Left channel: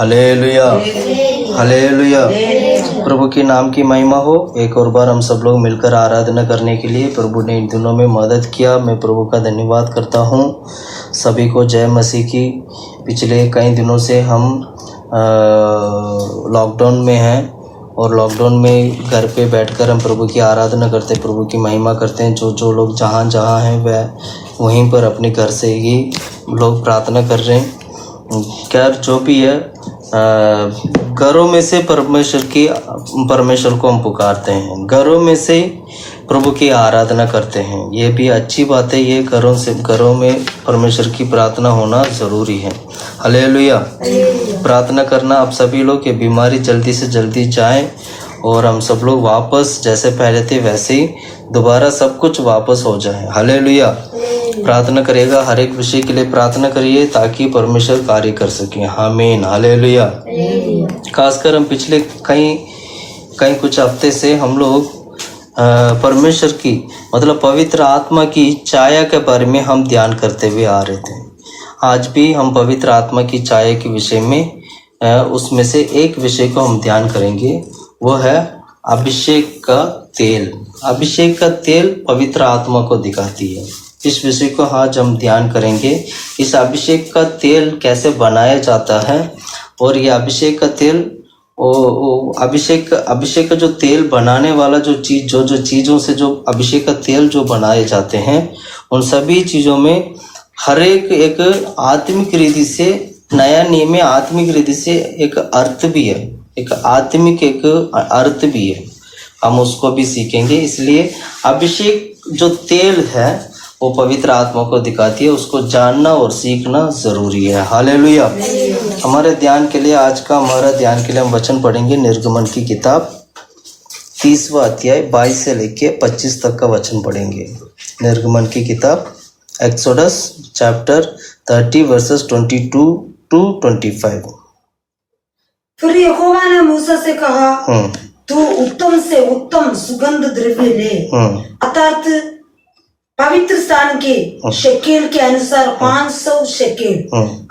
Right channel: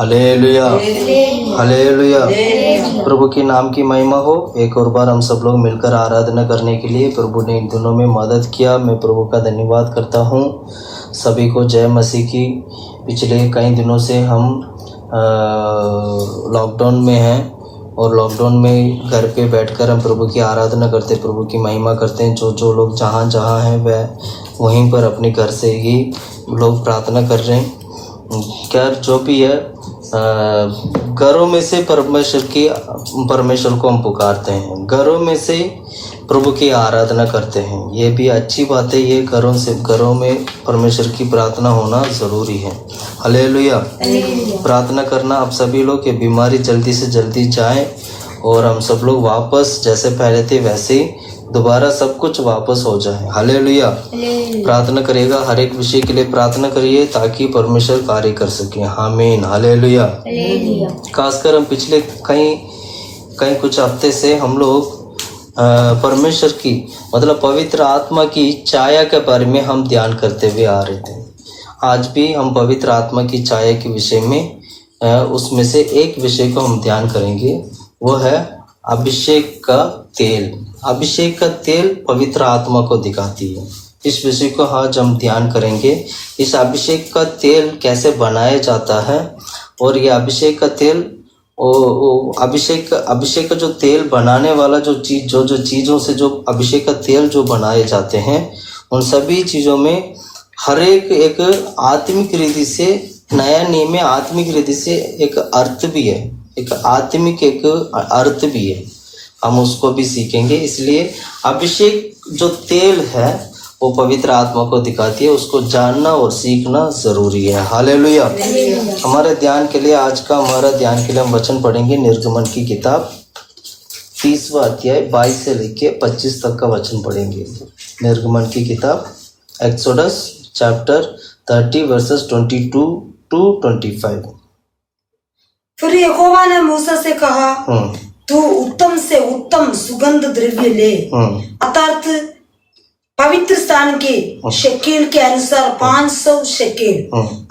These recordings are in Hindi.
Hallelujah, hallelujah. प्रभु के नाम की महिमा हो। एक और बार हम सब लोग मिलकर आराधना करने के लिए प्रभु ने इन दिनों में मदद किया। मैं प्रभु का धन्यवाद करता हूँ। सभी को जय मसीह की। पिछले कई दिनों से हम लॉकडाउन में हैं और लॉकडाउन में घर पे बैठकर हम प्रभु की आराधना करते, प्रभु की महिमा करते हैं। जो लोग जहाँ हैं वह वहीं पर अपने घर से ही लोग प्रार्थना कर रहे हैं। खैर जो भी है, घरों में से परमेश्वर को हम पुकारते हैं, घरों में से प्रभु की आराधना करते हैं। ये भी अच्छी बात है। ये घरों में परमेश्वर की प्रार्थना होना ज़रूरी है। हालेलुया। प्रार्थना करना आप सभी लोग की बीमारी जल्दी से जल्दी जाए और हम सब लोग वापस जैसे पहले थे वैसे ही दोबारा सब कुछ वापस हो जाए। हालेलुया। प्रार्थना करेगा, हर एक विषय के लिए प्रार्थना करिए ताकि परमेश्वर कार्य कर सके। आमीन। हालेलुया। खासकर हम पिछले कई कुछ हफ्ते से हम लोग परमेश्वर की मतलब पवित्र आत्मा की छाया के बारे में हम ध्यान करते हुए आ रहे थे। आज भी हम पवित्र आत्मा की छाया के विषय में उसमें से एक विषय को हम ध्यान करेंगे। वो है अभिषेक का तेल। अभिषेक का तेल पवित्र आत्मा को दिखाती है। इस विषय को आज हम ध्यान करेंगे। इस अभिषेक का तेल कैसे बनाया जाता है और ये अभिषेक का तेल अभिषेक का जो तेल बनाने वाला जो चीज़ों से जो अभिषेक का तेल जो बनाए जाते हैं उन सभी चीज़ों में हर एक आत्मिक रीति से, नया नियम में आत्मिक रीति से एक अर्थ भी है, एक आत्मिक एक अर्थ भी है। हम उसको भी सीखेंगे। इसलिए अभिषेक जो तेल है वो पवित्र आत्मा को दिखाती है। उसको जानना और सीखना जरूरी है। हालेलुया। हमारे ध्यान के लिए हमारा ध्यान के लिए हम वचन पढ़ेंगे निर्गमन की किताब 30वां अध्याय 22 से लेके 25 तक का वचन पढ़ेंगे। निर्गमन की किताब एक्सोडस चैप्टर 30 वर्सेस 22 to 25। फिर यहोवा ने मूसा से कहा, तू उत्तम से उत्तम सुगंध द्रव्य ले, अर्थात पवित्र स्थान के शेकेल के अनुसार 500 शेकेल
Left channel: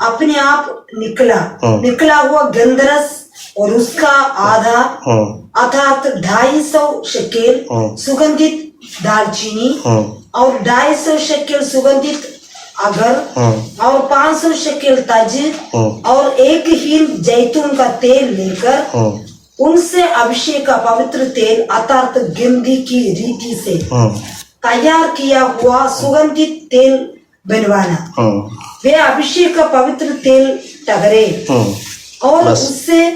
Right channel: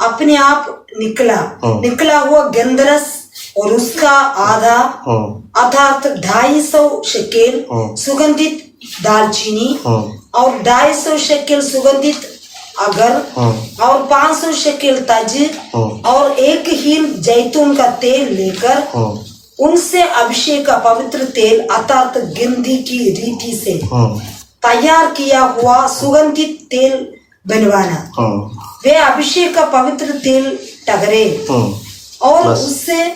अपने आप निकला हुआ गंधरस और उसका आधा अर्थात 250 शेकेल सुगंधित दालचीनी और 250 शेकेल सुगंधित अगर और 500 शेकेल तज और 1 हीन जैतून का तेल लेकर उनसे अभिषेक का पवित्र तेल अर्थात गिंदी की रीति से तैयार किया हुआ सुगंधित तेल बनवाना। वे अभिषेक का पवित्र तेल टगरे और उससे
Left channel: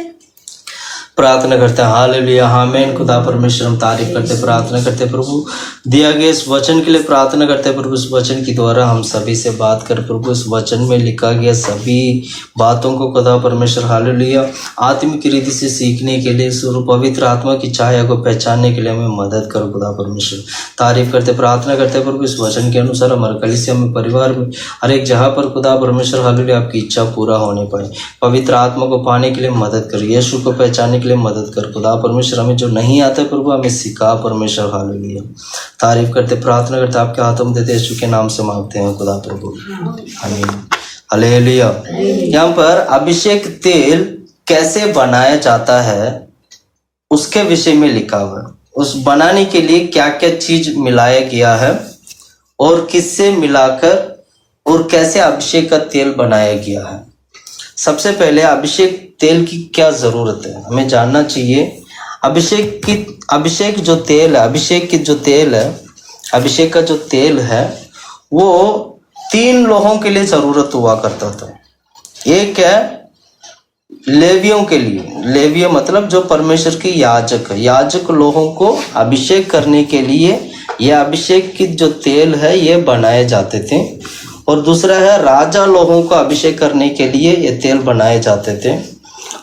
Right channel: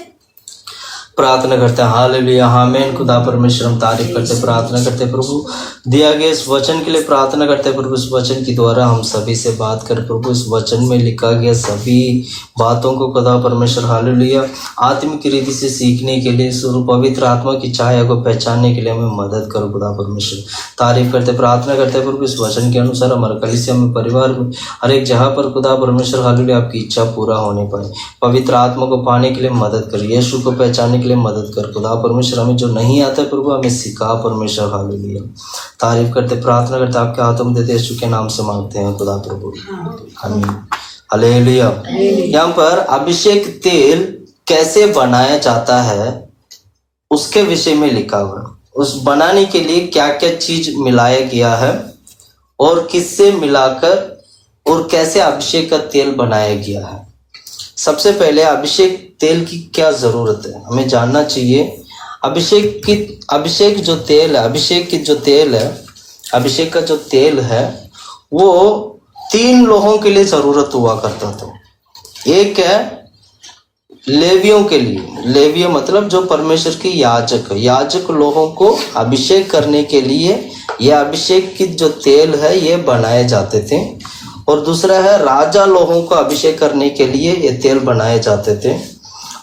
प्रार्थना करते हैं। हालेलुया। आमीन। खुदा परमेश्वर हम तारीफ करते, प्रार्थना करते प्रभु दिया गया इस वचन के लिए प्रार्थना करते हैं। प्रभु इस वचन के द्वारा हम सभी से बात कर प्रभु। इस वचन में लिखा गया सभी बातों को खुदा परमेश्वर हालेलुया आत्मिक रीति से सीखने के लिए स्वरूप पवित्र आत्मा की छाया को पहचानने के लिए हमें मदद करो। खुदा परमेश्वर तारीफ करते, प्रार्थना करते प्रभु इस वचन के अनुसार हमारे कलीसिया में, परिवार में, हर एक जगह पर खुदा परमेश्वर हालेलुया आपकी इच्छा पूरा होने पाए। पवित्र आत्मा को पाने के लिए मदद करो। यीशु को पहचानने के लिए मदद कर खुदा परमेश्वर। हमें जो नहीं आता है प्रभु हमें सिखा परमेश्वर। हालेलुया। तारीफ करते, प्रार्थना करते, आपके हाथों में देते यीशु के नाम से मांगते हैं खुदा प्रभु। आमीन। हालेलुया। यहाँ पर अभिषेक तेल कैसे बनाया जाता है उसके विषय में लिखा हुआ। उस बनाने के लिए क्या क्या चीज मिलाया गया है और किससे मिलाकर और कैसे अभिषेक का तेल बनाया गया है। सबसे पहले अभिषेक तेल की क्या जरूरत है हमें जानना चाहिए। अभिषेक जो तेल है, अभिषेक का जो तेल है वो 3 लोगों के लिए जरूरत हुआ करता था। एक है लेवियों के लिए। लेविय मतलब जो परमेश्वर की याजक है, याजक लोगों को अभिषेक करने के लिए यह अभिषेक की जो तेल है ये बनाए जाते थे। और दूसरा है राजा लोगों को अभिषेक करने के लिए ये तेल बनाए जाते थे।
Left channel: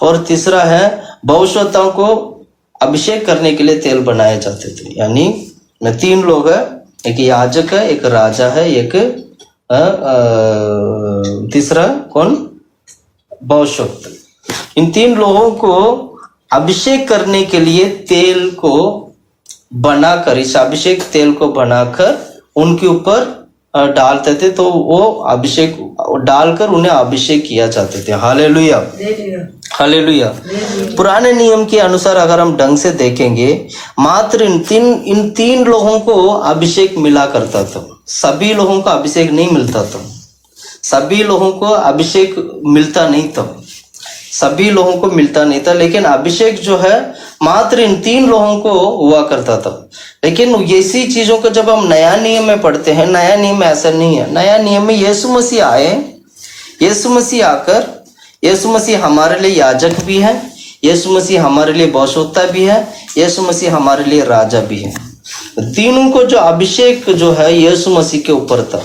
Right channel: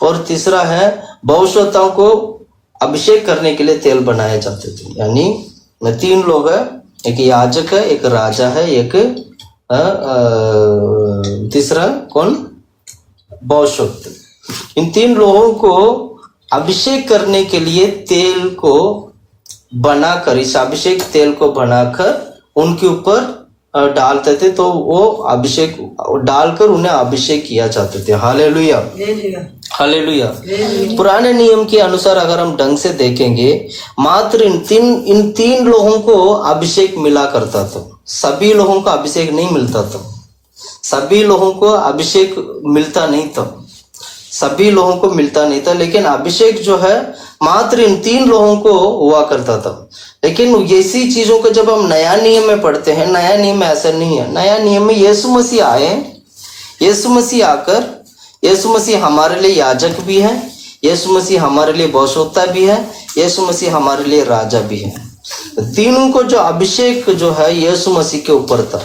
और तीसरा है भविष्यवक्ताओं को अभिषेक करने के लिए तेल बनाए जाते थे। यानी 3 लोग हैं, एक याजक है, एक राजा है, एक तीसरा कौन, भविष्यवक्ता। इन 3 लोगों को अभिषेक करने के लिए तेल को बनाकर, इस अभिषेक तेल को बनाकर उनके ऊपर डालते थे तो वो अभिषेक डालकर उन्हें अभिषेक किया जाते थे। Hallelujah, hallelujah. पुराने नियम के अनुसार अगर हम ढंग से देखेंगे, मात्र इन तीन लोगों को अभिषेक मिला करता था, सभी लोगों को अभिषेक नहीं मिलता था, सभी लोगों को अभिषेक मिलता नहीं था, सभी लोगों को मिलता नहीं था। लेकिन अभिषेक जो है मात्र इन तीन लोगों को हुआ करता था। लेकिन ऐसी चीजों को जब हम नया नियम में पढ़ते हैं, नया नियम में ऐसा नहीं है। नया नियम में यीशु मसीह आए, यीशु मसीह आकर, यीशु मसीह हमारे लिए याजक भी है, यीशु मसीह हमारे लिए भविष्यवक्ता भी है, यीशु मसीह हमारे लिए राजा भी है। तीनों को जो अभिषेक जो है यीशु मसीह के ऊपर था।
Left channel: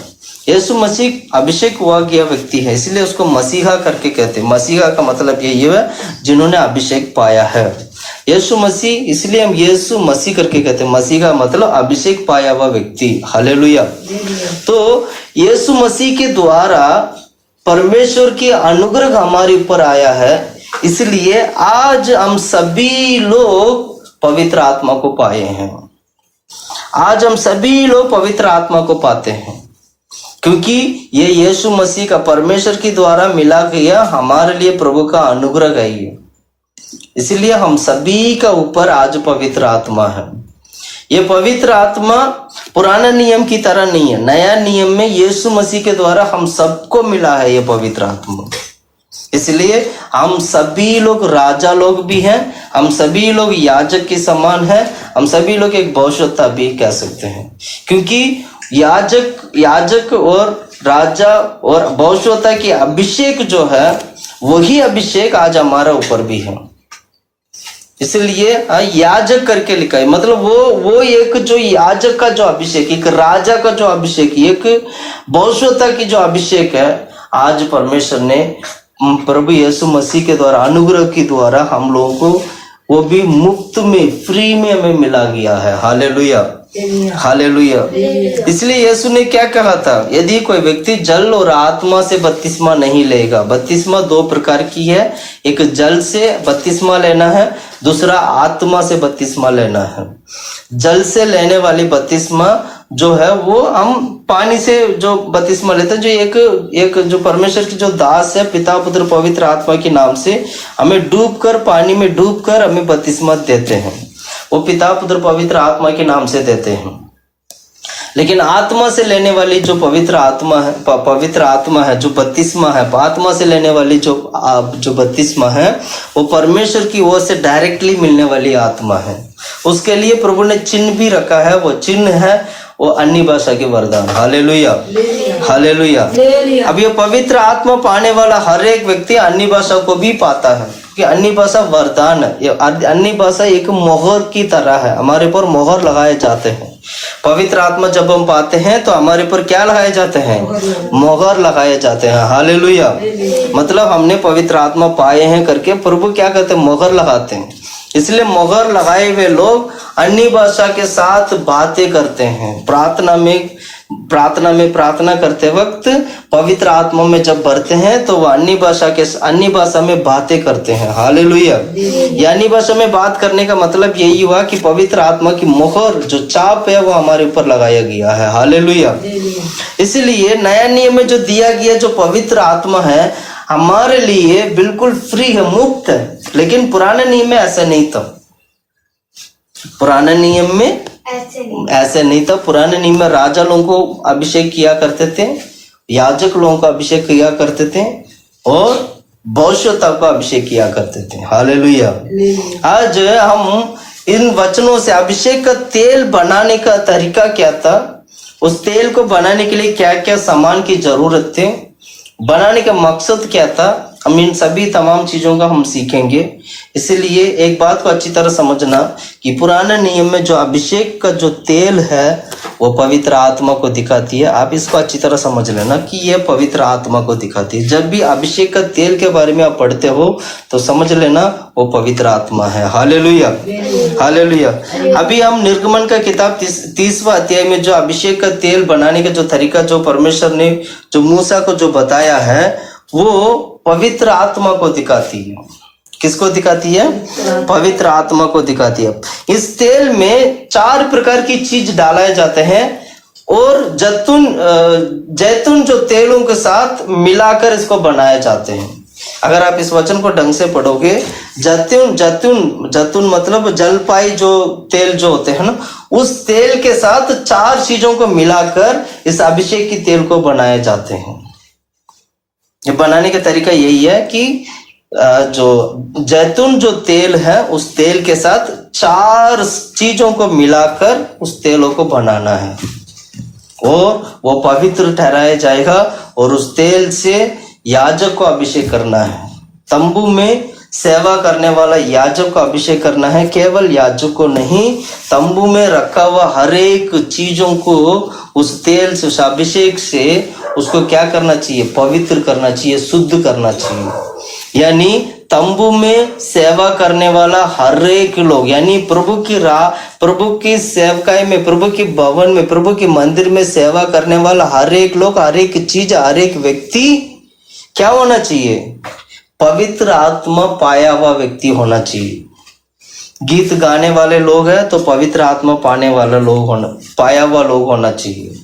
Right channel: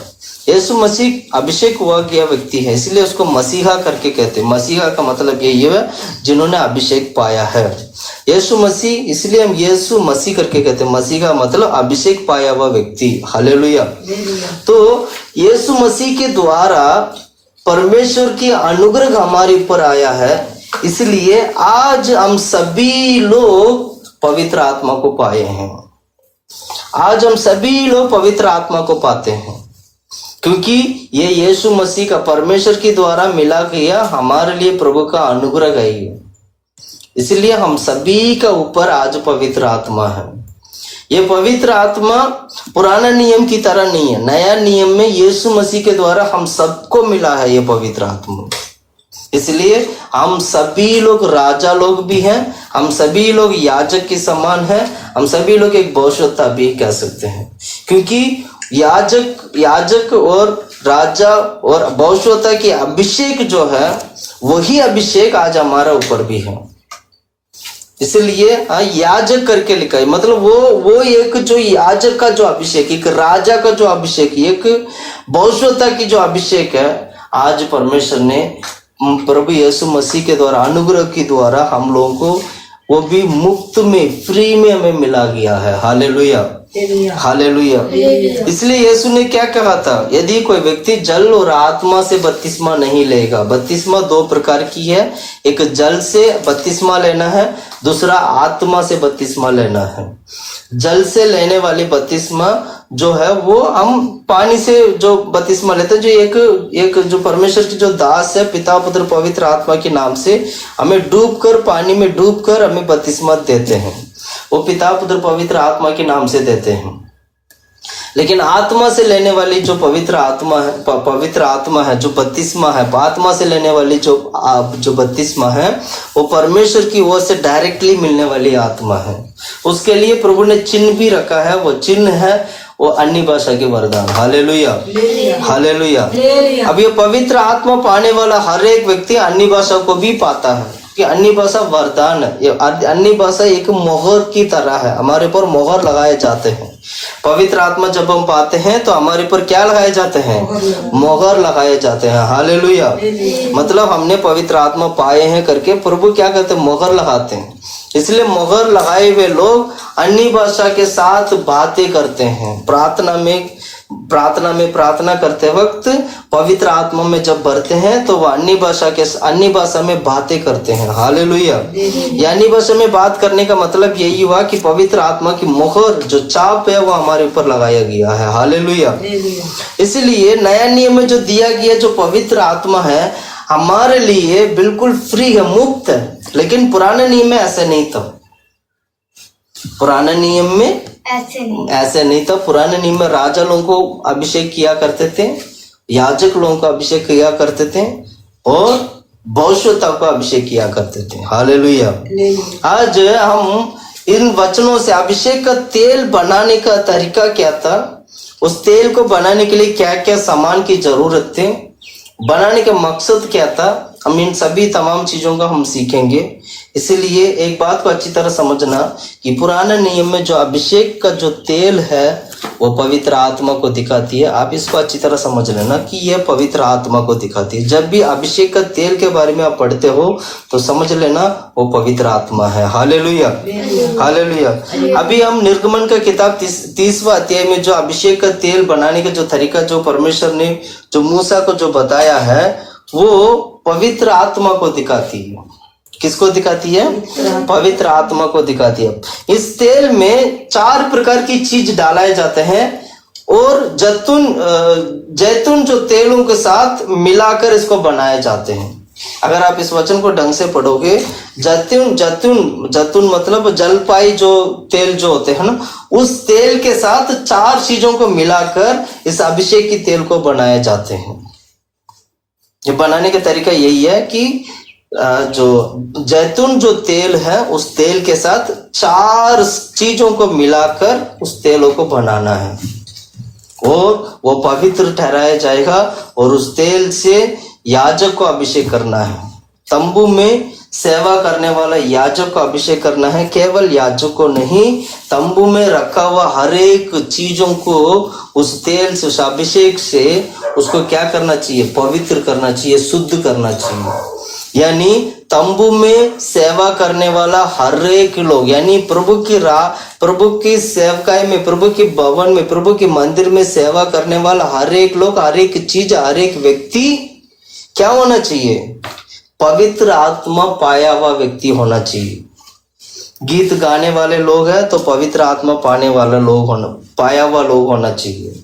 यीशु मसीह अभिषेक हुआ गया व्यक्ति है, इसलिए उसको मसीहा करके कहते हैं। मसीहा का मतलब यही है जिन्होंने अभिषेक पाया है। यीशु मसीह, इसलिए हम यीशु मसीह करके कहते हैं। मसीह का मतलब अभिषेक पाया हुआ व्यक्ति। हालेलुया। तो यीशु मसीह के द्वारा परमेश्वर की अनुग्रह हमारे ऊपर आया है, इसलिए आज हम सभी लोग पवित्र आत्मा को पाए हैं। आज हम सभी लोग पवित्र आत्मा को पाते हैं, क्योंकि ये यीशु मसीह का परमेश्वर के द्वारा मिला गया हमारे लिए प्रभु का अनुग्रह है ये। इसलिए हम सभी का ऊपर आज पवित्र आत्मा है। ये पवित्र आत्मा पुराना नियम की तरह नहीं है। नया नियम में यीशु मसीह के द्वारा हम सबको मिला है ये पवित्र आत्मा। इसलिए हम सभी लोग राजा लोग भी हैं, हम सभी लोग याजक के समान हैं, हम सभी लोग एक भविष्यवक्ता भी कह सकते हैं। क्योंकि याजक और राजा और भविष्यवक्ता की अभिषेक जो है वही अभिषेक आज हमारा ऊपर भी है। इसलिए याजक करके लिखा है, मतलब वो एक जो याजक का जो अभिषेक, एक राजा का जो अभिषेक, एक भविष्यवक्ता की जो अभिषेक है, आज परमेश्वर ने प्रभु यीशु मसीह के द्वारा, अनुग्रह के द्वारा हम लोगों को वो भी मुफ्त में, फ्री में हमें मिला गया है। Hallelujah, hallelujah. इसलिए यीशु ने क्या कहा था, यदि कोई व्यक्ति जल और आत्मा से बपतिस्मा नहीं लेगा। बपतिस्मा दो प्रकार की है, एक जल से बपतिस्मा लेना है, दूसरा आत्मा से बपतिस्मा लेना है। जल से लेने वाली बपतिस्मा जो है वो हम पानी से जो बपतिस्मा लेते हैं, जो एक जो परमेश्वर की जो दास है, पिता पुत्र पवित्र आत्मा के नाम से हमें डूबकर, पानी में डूबकर हमें बपतिस्मा देते हैं, वो पिता पुत्र पवित्र आत्मा के नाम से देते हैं। लेकिन आत्मा से लेने वाली जो पवित्र आत्मा है, जो बपतिस्मा है, आत्मा से लेने वाली जो बपतिस्मा है, वो परमेश्वर की ओर से डायरेक्टली मिलने वाली आत्मा है। उसके लिए प्रभु ने चिन्ह भी रखा है, वो चिन्ह है वो अन्य भाषा के वरदान। Hallelujah, hallelujah. अब ये पवित्र आत्मा पाने वाला हर एक व्यक्ति अन्य भाषा को भी पाता है, कि अन्य भाषा वरदान है। अन्य भाषा एक मोहर की तरह है, हमारे पर मोहर लगाए जाते हैं। पवित्र आत्मा जब हम पाते हैं तो हमारे पर क्या लगाए जाते हैं, मोहर लगाए जाते हैं। हालेलुया। मतलब हमने पवित्र आत्मा पाए हैं करके प्रभु क्या कहते हैं, मोहर लगाते हैं। इसलिए मोहर लगाए हुए लोग अन्य भाषा के साथ बातें करते हैं। प्रार्थना में प्रार्थना करते वक्त पवित्र आत्मा में जब भरते हैं तो वह अन्य भाषा में बातें करते हैं। हालेलुया। अन्य भाषा में बात करने का मतलब यही हुआ कि पवित्र आत्मा की मोहर जो चाप है वो हमारे ऊपर लगाया गया है। हालेलुया। इसलिए नया नियम में जो दिया गया जो पवित्र आत्मा है हमारे लिए बिल्कुल फ्री है, मुफ्त है। लेकिन पुराने नियम में ऐसा नहीं था। पुराने नियम में ऐसे नहीं था। पुराने नियम में राजा लोगों को अभिषेक किया करते थे, याजक लोगों का अभिषेक किया करते थे और भविष्यवक्ता को अभिषेक किया करते थे। हालेलुया। आज हम इन वचनों से अभिषेक का तेल बनाने का तरीका क्या था, उस तेल को बनाने के लिए क्या क्या सामान की जरूरत थी, बनाने का मकसद क्या था, हम इन सभी तमाम चीजों का हम सीखेंगे। इसलिए एक बात को अच्छी तरह समझना कि पुराने नियम में जो अभिषेक का जो तेल है वो पवित्र आत्मा को दिखाती है। आप इसको अच्छी तरह समझ लेना कि यह पवित्र आत्मा को दिखाती है। जब भी अभिषेक का तेल के बारे में आप पढ़ते हो तो समझ लेना वो पवित्र आत्मा है। Hallelujah, hallelujah. अभी हम निर्गमन का किताब 30वां अध्याय में जो अभिषेक का तेल बनाने का जो तरीका जो परमेश्वर ने जो मूसा को जो बताया है वो पवित्र आत्मा को दिखाती है। किसको दिखाती है, पवित्र आत्मा को दिखाती है। इस तेल में 4 प्रकार की चीज डालाए जाते हैं और जैतून जो तेलों के साथ मिलाकर इसको बनाए जाते हैं। अगर आप इस वचन को ढंग से पढ़ोगे, जैतून मतलब जलपाई जो तेल जो होते हैं ना, उस तेल के साथ 4 चीजों को मिलाकर इस अभिषेक की तेल को बनाए जाते हैं। ये बनाने का तरीका यही है कि जो जैतून जो तेल है, उस तेल के साथ 4 चीजों को मिलाकर उस तेलों को बनाना है और वो पवित्र ठहराया जाएगा और उस तेल से याजक को अभिषेक करना है। तंबू में सेवा करने वाला याजक को अभिषेक करना है, केवल याजक को नहीं, तंबू में रखा हुआ हर एक चीजों को उस तेल से, उस अभिषेक से उसको क्या करना चाहिए? पवित्र करना चाहिए, शुद्ध करना चाहिए। यानी तंबू में सेवा करने वाला हर एक लोग, यानी प्रभु की सेवकाई में, प्रभु के भवन में, प्रभु के मंदिर में सेवा करने वाला हर एक लोग, हर एक चीज, हर एक व्यक्ति क्या होना चाहिए? पवित्र आत्मा पाया हुआ व्यक्ति होना चाहिए। गीत गाने वाले लोग हैं तो पवित्र आत्मा पाने वाले लोग पाया हुआ लोग होना चाहिए।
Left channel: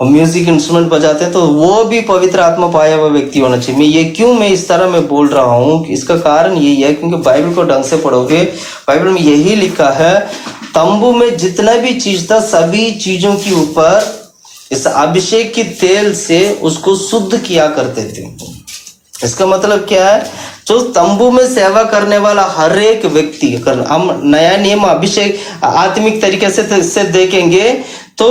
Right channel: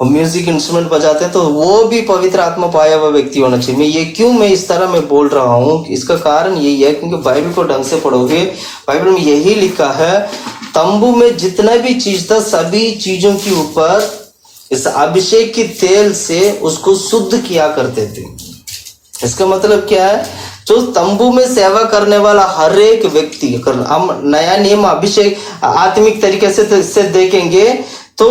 और म्यूजिक इंस्ट्रूमेंट बजाते हैं तो वो भी पवित्र आत्मा पाया हुआ व्यक्ति होना चाहिए। मैं इस तरह मैं बोल रहा हूँ, इसका कारण यही है क्योंकि बाइबल को ढंग से पढ़ोगे, बाइबल में यही लिखा है, तंबू में जितना भी चीज था सभी चीजों के ऊपर इस अभिषेक की तेल से उसको शुद्ध किया करते थे। इसका मतलब क्या है? जो तंबू में सेवा करने वाला हर एक व्यक्ति, हम नया नियम अभिषेक आत्मिक तरीके से देखेंगे तो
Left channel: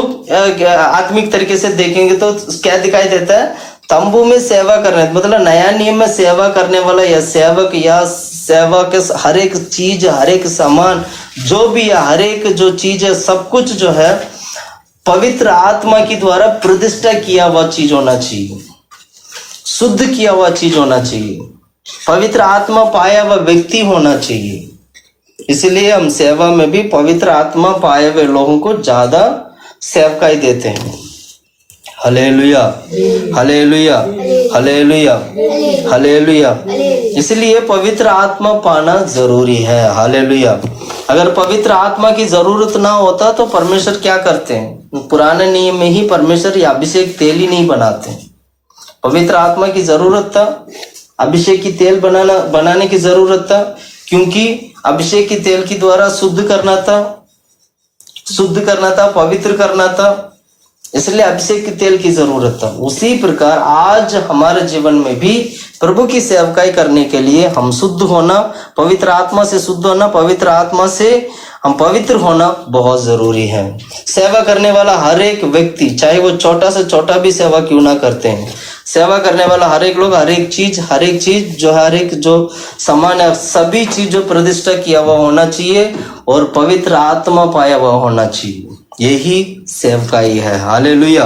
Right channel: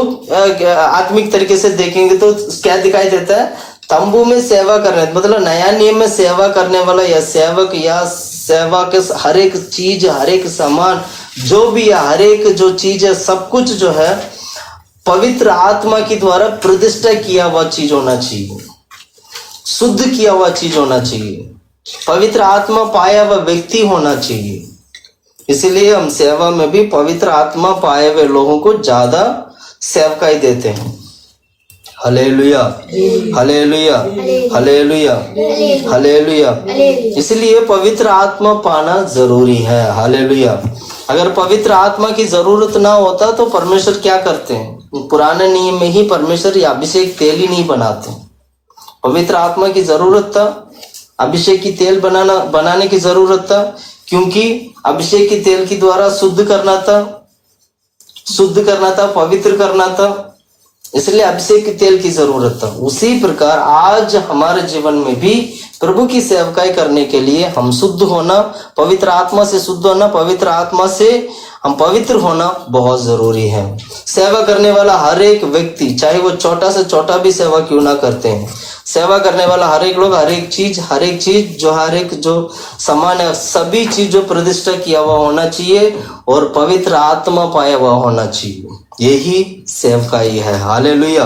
आत्मिक तरीके से देखेंगे तो क्या दिखाई देता है? तंबू में सेवा करने, मतलब नया नियम में सेवा करने वाला या सेवक या सेवा के हर एक चीज, हर एक सामान जो भी है, हर एक जो चीज है, सब कुछ जो है पवित्र आत्मा के द्वारा प्रतिष्ठा किया हुआ चीज होना चाहिए, शुद्ध किया हुआ चीज होना चाहिए, पवित्र आत्मा पाया हुआ व्यक्ति होना चाहिए। इसलिए हम सेवा में भी पवित्र आत्मा पाए हुए लोगों को ज्यादा सेवकाई देते हैं। Hallelujah, hallelujah, hallelujah, hallelujah. इसलिए पवित्र आत्मा पाना जरूरी है। हालेलुया। अगर पवित्र आत्मा की जरूरत ना होता तो परमेश्वर क्या करते हैं? पुराने नियम में ही परमेश्वर या अभिषेक तेल ही नहीं बनाते। पवित्र आत्मा की जरूरत था, अभिषेक की तेल बनाने की जरूरत था, क्योंकि अभिषेक की तेल के द्वारा शुद्ध करना था, पवित्र करना था, इसलिए अभिषेक के तेल की जरूरत था। उसी प्रकार आज हमारे जीवन में भी प्रभु की सेवकाई करने के लिए हम शुद्ध होना, पवित्र आत्मा से शुद्ध होना, पवित्र आत्मा से हम पवित्र होना बहुत जरूरी है। सेवा करने वाला हर एक व्यक्ति, चाहे वो छोटा से छोटा भी सेवा क्यों ना करते हैं, सेवा करने वाला हर एक लोग, हर एक चीज जो सामान है, सभी चीज जो प्रतिष्ठा किया हुआ होना चाहिए और पवित्र आत्मा पाया हुआ होना चाहिए। यही सेवकाई है। हालेलुया।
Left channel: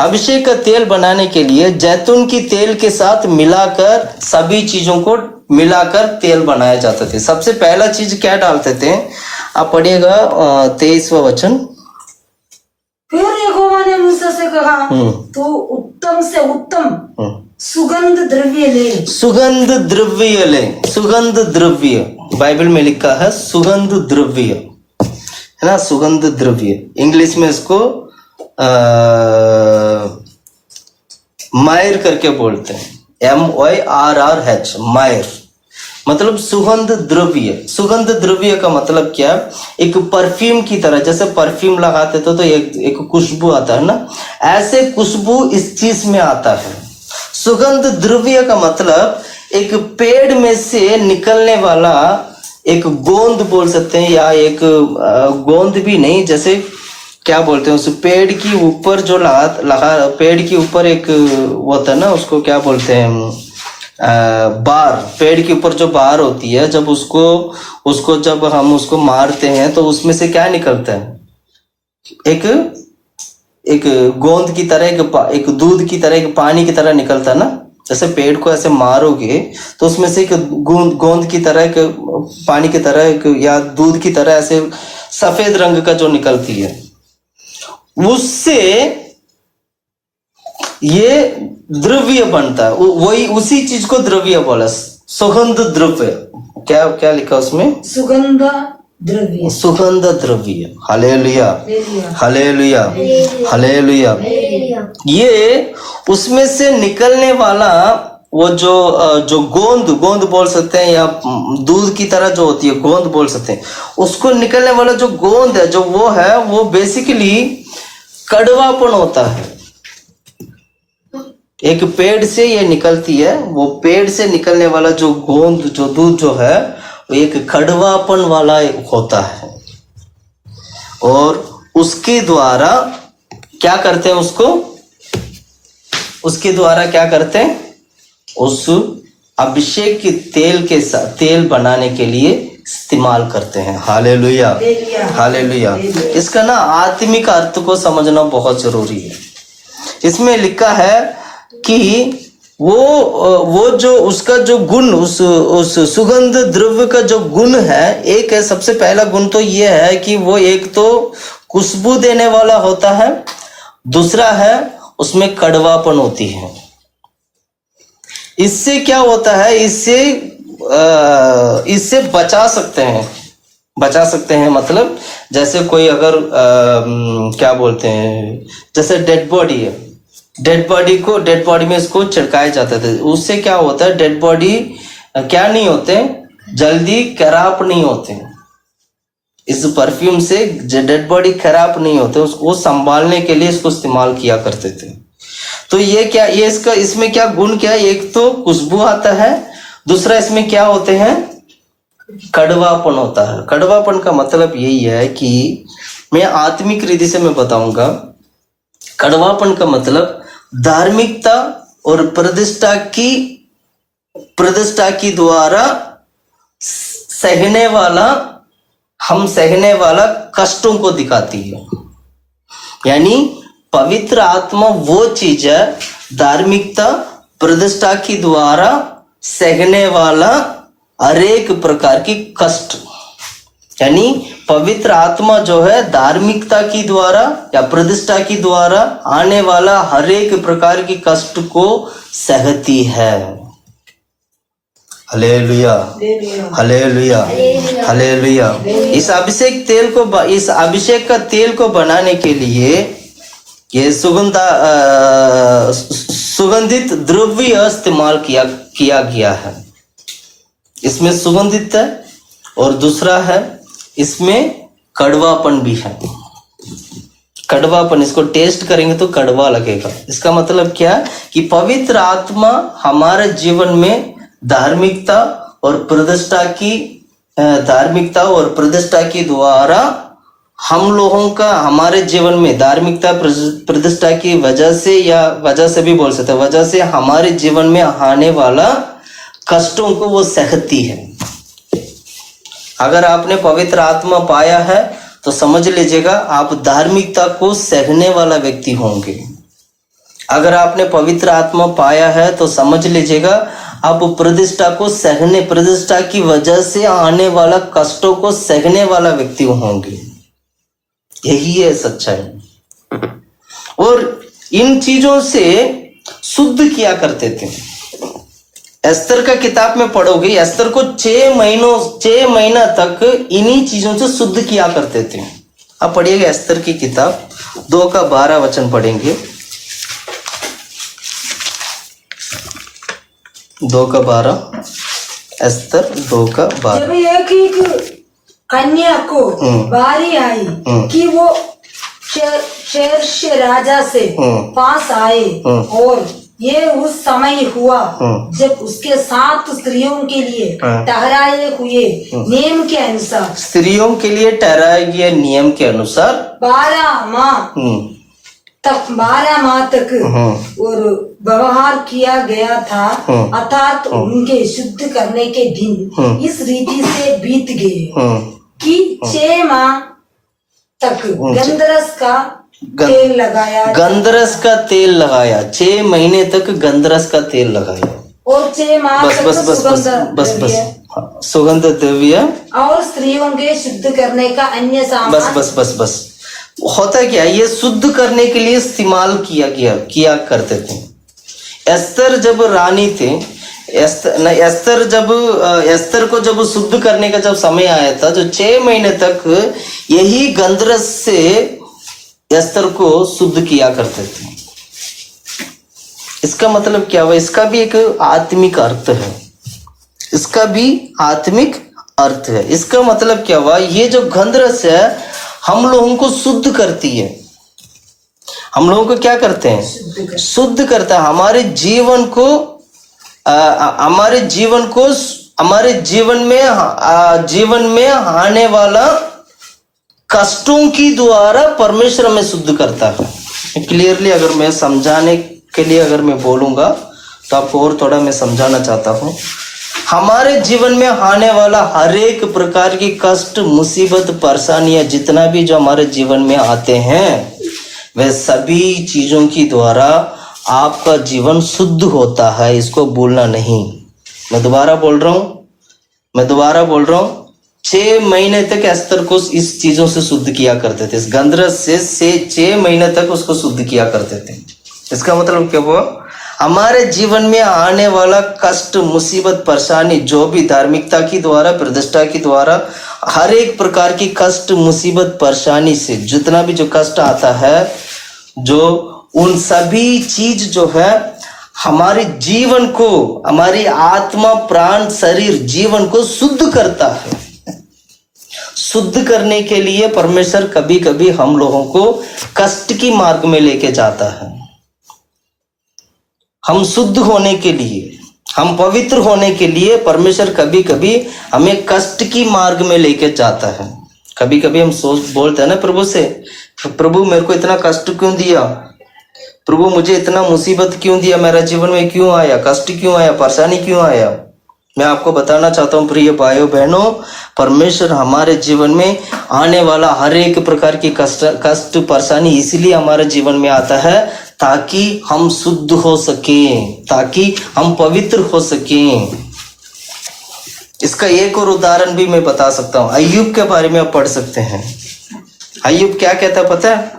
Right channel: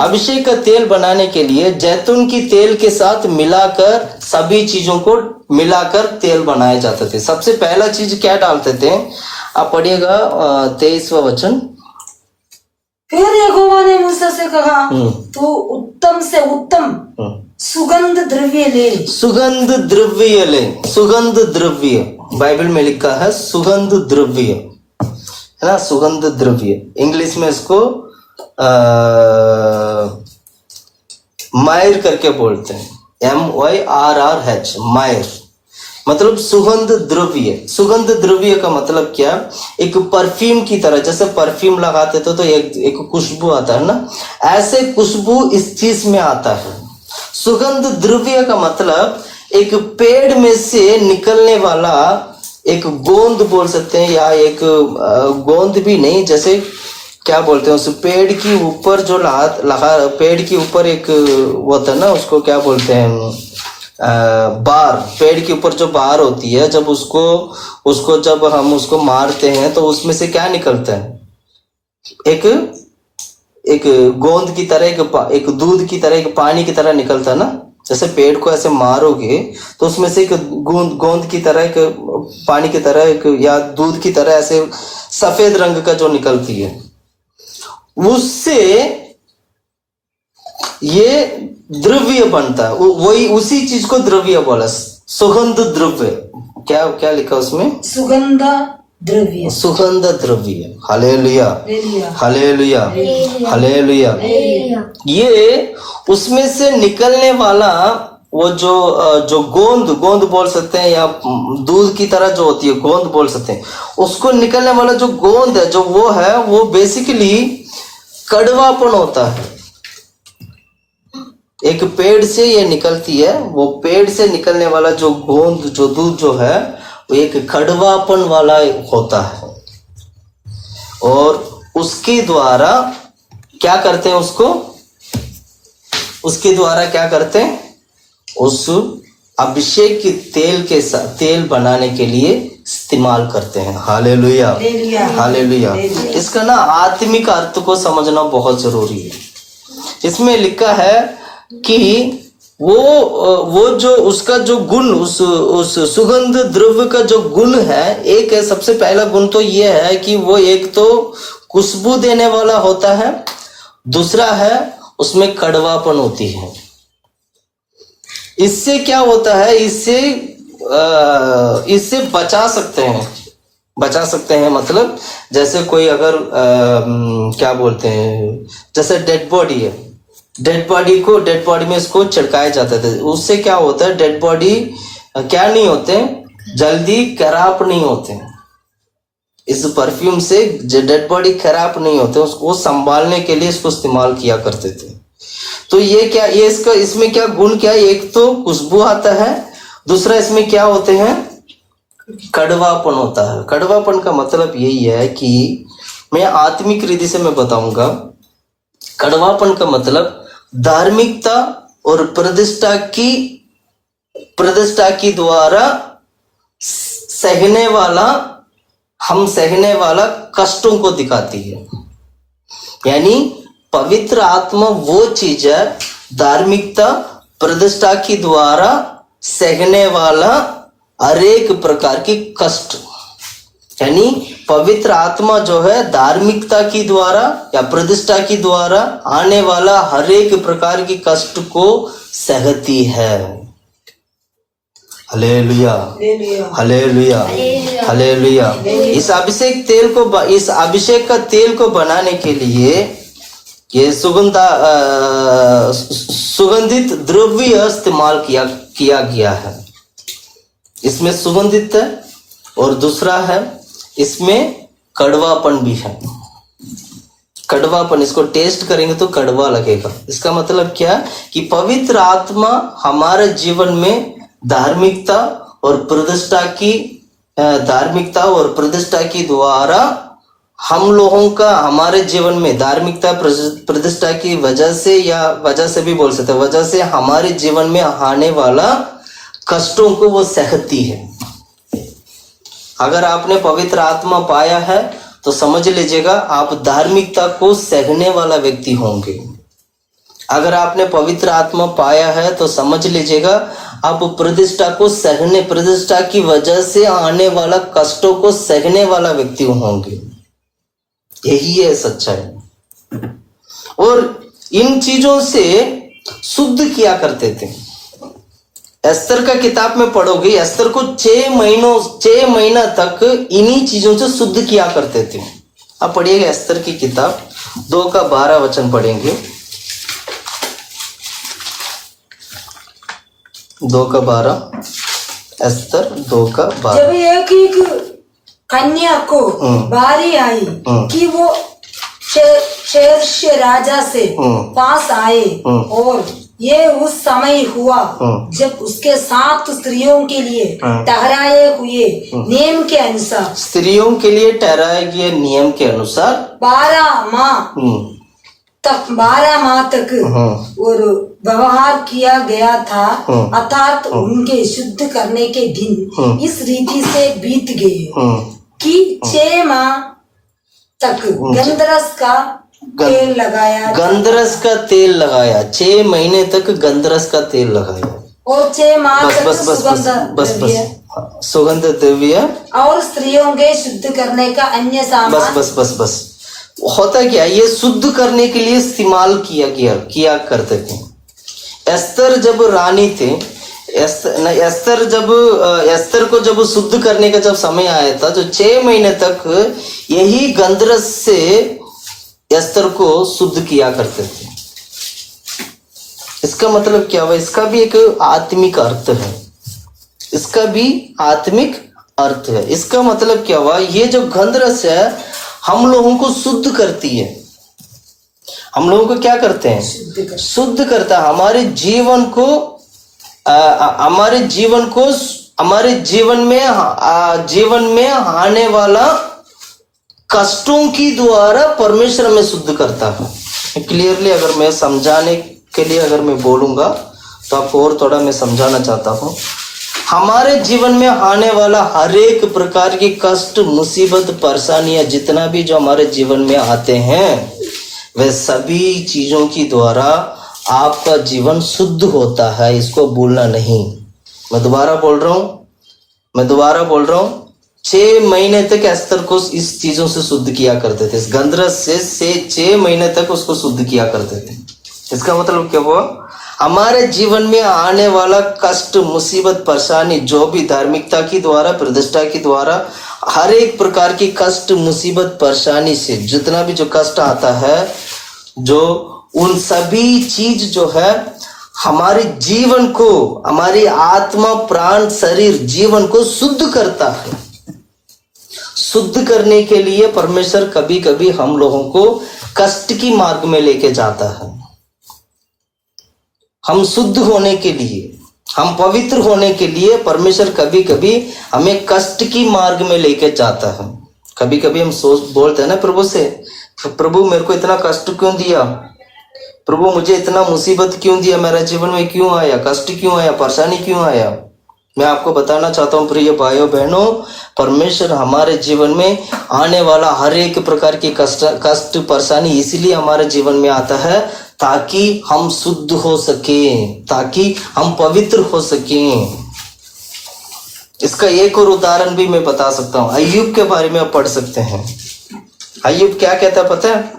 अभिषेक का तेल बनाने के लिए जैतून की तेल के साथ मिलाकर, सभी चीजों को मिलाकर तेल बनाया जाता था। सबसे पहला चीज क्या डालते थे? आप पढ़िएगा 23वां वचन। फिर यहोवा ने मूसा से कहा, तू उत्तम से उत्तम सुगंध द्रव्य ले। सुगंध द्रव्य ले, सुगंध द्रव्य, बाइबल में लिखा है सुगंध द्रव्य, है ना, सुगंध द्रव्य। इंग्लिश में इसको मायर करके बोलते हैं, MYRRH, मायर, मतलब सुगंध द्रव्य। सुगंध द्रव्य का मतलब क्या? एक परफ्यूम की तरह, जैसे परफ्यूम लगाते तो एक खुशबू आता है ना, ऐसे खुशबू इस चीज में आता है। सुगंध द्रव्य का मतलब एक पेड़ में से निकलने वाला एक गोंद बोल सकते हैं, या एक गोंद भी नहीं, जैसे क्या बोलते हैं उस पेड़ की ऊपर जो लगा पेड़ के ऊपर एक होता है ना, उसको क्या बोलते हैं? बार। पेड़ के ऊपर जो बार होती है, जब उसको जब हम उसको मारते हैं तो उसमें से क्या निकलता है? एक गोंद की तरह, एक दूध की तरह, एक पानी की तरह निकलता है ना। जैसे पेड़ को ऐसे मारोगे तो उसमें से एक गोंद की तरह, एक पानी की तरह, या दूध की तरह ऐसे सफेद रंग का जो निकलती है, उससे ये द्रव्य बनता है। वही उसी चीज को द्रव्य बोला, सुगंध द्रव्य। क्या लिखा उसमें? सुगंध द्रव्य, सुगंध द्रव्य। Hallelujah, hallelujah, hallelujah. ये उसमें से निकलने वाला वो जो गोंद बोल सकते हैं, या दूध की तरह जो होती है गोंद बोल सकते हैं, उसको निकलने वाला जो गोंद है जो वो है, वो बेसिकली कड़वापन होता है। एक पेड़ से ये निकलती है, वो पेड़ से निकलने वाला जो गोंद जो दूध जो है वो एक कड़वापन वाला होता है, और उसके द्वारा क्या करते हैं, उसके द्वारा क्या करते हैं, उस अभिषेक के तेल के साथ तेल बनाने के लिए इस्तेमाल करते हैं। Hallelujah, hallelujah. इसका ना आत्मिक अर्थ को समझना बहुत जरूरी है। इसमें लिखा है कि वो जो उसका जो गुण, उस सुगंध द्रव्य का जो गुण है, एक है, सबसे पहला गुण तो ये है कि वो एक तो खुशबू देने वाला होता है, दूसरा है उसमें कड़वापन होती है। इससे क्या होता है, इससे बचा सकते हैं, मतलब जैसे कोई अगर क्या बोलते हैं, जैसे डेड बॉडी है, डेड बॉडी में इसको छिड़काया जाता था, उससे क्या होता है, डेड बॉडी क्या नहीं होते, जल्दी खराब नहीं होते। इस परफ्यूम से डेड बॉडी खराब नहीं होते, उसको संभालने के लिए इसको इस्तेमाल किया करते थे। तो ये क्या, ये इसमें क्या गुण क्या है, एक तो खुशबू आता है, दूसरा इसमें क्या होते हैं, कड़वापन होता है। कड़वापन का मतलब यही है कि मैं आत्मिक रीति से मैं बताऊंगा, कड़वापन का मतलब धार्मिकता और प्रतिष्ठा की द्वारा सहने वाला कष्टों को दिखाती है। यानी पवित्र आत्मा वो चीज है, धार्मिकता प्रतिष्ठा की द्वारा सहने वाला हरेक प्रकार की कष्ट, यानी पवित्र आत्मा जो है धार्मिकता की द्वारा या प्रतिष्ठा की द्वारा आने वाला हरेक प्रकार की कष्ट को सहती है। Hallelujah, hallelujah, hallelujah. इस अभिषेक का तेल को बनाने के लिए ये सुगंधित द्रव्य इस्तेमाल किया गया है। इसमें सुगंधित है और दूसरा है इसमें कड़वापन भी है। कड़वापन, इसको टेस्ट करेंगे तो कड़वा लगेगा। इसका मतलब क्या, कि पवित्र आत्मा हमारे जीवन में धार्मिकता और प्रतिष्ठा की द्वारा हम लोगों का हमारे जीवन में धार्मिकता प्रतिष्ठा की वजह से भी बोल सकते हैं, वजह से हमारे जीवन में आने वाला कष्टों को वो सहती है। अगर आपने पवित्र आत्मा पाया है तो समझ लीजिएगा आप धार्मिकता को सहने वाला व्यक्ति होंगे। अगर आपने पवित्र आत्मा पाया है तो समझ लीजिएगा आप प्रतिष्ठा की वजह से आने वाला कष्टों को सहने वाला व्यक्ति होंगे। यही है सच्चाई। और इन चीजों से शुद्ध किया करते थे। एस्तर का किताब में पढ़ोगे, एस्तर को 6 महीना तक इन्हीं चीजों से शुद्ध किया करते थे। अब पढ़िएगा एस्तर की किताब 2:12 पढ़ेंगे। 2:12, एस्तर 2:12। जब एक कन्या को बारी आई कि वो शेर्ष राजा से पास आए, और ये उस समय हुआ जब उसके 7 स्त्रियों के लिए ठहराए हुए नियम के अनुसार, स्त्रियों के लिए ठहराए गए नियम के अनुसार 12 माह तक और व्यवहार किया गया था, अर्थात उनके शुद्ध करने के दिन इस रीति से बीत गए कि 6 माह तक गंधरस का तेल लगाया 6 महीने तक गंधरस का तेल लगाया, और 6 माह तक सुगंध द्रव्य और स्त्रियों के शुद्ध करने का अन्य सामान। बस होता क्या, ये शुद्ध करने के लिए इस्तेमाल किया करते थे। एस्तर जब रानी थे, एस्तर को जब शुद्ध करने का जब समय आया था, जो 6 महीने तक यही गंधरस से एस्तर को शुद्ध किया करते थे। इसका मतलब क्या हुआ? इसका भी एक आत्मिक अर्थ है, इसका भी आत्मिक अर्थ है। इसका मतलब क्या हुआ? ये जो गंधरस है हम लोगों को शुद्ध करती है। हम लोगों को क्या करते हैं? शुद्ध करता है। हमारे जीवन में आने वाला कष्टों की द्वारा परमेश्वर हमें शुद्ध करता है। क्लियरली अगर मैं समझाने के लिए अगर मैं बोलूंगा तो आपको और थोड़ा मैं समझाना चाहता हूँ। हमारे जीवन में आने वाला हर एक प्रकार की कष्ट, मुसीबत, परेशानियां जितना भी जो हमारे जीवन में आते हैं, वह सभी चीजों की द्वारा आपका जीवन शुद्ध होता है। इसको भूलना नहीं। मैं दोबारा बोल रहा हूं 6 महीने तक एस्तर को इस चीजों से शुद्ध किया करते थे। इस गंधरस से 6 महीने तक उसको शुद्ध किया करते थे। इसका मतलब क्या हुआ? हमारे जीवन में आने वाला कष्ट, मुसीबत, परेशानी, जो भी धार्मिकता की द्वारा, प्रतिष्ठा की द्वारा हर एक प्रकार की कष्ट, मुसीबत, परेशानी से जितना भी जो कष्ट आता है, जो उन सभी चीज जो है हमारे जीवन को, हमारी आत्मा, प्राण, शरीर, जीवन को शुद्ध करता है। शुद्ध करने के लिए परमेश्वर कभी कभी हम लोगों को कष्ट की मार्ग में लेके जाता है। हम शुद्ध होने के लिए, हम पवित्र होने के लिए परमेश्वर कभी कभी हमें कष्ट की मार्ग में लेके जाता है। कभी कभी हम बोलते हैं ना प्रभु से, प्रभु मेरे को इतना कष्ट क्यों दिया? प्रभु मुझे इतना मुसीबत क्यों दिया? मेरा जीवन में क्यों आया? कष्ट क्यों आया? परेशानी क्यों आया? मैं आपको बताना चाहता हूँ प्रिय भाइयों बहनों, परमेश्वर हमारे जीवन में आने वाला हर एक प्रकार की कष्ट, परेशानी इसलिए हमारे जीवन में आता है ताकि हम शुद्ध हो सकें, ताकि हम पवित्र हो सकें। इसका एक और उदाहरण भी मैं बता सकता हूँ। अय्यूब के बारे में आप पढ़ सकते हैं। अय्यूब क्या कहता है पता है?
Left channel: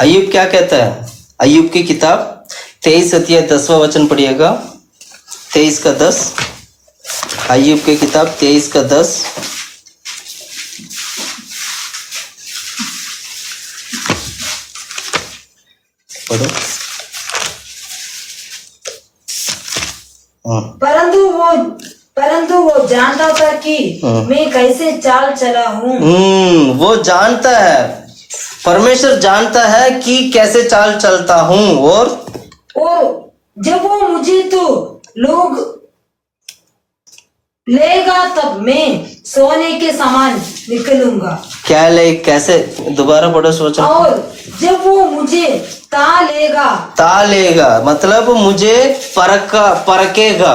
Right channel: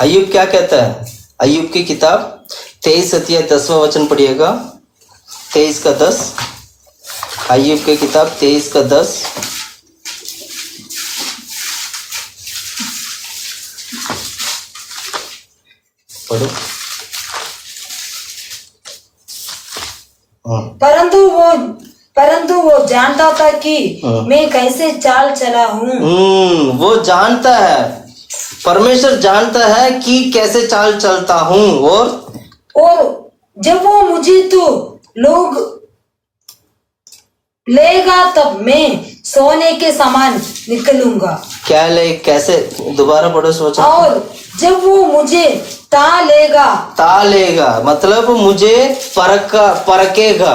अय्यूब क्या कहता है? अय्यूब की किताब 23 अध्याय 10वां वचन पढ़िएगा। 23 का 10। अय्यूब की किताब 23 का 10। पढ़ो। परंतु वो जानता था कि मैं कैसे चाल चला हूँ। वो जानता है, परमेश्वर जानता है कि कैसे चाल चलता हूँ। और जब वो मुझे तो लोग लेगा तब मैं सोने के समान निकलूंगा। क्या ले? कैसे? दोबारा पढ़ो सोचो। और जब वो मुझे तालेगा मतलब मुझे परकेगा,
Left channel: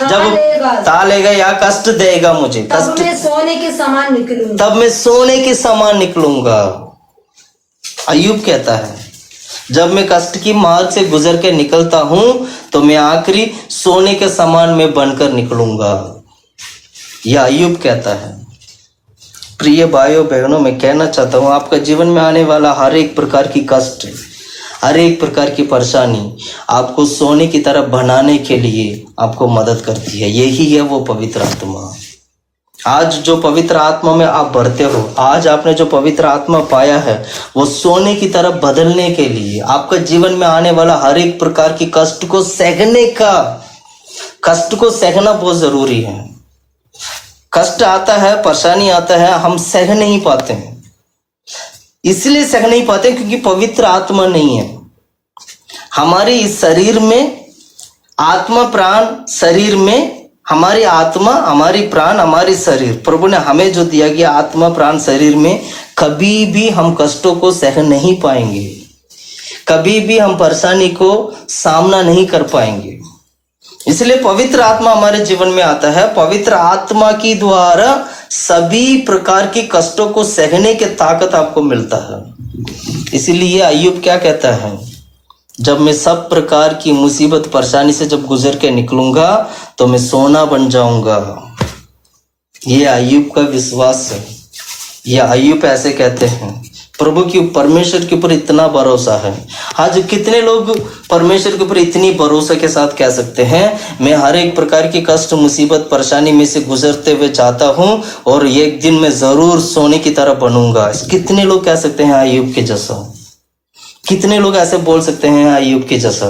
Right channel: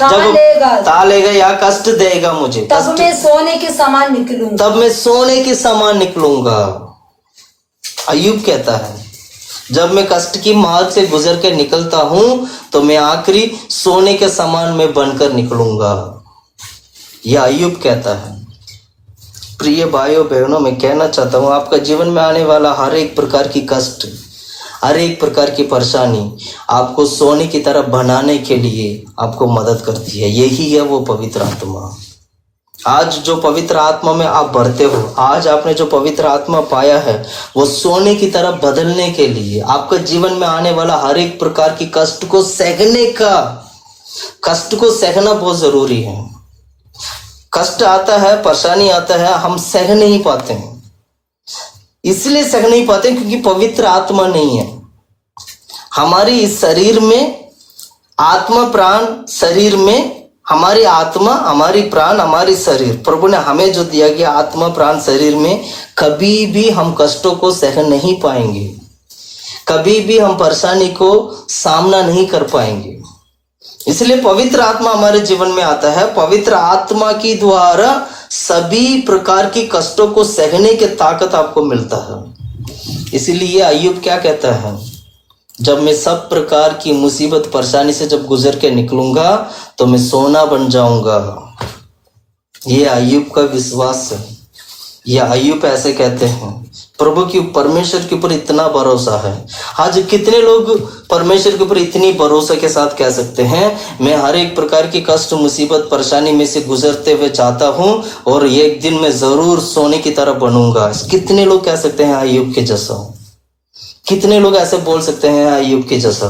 तालेगा या कष्ट देगा मुझे, तब मैं सोने के समान निकलूंगा। अय्यूब कहता है जब मैं कष्ट की मार्ग से गुजर के निकलता हूं तो मैं आखिरी सोने के समान में बनकर निकलूंगा। यह अय्यूब कहता है। प्रिय भाइयों बहनों, मैं कहना चाहता हूं आपका जीवन में आने वाला हर एक प्रकार की कष्ट, हर एक प्रकार की परेशानी आपको सोने की तरह बनाने के लिए आपको मदद करती है। यही है वो पवित्र आत्मा। आज जो पवित्र आत्मा में आप भरते हो, आज आपने जो पवित्र आत्मा पाया है, वो सोने की तरह बदलने के लिए, आपका जीवन में आने वाला हर एक प्रकार की कष्ट को सहना बहुत जरूरी है। कष्ट आता है, परेशानी आता है, हम सह नहीं पाते हैं। इसलिए सह नहीं पाते क्योंकि पवित्र आत्मा नहीं है हमारी इस शरीर में। आत्मा, प्राण, शरीर में हमारी आत्मा, हमारी प्राण, हमारी शरीर, प्रभु ने हमें जो दिया गया आत्मा, प्राण, शरीर में कभी भी हम कष्टों को सह नहीं पाएंगे, कभी भी हम परेशानी को सामना नहीं कर पाएंगे। इसलिए पवित्र आत्मा हमारे जीवन में आता है। पवित्र आत्मा की द्वारा सभी प्रकार की कष्टों को सहने की ताकत आपको मिलता है। इसीलिए अय्यूब क्या कहता है? जब मैं सब प्रकार की मुसीबत, परेशानी से जब गुजर के निकलूंगा तो मैं सोना बन जाऊंगा। ये अय्यूब का विश्वास है। ये अय्यूब ऐसे कहते हैं प्रभु की परमेश्वर के ऊपर इतना भरोसा है। आज कितने लोग परमेश्वर के ऊपर इतनी भरोसा के साथ कह सकते हैं, मैं हर एक प्रकार की कष्ट मुसीबत परेशानी में से गुजरते हुए चाहता हूं और एक दिन मैं जरूर सोने की तरह बनूंगा। कितने लोग कह सकते हैं अय्यूब के जैसा? कितने लोग ऐसे बोल सकते हैं अय्यूब के जैसा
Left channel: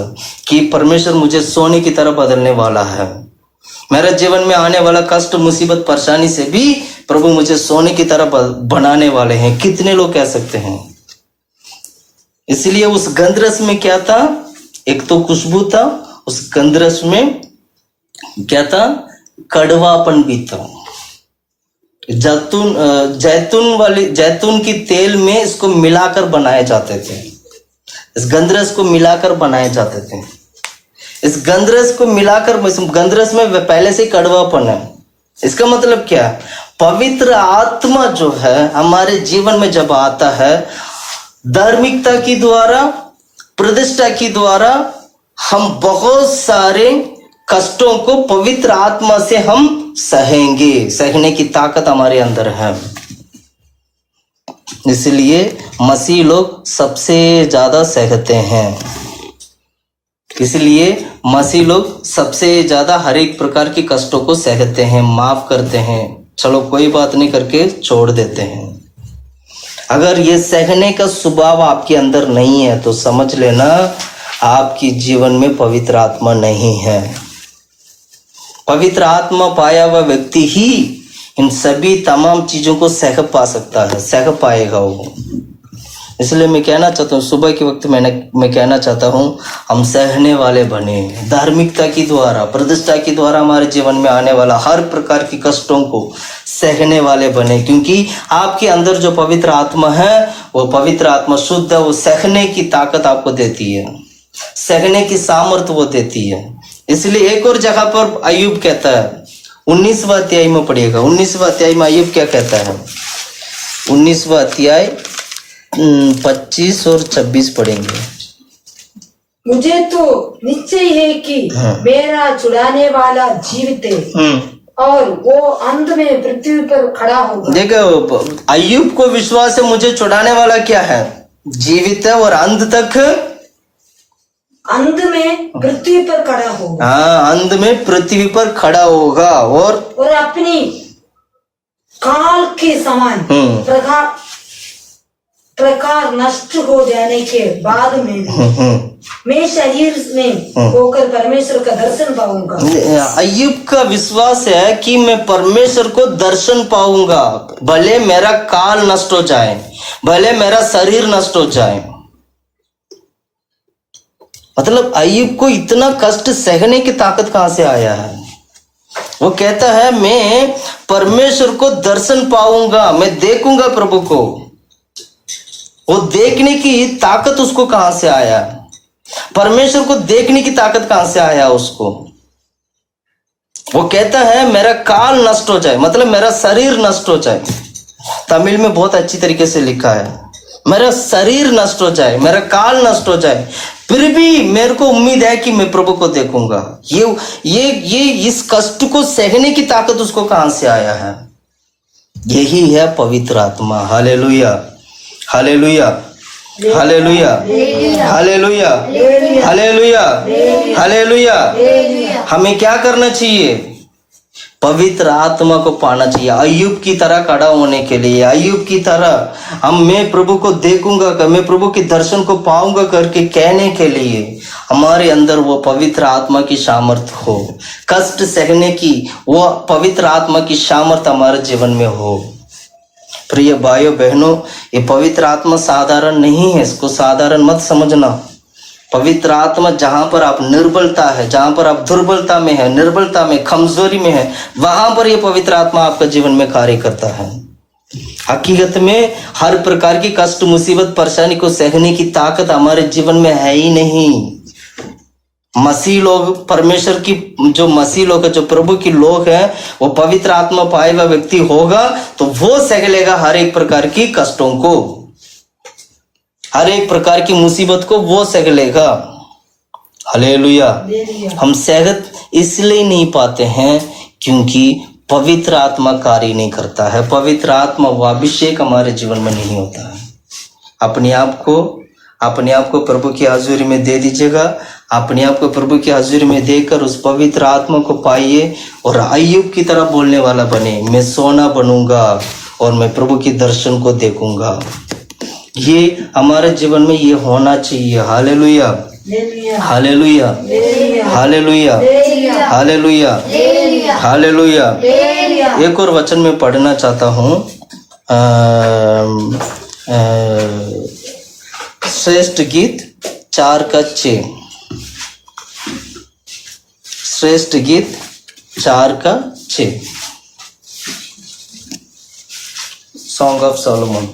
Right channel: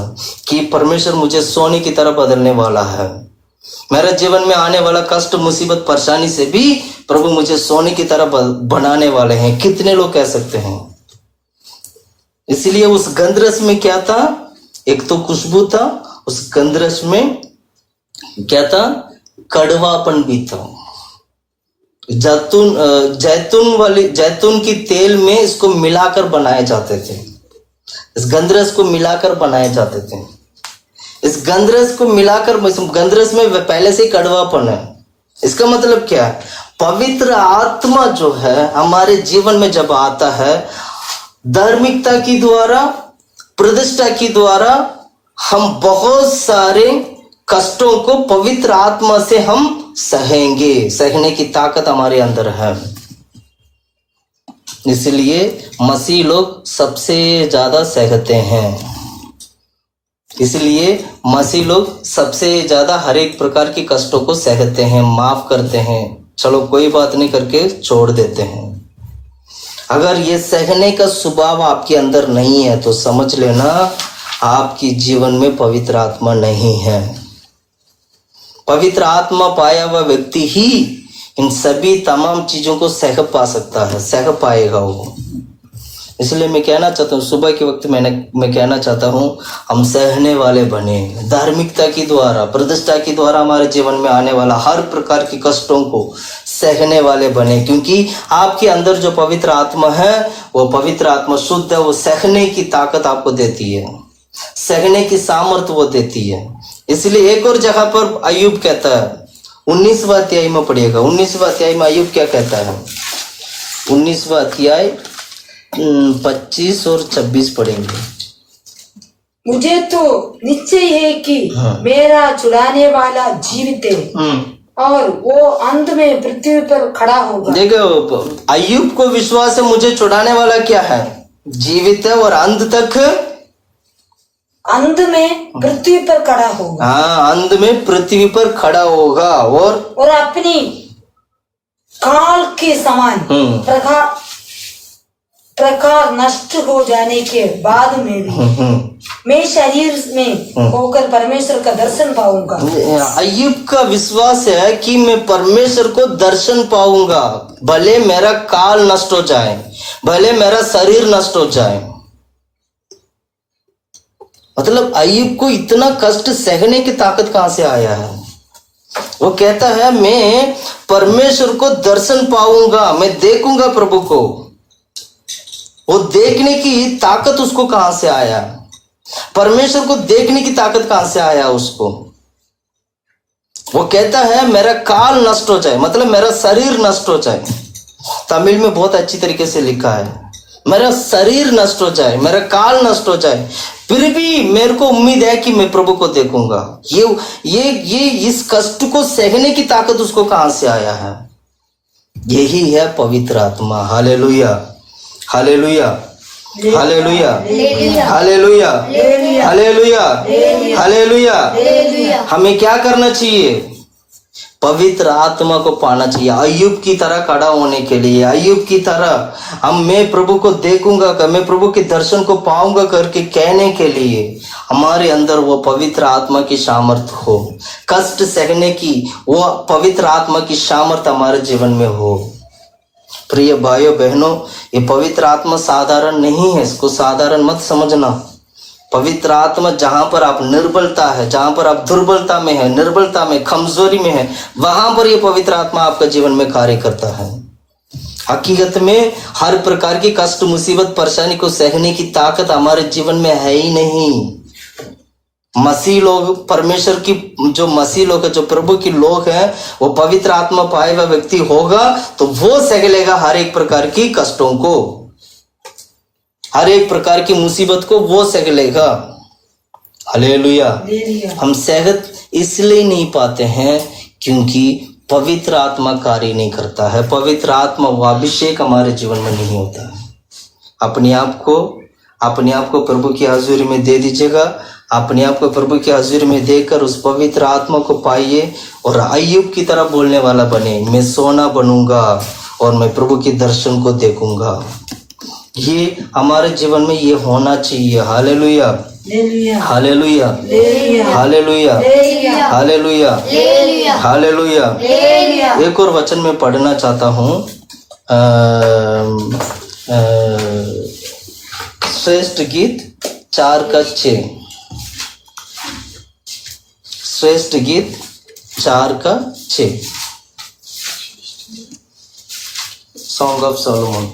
कि परमेश्वर मुझे सोने की तरह बदलने वाला है, मेरे जीवन में आने वाला कष्ट मुसीबत परेशानी से भी प्रभु मुझे सोने की तरह बनाने वाले हैं? कितने लोग कह सकते हैं? इसलिए उस गंधरस में क्या था? एक तो खुशबू था, उस गंधरस में क्या था? कड़वापन भी था। जैतून की तेल में इसको मिलाकर बनाए जाते थे, इस गंधरस को मिलाकर बनाए जाते थे। इस गंधरस को मिलाकर, गंधरस में पहले से कड़वापन है। इसका मतलब क्या है? पवित्र आत्मा जो है हमारे जीवन में जब आता है, धार्मिकता की द्वारा, प्रतिष्ठा की द्वारा हम बहुत सारे कष्टों को पवित्र आत्मा से हम सहेंगे। सहने की ताकत हमारे अंदर है। इसलिए मसीह लोग सबसे ज्यादा सहते हैं। इसलिए मसीह लोग सबसे ज्यादा हर एक प्रकार के कष्टों को सहते हैं, माफ करते हैं, चलो कोई बात नहीं करके छोड़ देते हैं। अगर ये सहने का स्वभाव आपके अंदर नहीं है तो समझ लेना आपकी जीवन में पवित्र आत्मा नहीं है। पवित्र आत्मा पाया हुआ व्यक्ति ही इन सभी तमाम चीजों को सह पा सकता है, सह पाएगा वो। इसलिए मैं कहना चाहता हूँ, सुबह के वक्त मैं कहना चाहता हूँ, हम सहने वाले बने। धार्मिकता की द्वारा, प्रतिष्ठा की द्वारा हमारे जीवन में आने वाला हर प्रकार की कष्टों को सहने वाले बने, क्योंकि आपके अंदर जो पवित्र आत्मा है वो पवित्र आत्मा शुद्ध है। वो सहने की ताकत आपको देती है, सहने की सामर्थ्य वो देती है। इसलिए एक और जगह पर अय्यूब कहता है, 19वां अध्याय में पढ़िएगा। 19वां अध्याय में अय्यूब क्या कहता है? 19वां अध्याय 25 और 26 पढ़ेंगे। मुझे तो निश्चय है कि मेरा छुड़ाने वाला जीवित है और वो अंत में पृथ्वी पर खड़ा होगा। देखो, अय्यूब को विश्वास है मुझे छुड़ाने वाला क्या है? जीवित है और अंत तक, अंत में पृथ्वी पर खड़ा होगा। हाँ, अंत में पृथ्वी पर खड़ा होगा और अपनी काल के समान प्रकार नष्ट हो जाने के बाद में भी मैं शरीर में होकर परमेश्वर का दर्शन पाऊंगा। अय्यूब का विश्वास है कि मैं परमेश्वर को दर्शन पाऊंगा, भले मेरा काल नष्ट हो जाए, भले मेरा शरीर नष्ट हो जाए। मतलब अय्यूब को इतना कष्ट सहने की ताकत कहां से आया है? वो कहता है मैं परमेश्वर को दर्शन पाऊंगा, मैं देखूंगा प्रभु को। वो देखने की ताकत उसको कहां से आया? परमेश्वर को देखने की ताकत कहां से आया उसको? वो कहता है मेरा काल नष्ट हो जाए, मतलब मेरा शरीर नष्ट हो जाए। तमिल में बहुत अच्छी तरीके से लिखा है, मेरा शरीर नष्ट हो जाए, मेरा काल नष्ट हो जाए, फिर भी मेरे को उम्मीद है कि मैं प्रभु को देखूंगा। ये इस कष्ट को सहने की ताकत उसको कहां से आया है? यही है पवित्र आत्मा। Hallelujah, hallelujah, hallelujah, hallelujah, hallelujah, hallelujah. हमें क्या करना चाहिए? पवित्र आत्मा को पाना चाहिए। अय्यूब की तरह खड़ा होने के लिए, अय्यूब की तरह मैं प्रभु को देखूंगा, मैं प्रभु के दर्शन को पाऊंगा करके कहने के लिए हमारे अंदर वो पवित्र आत्मा की सामर्थ्य हो, कष्ट सहने की वो पवित्र आत्मा की सामर्थ्य हमारे जीवन में हो। प्रिय भाइयों बहनों, ये पवित्र आत्मा साधारण नहीं है, इसको साधारण मत समझना। पवित्र आत्मा जहां पर आप निर्बलता है, जहां पर आप दुर्बलता में है, निर्बलता में, कमजोरी में है, वहां पर ये पवित्र आत्मा आपका जीवन में कार्य करता है। हकीकत में हर प्रकार की कष्ट मुसीबत परेशानी को सहने की ताकत हमारे जीवन में है ही नहीं। मसीह लोग, परमेश्वर की जो मसीह लोग है, जो प्रभु की लोग हैं, वो पवित्र आत्मा पाए हुआ व्यक्ति होगा तो वो सह लेगा हर एक प्रकार की कष्टों को, हर एक प्रकार की मुसीबत को वो सह लेगा। हालेलुया। हम सहत इसलिए नहीं पाते हैं क्योंकि पवित्र आत्मा कार्य नहीं करता है, पवित्र आत्मा व अभिषेक हमारे जीवन में नहीं होता है। अपने आप को प्रभु की हाजिरी में दे दीजिएगा। अपने आप को प्रभु की हाजिरी में देकर उस पवित्र आत्मा को पाइए और अय्यूब की तरह बोलने वाला बने, मैं सोना बनूंगा और मैं प्रभु की दर्शन को देखूंगा। ये हमारे जीवन में ये होना चाहिए। Hallelujah, hallelujah, hallelujah, hallelujah, hallelujah. एक और वचन में पढ़ना चाहता हूँ, श्रेष्ठ गीत 4:6। श्रेष्ठ गीत 4:6, सॉन्ग ऑफ सोलोमन।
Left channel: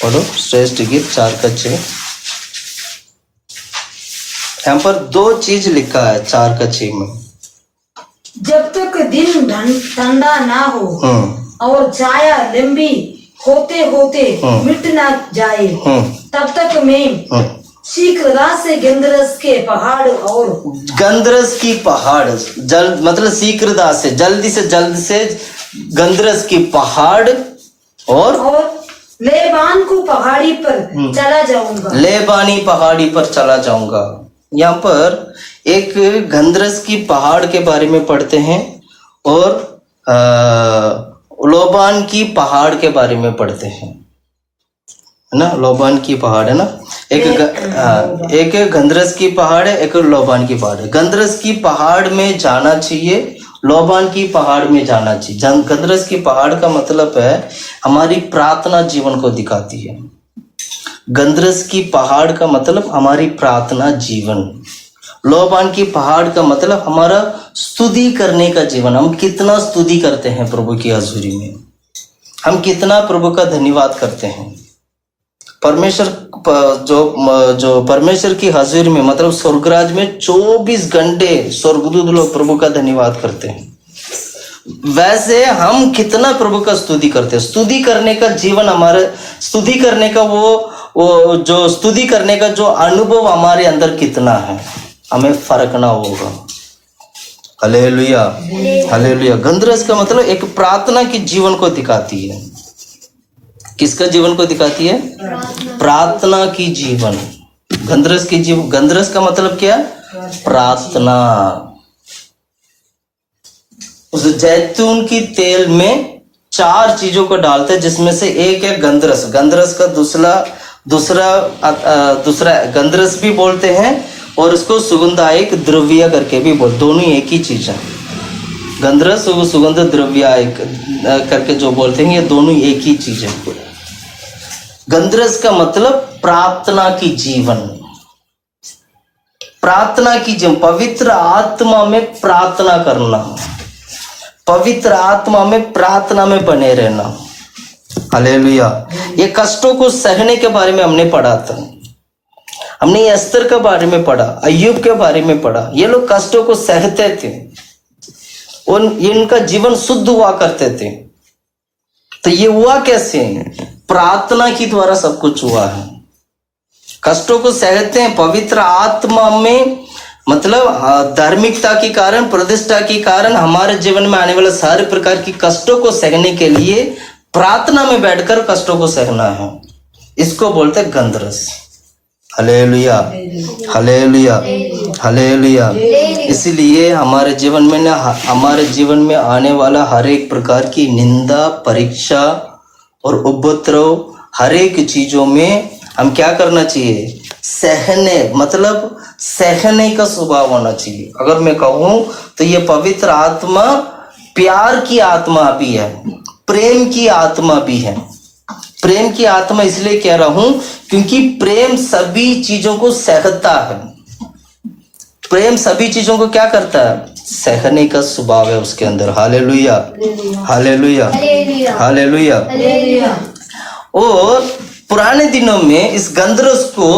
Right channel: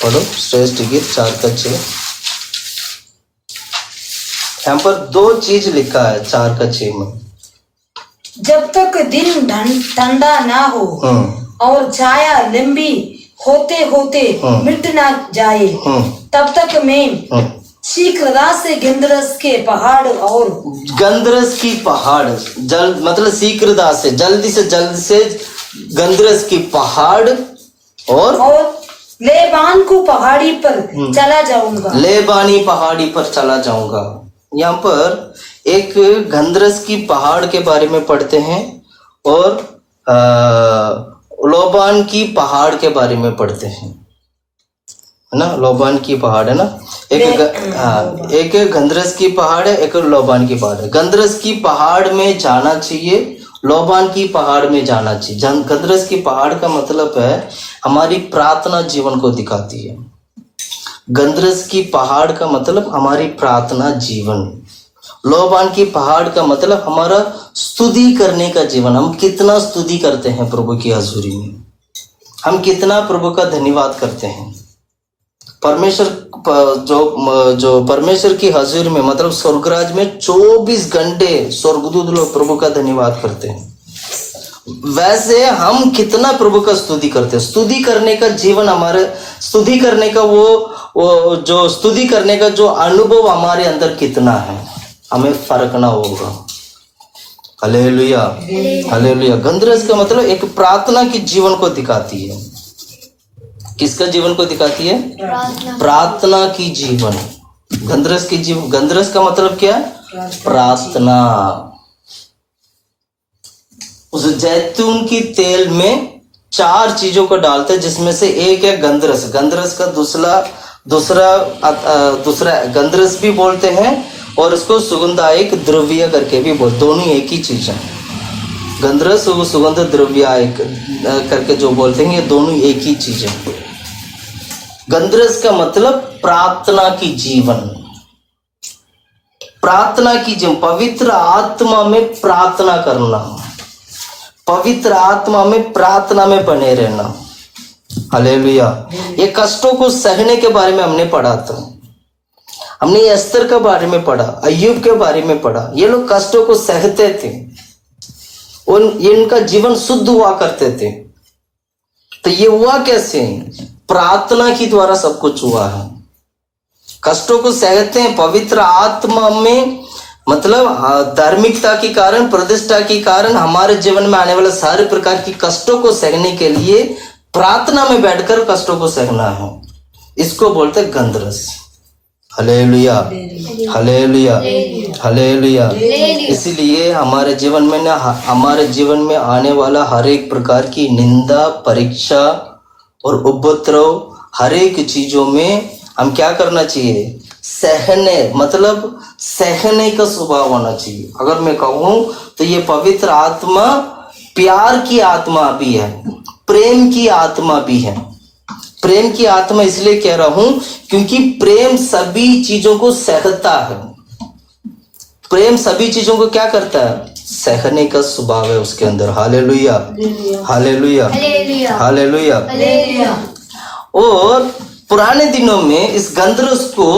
पढ़ो श्रेष्ठ गीत 4:6। यहाँ पर 2 चीज लिखा है 4:6 में। जब तक दिन ठंडा ना हो और छाया लंबी होते होते मिट ना जाए, तब तक मैं शीघ्रता से गंधरस के पहाड़ और गंधरस की पहाड़ मतलब शीघ्रता से जल्दी से गंधरस की पहाड़ और लेबान को पहाड़ी पर चला जाऊंगा। लेबानी पहाड़ी पर चला जाऊंगा। यहाँ पर एक गंधरस की पहाड़ के बारे में पढ़ते हैं और लोबान की पहाड़ के बारे में पढ़ते हैं, है ना। लोबान की पहाड़ है ना, एक गंधरस की पहाड़ है, एक लोबान की पहाड़ है। गंधरस की पहाड़ में जाना चाहिए, लोबान की पहाड़ में जाना चाहिए। गंधरस की पहाड़ का मतलब है हमारी प्रार्थना जीवन को दिखाती है। गंधरस की पहाड़ का मतलब हमारी प्रार्थना जीवन। लोबान की पहाड़ का मतलब हमारा स्तुति करने का जीवन। हम कितना स्तुति करते हैं प्रभु की हजूरी में, हम कितना प्रभु का धन्यवाद करते हैं। परमेश्वर जो परमेश्वर की हजूरी में मतलब स्वर्गराज में 24 घंटे स्वर्गदूत लोग प्रभु का धन्यवाद करते हैं। वैसे हम कितना प्रभु का स्तुति करते हैं। स्तुति करने का जीवन हमारे, स्तुति करने का वो जो स्तुति करने का जो अनुभव हमारे अंदर कितना है, हमें फर्कना होगा। Hallelujah, hallelujah. गंधरस का मतलब एक प्रार्थना की जीवन को दिखाती है। किसका जीवन को दिखाती है? प्रार्थना की जीवन। गंधरस की जीवन, गंधरस का मतलब क्या? प्रार्थना। उस जैतून की तेल में 4 चीजों को डालते हैं, जिसमें से एक है गंधरस। गंधरस का दूसरा गंधरस भी बोलते हैं और उसको सुगंधायक द्रव्य करके भी बोलते, दोनों एक ही चीज है। गंधरस और सुगंध द्रव्य करके जो बोलते हैं, ये दोनों एक ही चीज है। गंधरस का मतलब प्रार्थना की जीवन। प्रार्थना की जीवन, पवित्र आत्मा में प्रार्थना करना, पवित्र आत्मा में प्रार्थना में बने रहना। हालेलुया। ये कष्टों को सहने के बारे में हमने पढ़ा था। हमने एस्तर के बारे में पढ़ा, अय्यूब के बारे में पढ़ा। ये लोग कष्टों को सहते थे, इनका जीवन शुद्ध हुआ करते थे। तो ये हुआ कैसे? प्रार्थना के द्वारा सब कुछ हुआ है। कष्टों को सहते हैं पवित्र आत्मा में, मतलब धार्मिकता के कारण, प्रतिष्ठा के कारण हमारे जीवन में आने वाले सारे प्रकार की कष्टों को सहने के लिए प्रार्थना में बैठकर कष्टों को सहना है। इसको बोलते हैं गंधरस। Hallelujah, hallelujah, hallelujah. इसीलिए हमारे जीवन में ना, हमारे जीवन में आने वाला हर एक प्रकार की निंदा, परीक्षा और उपद्रव, हर एक चीजों में हम क्या करना चाहिए? सहने, मतलब सहने का स्वभाव होना चाहिए। अगर मैं कहूं तो ये पवित्र आत्मा प्यार की आत्मा भी है, प्रेम की आत्मा भी है। प्रेम की आत्मा इसलिए कह रहा हूं क्योंकि प्रेम सभी चीजों को सहता है। प्रेम सभी चीजों को क्या करता है? सहने का स्वभाव है उसके अंदर। Hallelujah, hallelujah, hallelujah. और पुराने दिनों में इस गंधरस को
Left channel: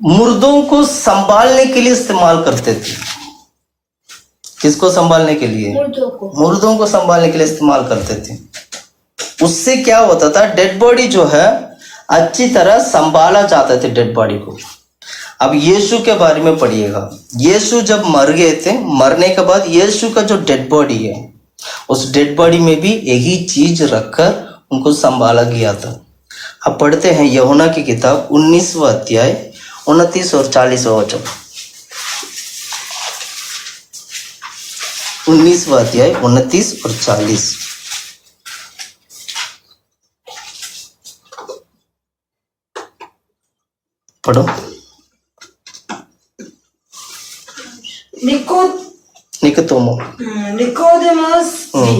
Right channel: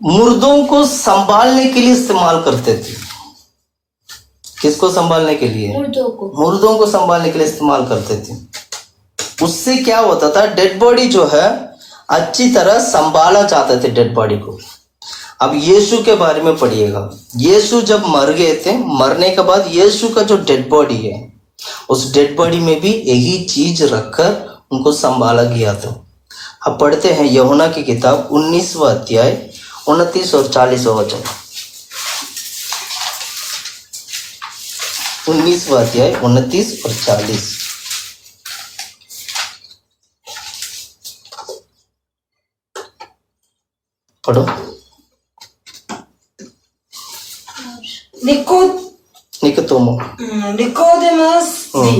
मुर्दों को संभालने के लिए इस्तेमाल करते थे। किसको संभालने के लिए? मुर्दों को संभालने के लिए इस्तेमाल करते थे। उससे क्या होता था? डेड बॉडी जो है अच्छी तरह संभाला जाता था, डेड बॉडी को। अब यीशु के बारे में पढ़िएगा। यीशु जब मर गए थे, मरने के बाद यीशु का जो डेड बॉडी है उस डेड बॉडी में भी यही चीज रखकर उनको संभाला गया था। अब पढ़ते हैं यूहन्ना की किताब 19वां अध्याय 29 और 40वां वचन। 19वां अध्याय 29 और 40। पढ़ो। निकोदेमस भी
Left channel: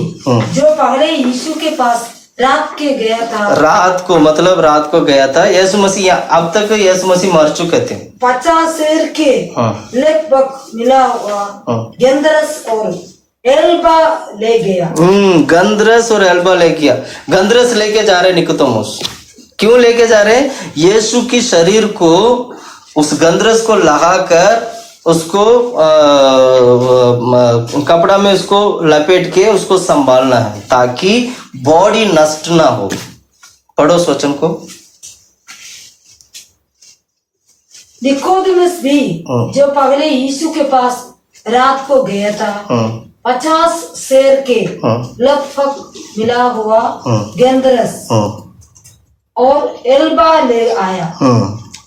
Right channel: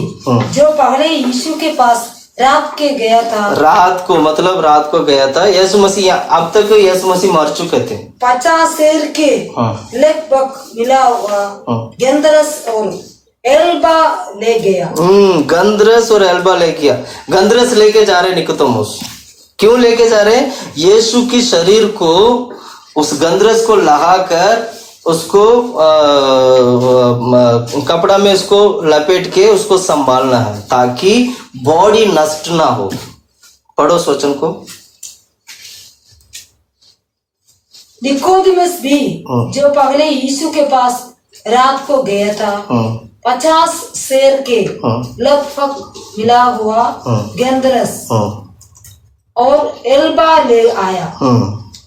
जो पहले यीशु के पास रात के गया था। रात को मतलब रात को गया था। यीशु मसीह, अब तक यीशु मसीह मर चुके थे। 50 शेर के लगभग मिला हुआ गंधरस और एल्बा ले गया। गंधरस और एल्बा ले गया। गंधरस लेके जा रहे निकोदेमस। क्यों लेके जा रहे? यीशु की शरीर को उस गंधरस को लगाकर उसको कपड़ा में उसको लपेट के उसको संभालना है ताकि बॉडी नष्ट ना हो। पढ़ो उस वचन को। निकोदेमस भी जो पहले यीशु के पास रात को गया था 50 शेर के लगभग मिला हुआ गंधरस और एल्बा ले आया।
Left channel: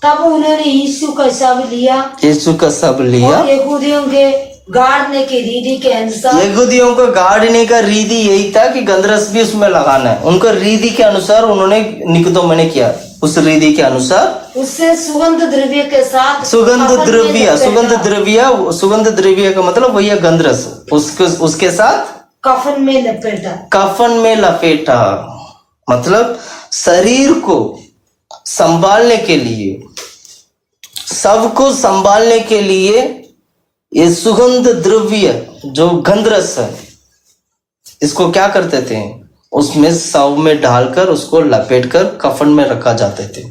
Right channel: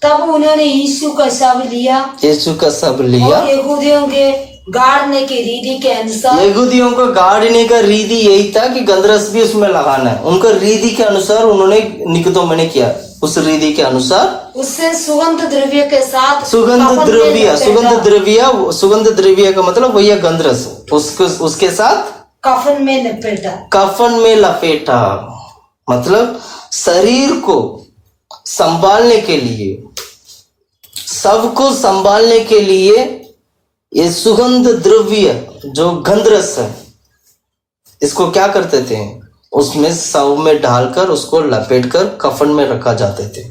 तब उन्होंने यीशु का शव लिया। यीशु का शव लिया। और यहूदियों के गाड़ने की रीति के अनुसार, यहूदियों को गाड़ने का रीति यही था कि गंधरस भी उसमें लगाना है। उनका रीति के अनुसार उन्होंने निकोदेम ने किया। उस रीति के अनुसार उससे सुगंध द्रव्य के साथ सुगंध द्रव्य का मतलब वही है गंधरस। उसके साथ कफन में लपेटा। कफन में लपेटा मतलब शरीर को संभालने के लिए, सबको संभालने के लिए ये सुगंध द्रव्य जो गंधरस है, इसको क्या करते थे? उसमें शव में डालकर उसको लपेटकर कफन में रखा जाते थे।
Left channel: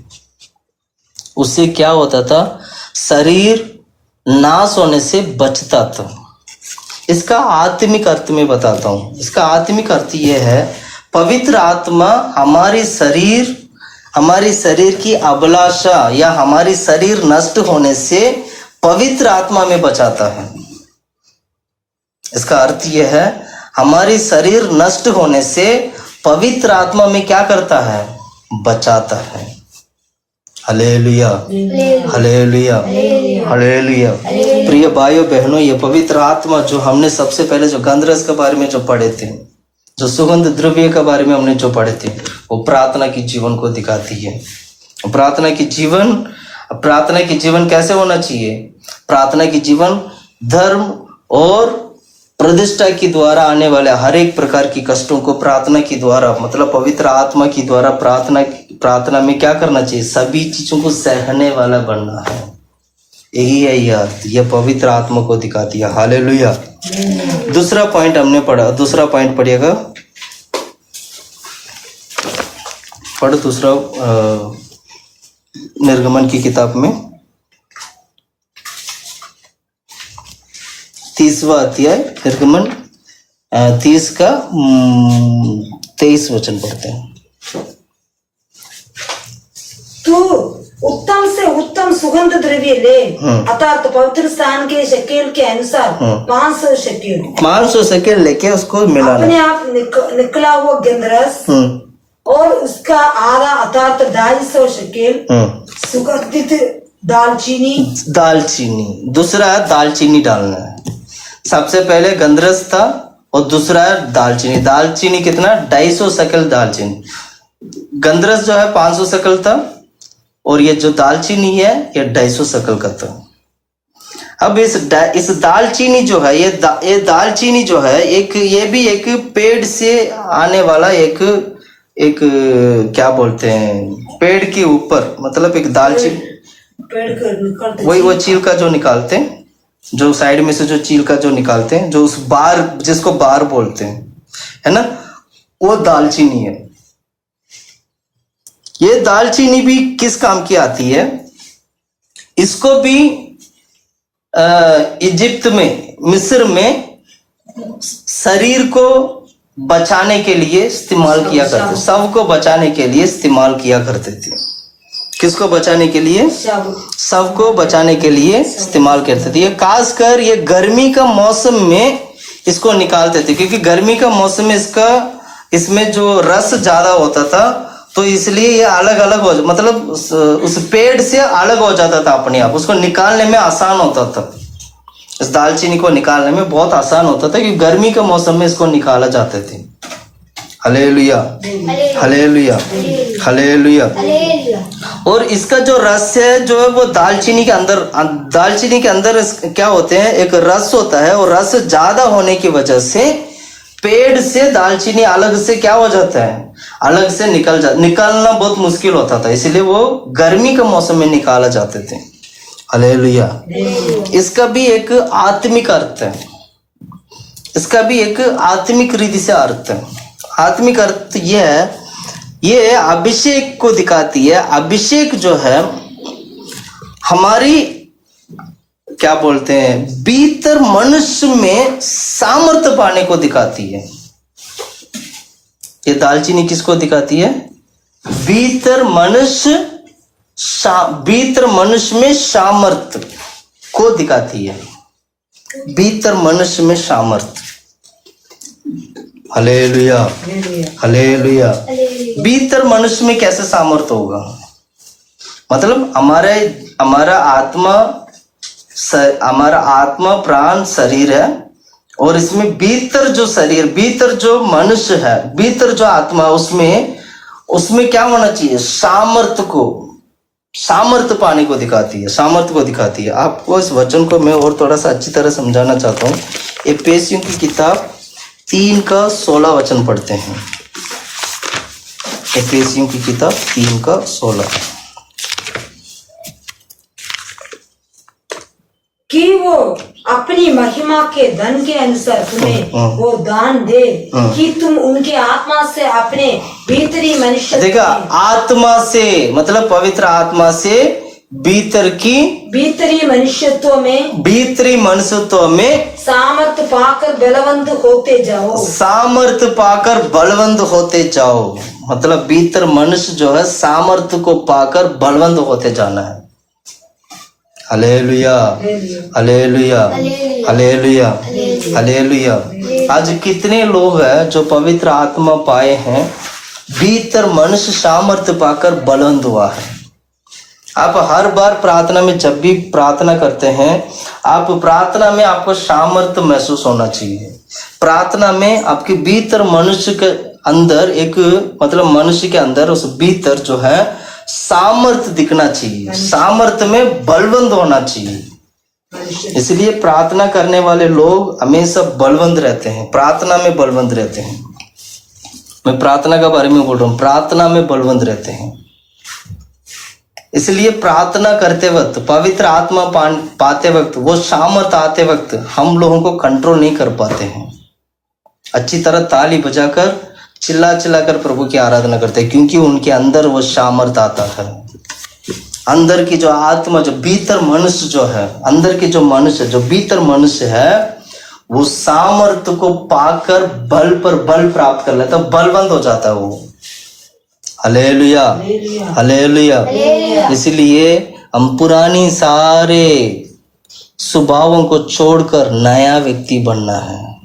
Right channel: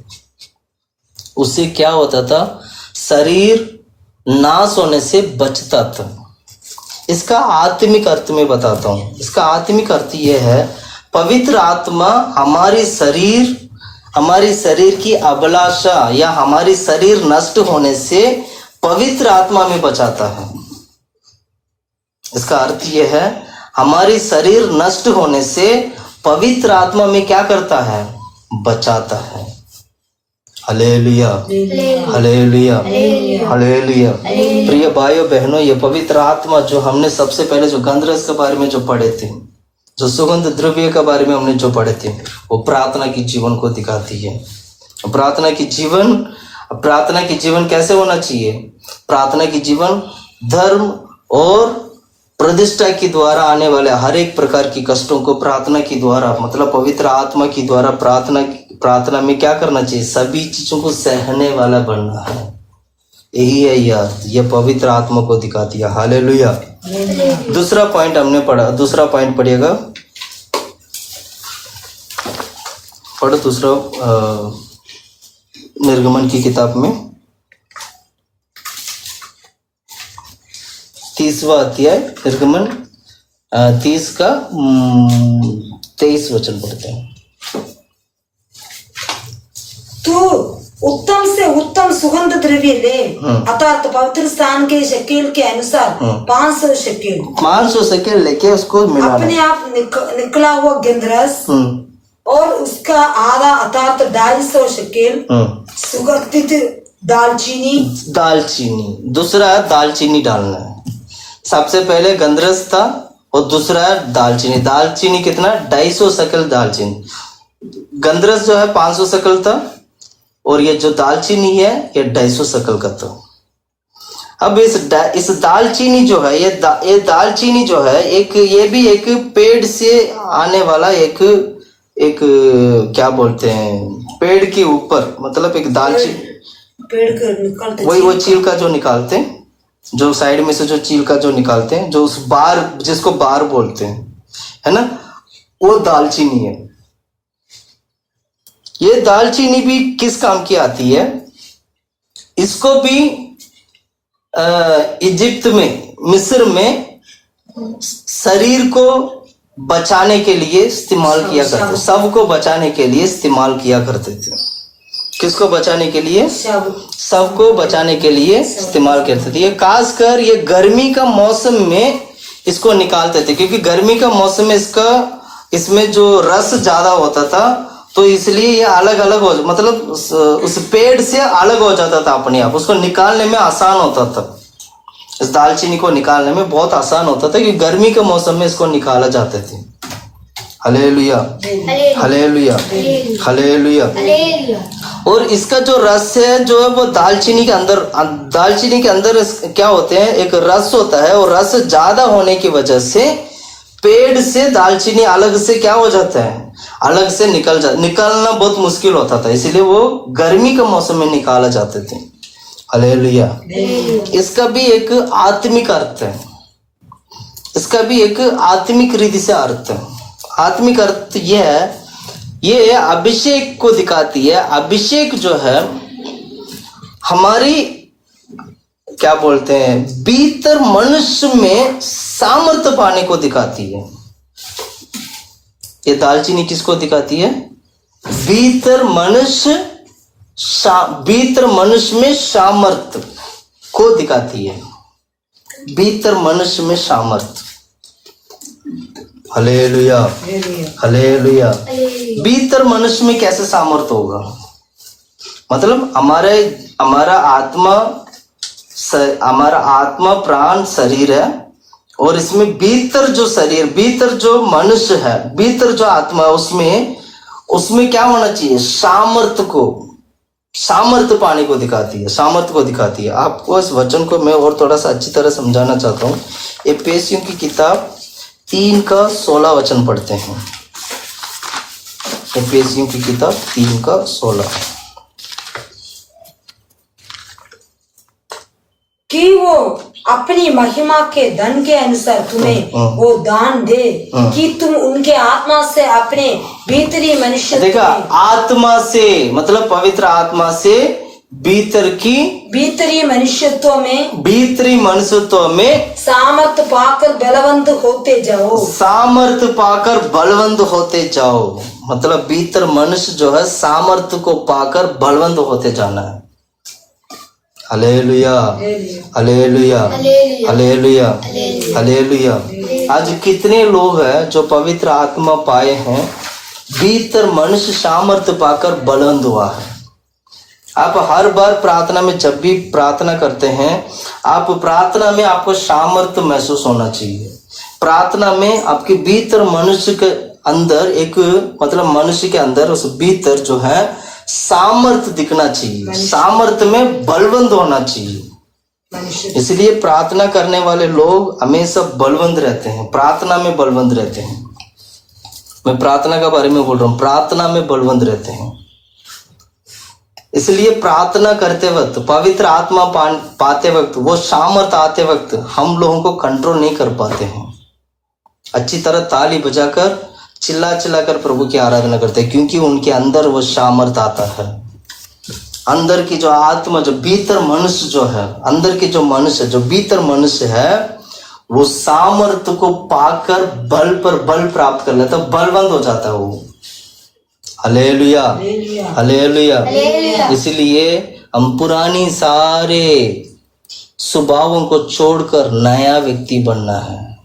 उससे क्या होता था? शरीर नाश होने से बचता था। इसका आत्मिक अर्थ में बताता हूं। इसका आत्मिक अर्थ यह है, पवित्र आत्मा हमारी शरीर की अभिलाषा या हमारी शरीर नष्ट होने से पवित्र आत्मा में बचाता है। इसका अर्थ यह है, हमारी शरीर नष्ट होने से पवित्र आत्मा में क्या करता है? बचाता है। Hallelujah, hallelujah, hallelujah. प्रिय भाइयों बहनों, ये पवित्र आत्मा जो हमने सबसे पहले जो गंधरस के बारे में जो पढ़े थे, जो सुगंध द्रव्य के बारे में हमने जो पढ़े थे, वो प्रार्थना की जीवन को दिखाती है। प्रार्थना की जीवन कैसे होना चाहिए? प्रार्थना की जीवन धर्म और प्रतिष्ठा के द्वारा आने वाले हर एक प्रकार की कष्टों को प्रार्थना के द्वारा, मतलब पवित्र आत्मा के द्वारा प्रार्थना में क्या करना चाहिए? सभी चीजों को सहने वाला बनना है। यही है यह पवित्र आत्मा को दिखाती है। हालेलुया। दूसरा पॉइंट हमने पढ़ा। दूसरा पॉइंट पढ़िएगा। पढ़ो दूसरा निर्गमन की किताब में 30वां अध्याय निर्गमन 30 का 23 वचन पढ़ते हैं। तू उत्तम से उत्तम सुगंध द्रव्य ले, अर्थात पवित्र स्थान के शकेल के अनुसार 500 शकेल लेके उसको मिलाना। अपने आप निकला हुआ गंधरस और उसका आधा अर्थात 250 शकेल सुगंधित दालचीनी। दूसरा दालचीनी डालना है। सबसे पहले गंधरस था और दूसरा है दालचीनी। दालचीनी कितना? 250 शकेल दालचीनी। गंधरस जो है 500 शकेल था और ये जो दालचीनी है ये 250 शकेल का था। अब इस दालचीनी जो है, ये दालचीनी जो है ये भी एक पेड़ से आने वाला एक क्या बोलते हैं, पेड़ के ऊपर, मतलब एक दालचीनी पेड़ वही वो चील का जो निकालते हैं, जो साइड में से जो चील का जो निकालते हैं, जो उस बार जिसको बार बोलते हैं, है ना, वो दालचीनी है। ये दालचीनी भी किस काम की आती है? इसको भी इजिप्त में, मिस्र में शरीर को बचाने के लिए इस्तेमाल किया करते, सबको बचाने के लिए इस्तेमाल किया करते थे। किसको बचाने के लिए? सबको बचाने के लिए इस्तेमाल करते थे। ये खासकर ये गर्मी का मौसम में इसको निकालते थे, क्योंकि गर्मी का मौसम में इसमें जो रस ज्यादा होता था, तो इसलिए ये अलग अलग हो, मतलब उस पेड़ से अलग हो जाता था अपने आप, उसको निकालने में आसान होता था। इस दालचीनी को निकालने में बहुत आसान होता था, क्योंकि गर्मी के मौसम में इसको निकाला जाते थे। Hallelujah, hallelujah, hallelujah. और इसका जो रस है जो है वो दालचीनी के अंदर क्या होते हैं, एक रस होता है, और रस ज्यादा होने की वजह से पेड़ से दालचीनी अलग से क्या हो जाता है, अलग से निकालना बहुत मुश्किल होता था, इसलिए वो गर्मी के मौसम में निकाला जाते थे। हालेलुया। इसका भी एक आत्मिक अर्थ है, इसका भी एक आत्मिक रीति से अर्थ है। आत्मिक अर्थ यह है, ये अभिषेक को दिखाती है। अभिषेक जो है हमारी क्या बोलते हैं, भीतर मनुष्य में सामर्थ्य पाने को दिखाती है। ये दालचीनी किसको दिखाती है? भीतर मनुष्य में सामर्थ्य को दिखाती है, भीतर मनुष्य में सामर्थ्य। Hallelujah, hallelujah. भीतर मनुष्य में कैसे सामर्थ्य होगा? मतलब हमारा आत्मा प्राण शरीर है, और इसमें भीतर जो शरीर, भीतर जो मनुष्य है, भीतर जो आत्मा, उसमें क्या होना चाहिए? सामर्थ्य पाने को दिखाती है, सामर्थ्य को दिखाती है। आपको इस वचन को मैं और थोड़ा सा अच्छी तरह समझाना चाहता हूँ। एफेसियों की किताब 3:16 पढ़ते हैं। एफेसियों की किताब 3:16। कि वो अपनी महिमा के धन के अनुसार तुम्हें वो दान दे कि तुम उनके आत्मा से अपने भीतरी मनुष्य, देखा, आत्मा से मतलब पवित्र आत्मा से भीतरी मनुष्यत्व में सामर्थ पाकर बलवंत होते जाओ। मतलब भीतर मनुष्य जो है सामर्थ्य को पाकर बलवंत होते जाना है। Hallelujah, hallelujah, hallelujah, hallelujah. आज कितने लोग हैं जो पवित्र आत्मा पाए हैं, भीतर मनुष्य सामर्थ्य पाकर बलवंत हुआ है। आप हर बार प्रार्थना में, जब भी प्रार्थना करते हैं, आप प्रार्थना में आपको सामर्थ्य महसूस होना चाहिए। प्रार्थना में आपके भीतर मनुष्य के अंदर मनुष्य के अंदर उस भीतर जो है सामर्थ्य दिखना चाहिए, सामर्थ्य में बलवंत होना चाहिए। इसलिए प्रार्थना करने वाले लोग हमेशा बलवंत रहते हैं, प्रार्थना में बलवंत रहते हैं। मैं प्रार्थना के बारे में बोल रहा हूँ, प्रार्थना में बलवंत रहते हैं। इसलिए प्रार्थना करते वक्त, पवित्र आत्मा पाते वक्त, वो सामर्थ्य आते वक्त हम लोगों को कंट्रोल नहीं कर पाते हैं। अच्छी तरह ताली बजाकर चिल्लाकर प्रभु की आराधना करते हैं, क्योंकि उनके अंदर वो सामर्थ्य आता है। अंदर की जो आत्मा, जो भीतर मनुष्य जो है, अंदर की जो मनुष्य, जो भीतर मनुष्य है, वो सामर्थ्य को पाकर बल पर बल प्राप्त कर लेता है, बलवंत हो जाता है वो। Hallelujah, hallelujah. इसलिए हम पुरानी सारे स्वभावों को छोड़कर नया व्यक्ति बनना है।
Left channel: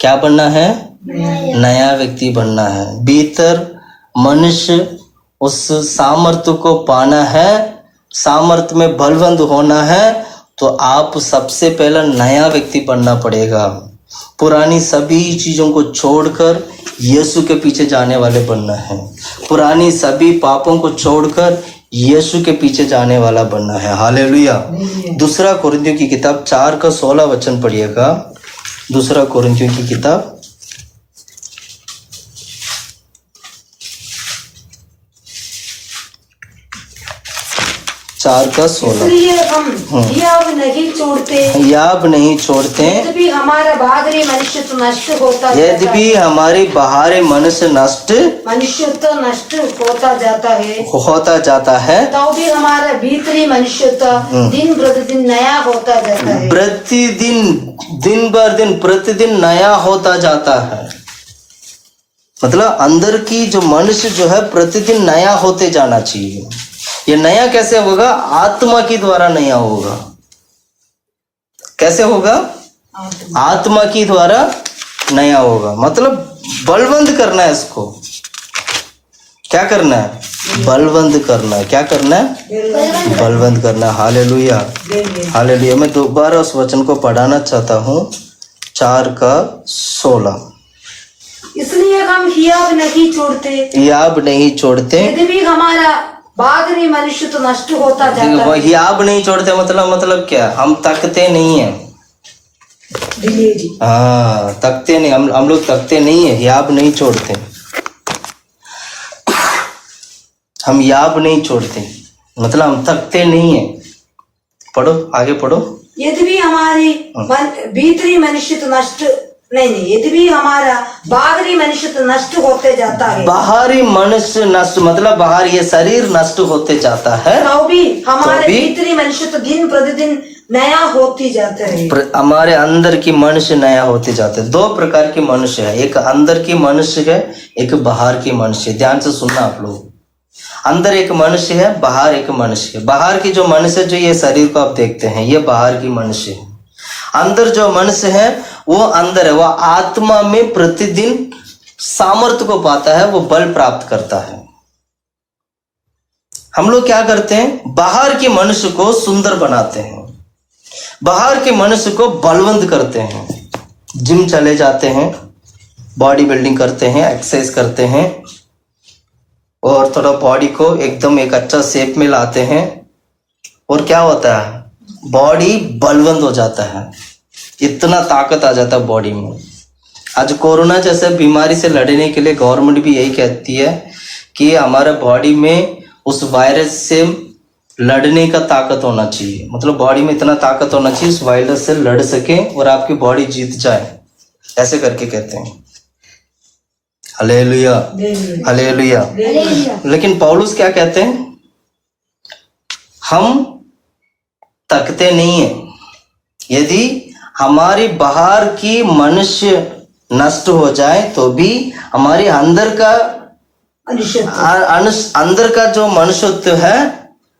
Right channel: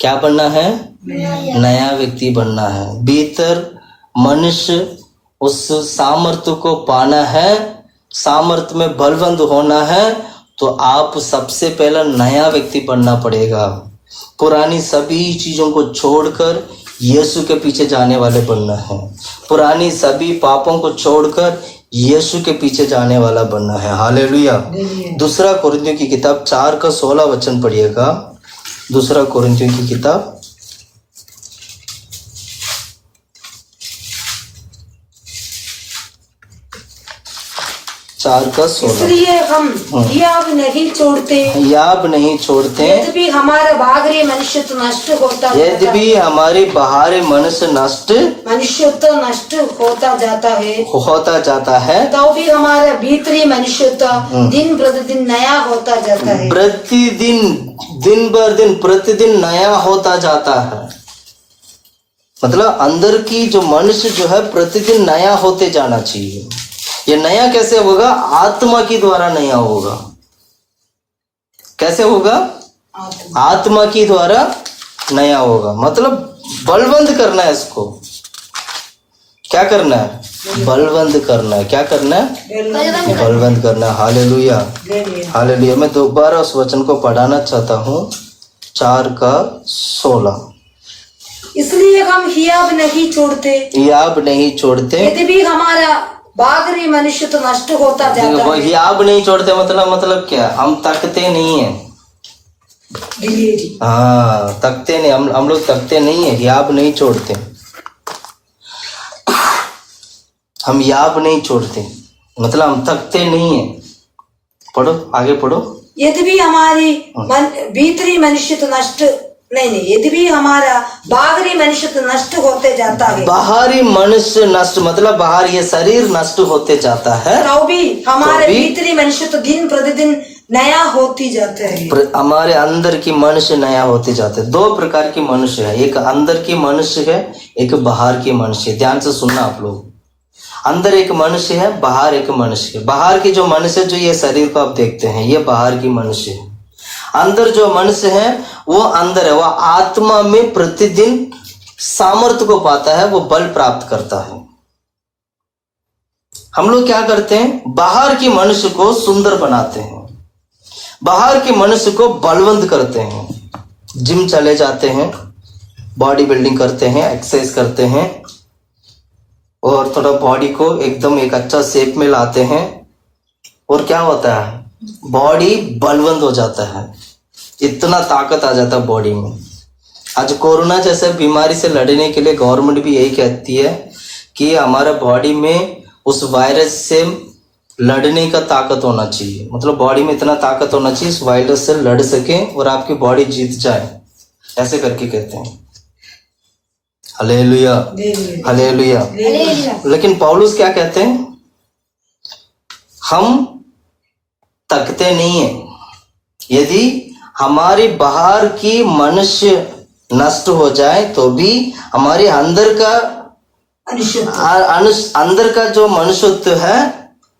क्या बनना है? नया व्यक्ति बनना है। भीतर मनुष्य उस सामर्थ्य को पाना है, सामर्थ्य में बलवंत होना है, तो आप सबसे पहले नया व्यक्ति बनना पड़ेगा। पुरानी सभी चीजों को छोड़कर यीशु के पीछे जाने वाले बनना है। पुरानी सभी पापों को छोड़कर यीशु के पीछे जाने वाला बनना है। हालेलुया। दूसरा कोरिन्थियों की किताब 4:16 पढ़िएगा। दूसरा कोरिन्थियों की किताब 4:16। इसलिए हम याब नहीं छोड़ते, यद्यपि हमारा बाहरी मनुष्यत्व नष्ट होता जाता है, तो भी हमारा भीतरी मनुष्यत्व दिन प्रतिदिन नया होता जाता है। प्रतिदिन नया होता जाता है। मतलब अंदर की जो मनुष्य जो है प्रतिदिन नया होते जाना चाहिए। ये नया कैसे होगा? आत्मा की द्वारा नया होगा। कैसे होगा? आत्मा की द्वारा नया होगा। मतलब बलवंत करना है इसको। क्या करना है? बलवंत करना है। क्या करना है? बलवंत करना है। Hallelujah, hallelujah. मैं दोबारा उस वचन को पढ़ाना चाहता हूँ, 4:16। इसलिए हम हियाब नहीं छोड़ते, हियाब नहीं छोड़ते, यदि भी हमारा बागरी मनुष्य तो नष्ट होता जाता है। हियाब नहीं छोड़ते मतलब क्या? हम तकते नहीं है। हाँ, तकते नहीं, हम लोग तकते नहीं है, हियाब नहीं छोड़ते। हम याब नहीं छोड़ते मतलब हम थकते नहीं है। पढ़ो, आगे पढ़ो। यदि भी हमारी भीतरी मनुष्य तो नष्ट नहीं, यदि भी हमारा बाहरी मनुष्य तो नष्ट होते जाता है। बाहरी मनुष्य नष्ट मतलब बाहर ये शरीर नष्ट होते जाता है, तो भी हमारे भीतरी मनुष्य तो दिन प्रतिदिन नया होती जाता है। हमारे अंदर की मनुष्य नया होते जाते हैं। 2 प्रकार के मनुष्य है, एक अंदर की मनुष्य है, एक बाहर की मनुष्य। ध्यान से सुनना आप लोग। अंदर एक मनुष्य है, बाहर एक मनुष्य है। बाहर की जो मनुष्य जो ये शरीर को आप देखते हैं, ये बाहर की मनुष्य है। अंदर जो मनुष्य है वो अंदर है, वो आत्मा में प्रतिदिन सामर्थ्य को पाता है, वो बल प्राप्त करता है। हम लोग क्या करते हैं? बाहर की मनुष्य को सुंदर बनाते हैं, बाहर के मनुष्य को बलवंत करते हैं। जिम चले जाते हैं, बॉडी बिल्डिंग करते हैं, एक्सरसाइज करते हैं और थोड़ा बॉडी को एकदम एक अच्छा शेप में लाते हैं। और क्या होता है? बॉडी बलवंत हो जाता है, इतना ताकत आ जाता है बॉडी में। आज कोरोना जैसे बीमारी से लड़ने के लिए गवर्नमेंट भी यही कहती है कि हमारा बॉडी में उस वायरस से लड़ने का ताकत होना चाहिए। मतलब बॉडी में इतना ताकत होना चाहिए उस वायरस से लड़ सके और आपकी बॉडी जीत जाए, ऐसे करके कहते हैं। Hallelujah, hallelujah. लेकिन पौलुस क्या कहते हैं? हम तकते नहीं है। यदि हमारी बाहर की मनुष्य नष्ट हो जाए तो भी हमारे अंदर का जो मनुष्यत्व है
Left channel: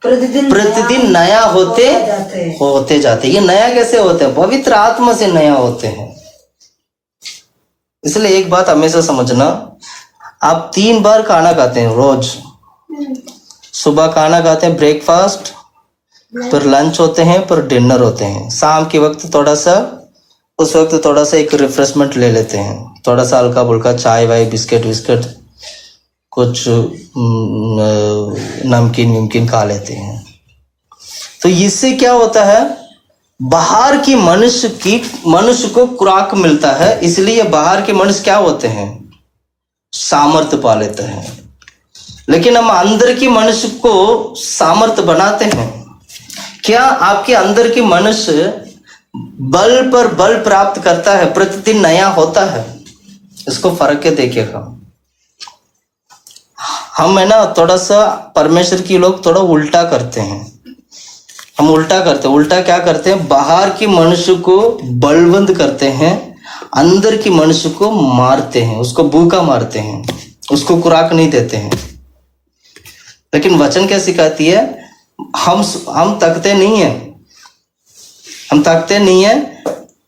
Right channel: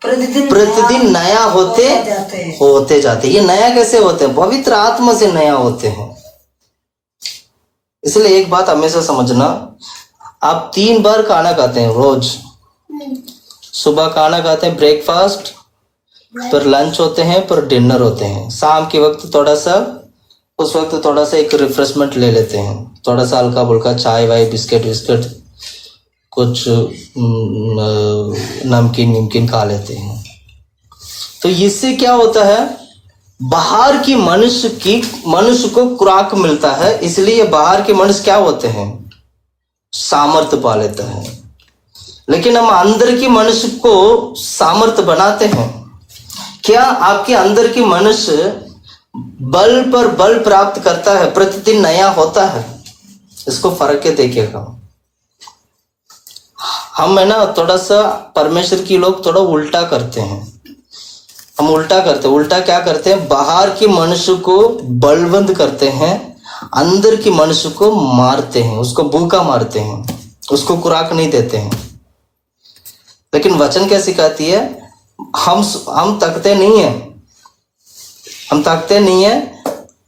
प्रतिदिन नया होते जाते। ये नया कैसे होते हैं? पवित्र आत्मा से नया होते हैं। इसलिए एक बात हमेशा समझना, आप 3 बार खाना खाते हैं रोज। सुबह खाना खाते हैं, ब्रेकफास्ट, फिर लंच होते हैं, फिर डिनर होते हैं। शाम के वक्त उस वक्त थोड़ा सा एक रिफ्रेशमेंट ले लेते हैं, थोड़ा सा हल्का फुल्का चाय वाय, बिस्किट विस्किट, कुछ नमकीन खा लेते हैं। तो इससे क्या होता है? बाहर की मनुष्य को खुराक मिलता है, इसलिए बाहर के मनुष्य क्या होते हैं? सामर्थ्य पा लेते हैं। लेकिन हम अंदर की मनुष्य को सामर्थ्य बनाते हैं। क्या आपके अंदर की मनुष्य बल पर बल प्राप्त करता है, प्रतिदिन नया होता है? इसको फर्क के देखिएगा। हम है ना थोड़ा सा परमेश्वर की लोग थोड़ा उल्टा करते हैं। हम उल्टा क्या करते हैं? बाहर के मनुष्य को बलवंत करते हैं, अंदर की मनुष्य को मारते हैं, उसको भूखा मारते हैं, उसको खुराक नहीं देते हैं। लेकिन वचन क्या सिखाती है? हम तकते नहीं है।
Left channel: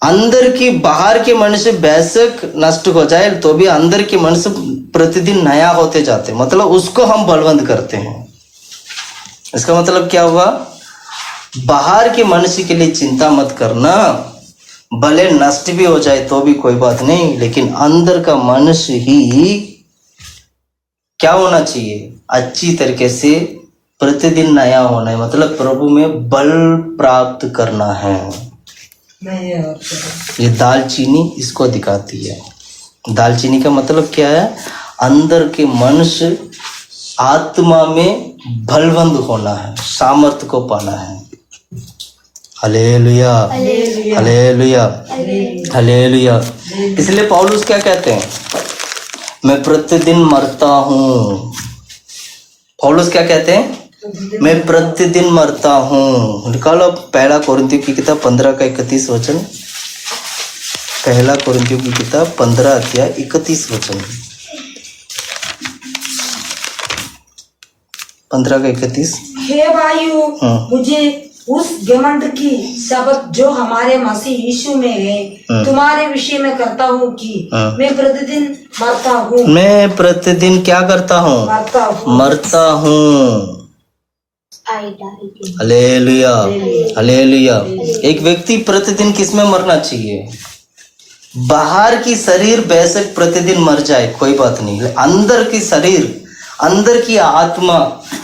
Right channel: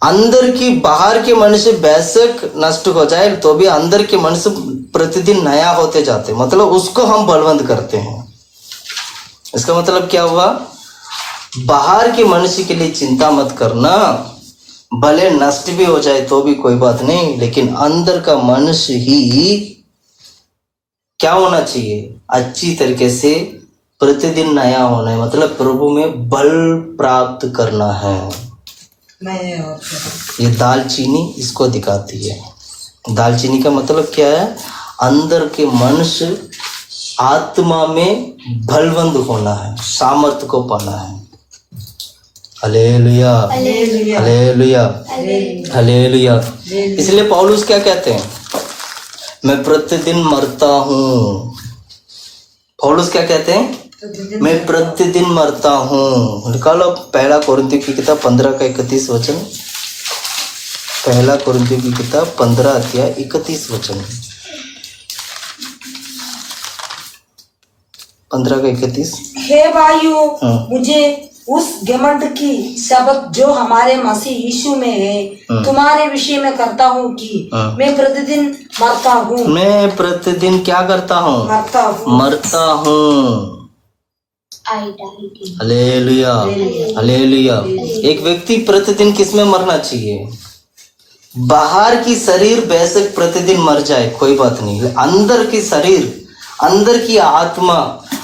अंदर की बाहर के मनुष्य बेशक नष्ट हो जाए तो भी अंदर के मनुष्य प्रतिदिन नया होते जाते, मतलब उसको हम बलवंत करते हैं। इसका मतलब क्या हुआ? बाहर के मनुष्य के लिए चिंता मत करना, भले नष्ट भी हो जाए तो भी कोई बात नहीं, लेकिन अंदर का मनुष्य ही क्या होना चाहिए? अच्छी तरीके से प्रतिदिन नया होना है, मतलब प्रभु में बल प्राप्त करना है। ये दालचीनी इसको दिखाती है। दालचीनी का मतलब क्या है? अंदर के मनुष्य आत्मा में बलवंत होना है, सामर्थ्य को पाना है। Hallelujah, hallelujah, hallelujah. इसलिए पौलुस क्या कहते हैं? मैं प्रतिदिन मरता हूँ। पौलुस क्या कहते हैं? मैं प्रतिदिन मरता हूँ। निकालो 1 कोरिन्थियों की किताब 15:31 वचन। 1 कोरिन्थियों की किताब 15:31 वचन। 15:31। हे भाइयों, मुझे उस घमंड की शब्द जो हमारे मसीह यीशु में है तुम्हारे विषय में करता हूँ कि मैं प्रतिदिन मरता हूँ। मैं प्रतिदिन क्या करता हूँ? मरता हूँ। Hallelujah, hallelujah. एक व्यक्ति प्रतिदिन किस में मरना चाहिए? बाहर की शरीर बेशक प्रतिदिन मर जाए कोई बात नहीं, अंदर की शरीर, अंदर की आत्मा,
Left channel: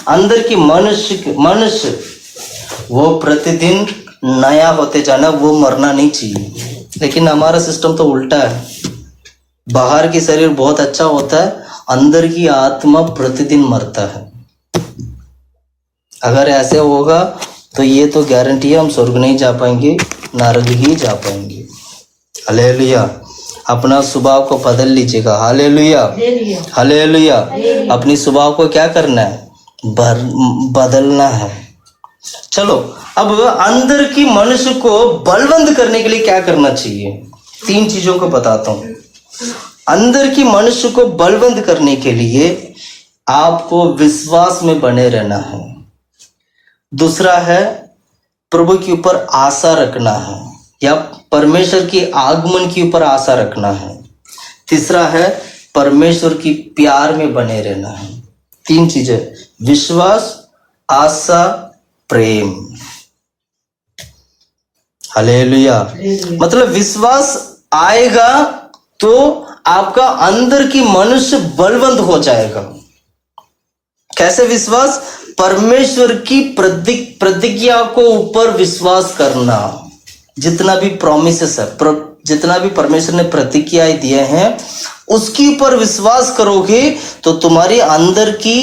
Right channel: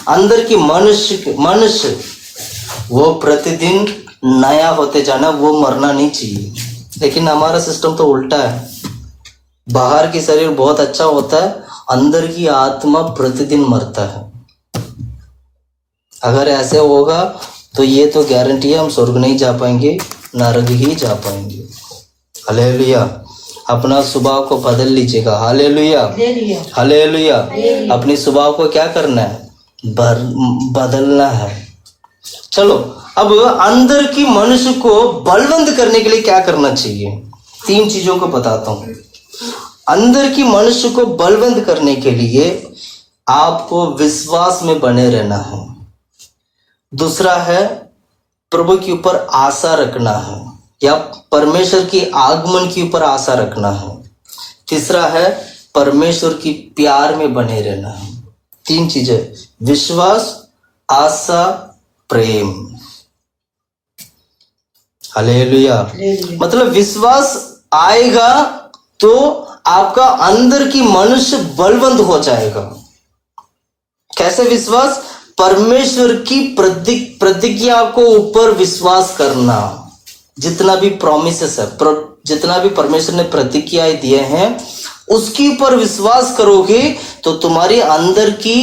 अंदर की मनुष्य वो प्रतिदिन नया होते जाना, वो मरना नहीं चाहिए। लेकिन हमारा सिस्टम तो उल्टा है। बाहर की शरीर बहुत अच्छा होता है, अंदर की आत्मा प्रतिदिन मरता है। अगर ऐसे होगा तो ये तो गारंटी है हम स्वर्ग नहीं जा पाएंगे, नरक ही जा पाएंगे। हालेलुया। अपना स्वभाव को बदल लीजिएगा। Hallelujah, hallelujah. अपनी स्वभाव को क्या करना है? बदलना है। चलो अब अंदर की मनुष्य को बलवंत करने के लिए क्या करना चाहिए? 3 चीजों को बताता हूं। अंदर की मनुष्य को बलवंत करने के लिए आपको विश्वास में बने रहना है। दूसरा है प्रभु के ऊपर आशा रखना है, या परमेश्वर के आगमन के ऊपर आशा रखना है। तीसरा है परमेश्वर की प्यार में बने रहना है। 3 चीजें, विश्वास, आशा, प्रेम। हालेलुया। मतलब विश्वास आएगा तो आपका अंदर की मनुष्य बलवंत हो जाएगा। कैसे विश्वास? परमेश्वर की प्रतिज्ञा को ऊपर विश्वास करना। जितना भी प्रॉमिसेस है, जितना भी परमेश्वर ने प्रतिज्ञाएं दिए हैं, उसके ऊपर विश्वास करोगे तो तुम्हारे अंदर की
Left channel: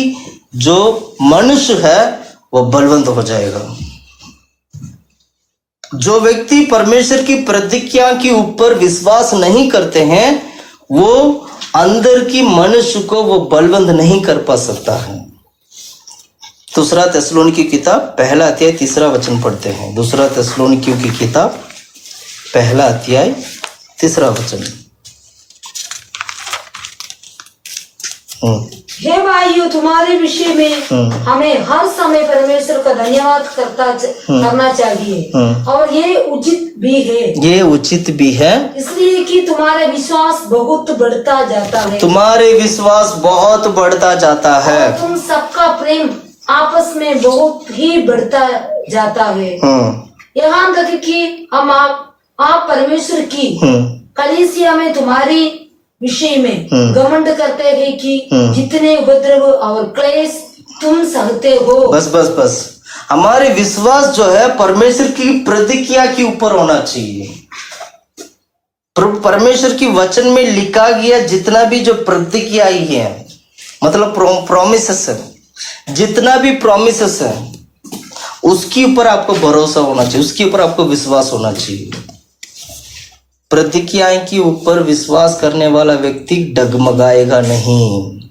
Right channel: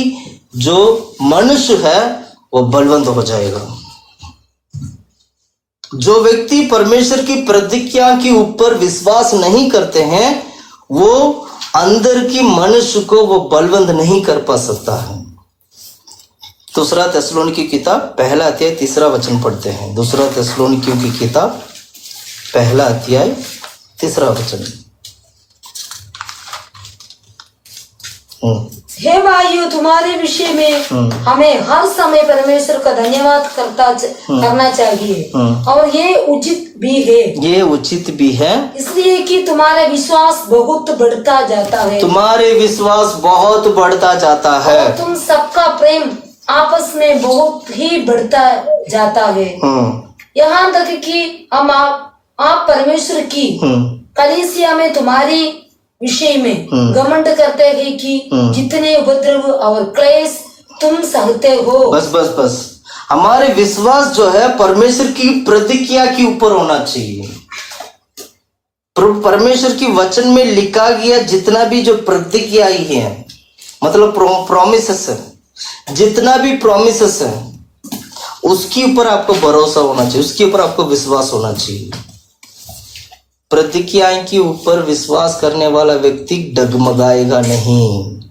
जो मनुष्य है वो बलवंत हो जाएगा। जो व्यक्ति परमेश्वर की प्रतिज्ञा के ऊपर विश्वास नहीं करते हैं, वो अंदर की मनुष्य को वो बलवंत नहीं कर पा सकता है। दूसरा थिस्सलुनीकी की किताब पहला अध्याय 3 वचन पढ़ते हैं। दूसरा थिस्सलुनीकियों की किताब पहला अध्याय 3 वचन। हे भाइयों, तुम्हारे विषय में हमें हर समय परमेश्वर का धन्यवाद करना चाहिए, और ये उचित भी है। ये उचित भी है इसलिए कि तुम्हारा विश्वास बहुत बढ़ता जाता है। तुम्हारे विश्वास बहुत बढ़ता जाता है, और तुम सबका प्रेम आपस में बहुत ही बढ़ता जाता है, यहाँ तक कि हम आप परमेश्वर की कलीसिया में तुम्हारी विषय में घमंड करते हैं कि जितने उपद्रव और क्लेश तुम सहते हो। बस हमारे विश्वास जो है परमेश्वर की प्रतिज्ञा के ऊपर होना चाहिए। परमेश्वर की वचन में लिखा गया जितना भी जो प्रतिज्ञा है, मतलब प्रॉमिसेस है, जितना भी प्रॉमिसेस है, उसके ऊपर आपको भरोसा होना चाहिए, उसके ऊपर आपको विश्वास होना चाहिए। प्रतिज्ञाएं के ऊपर विश्वास करने वाला व्यक्ति डगमगाएगा नहीं।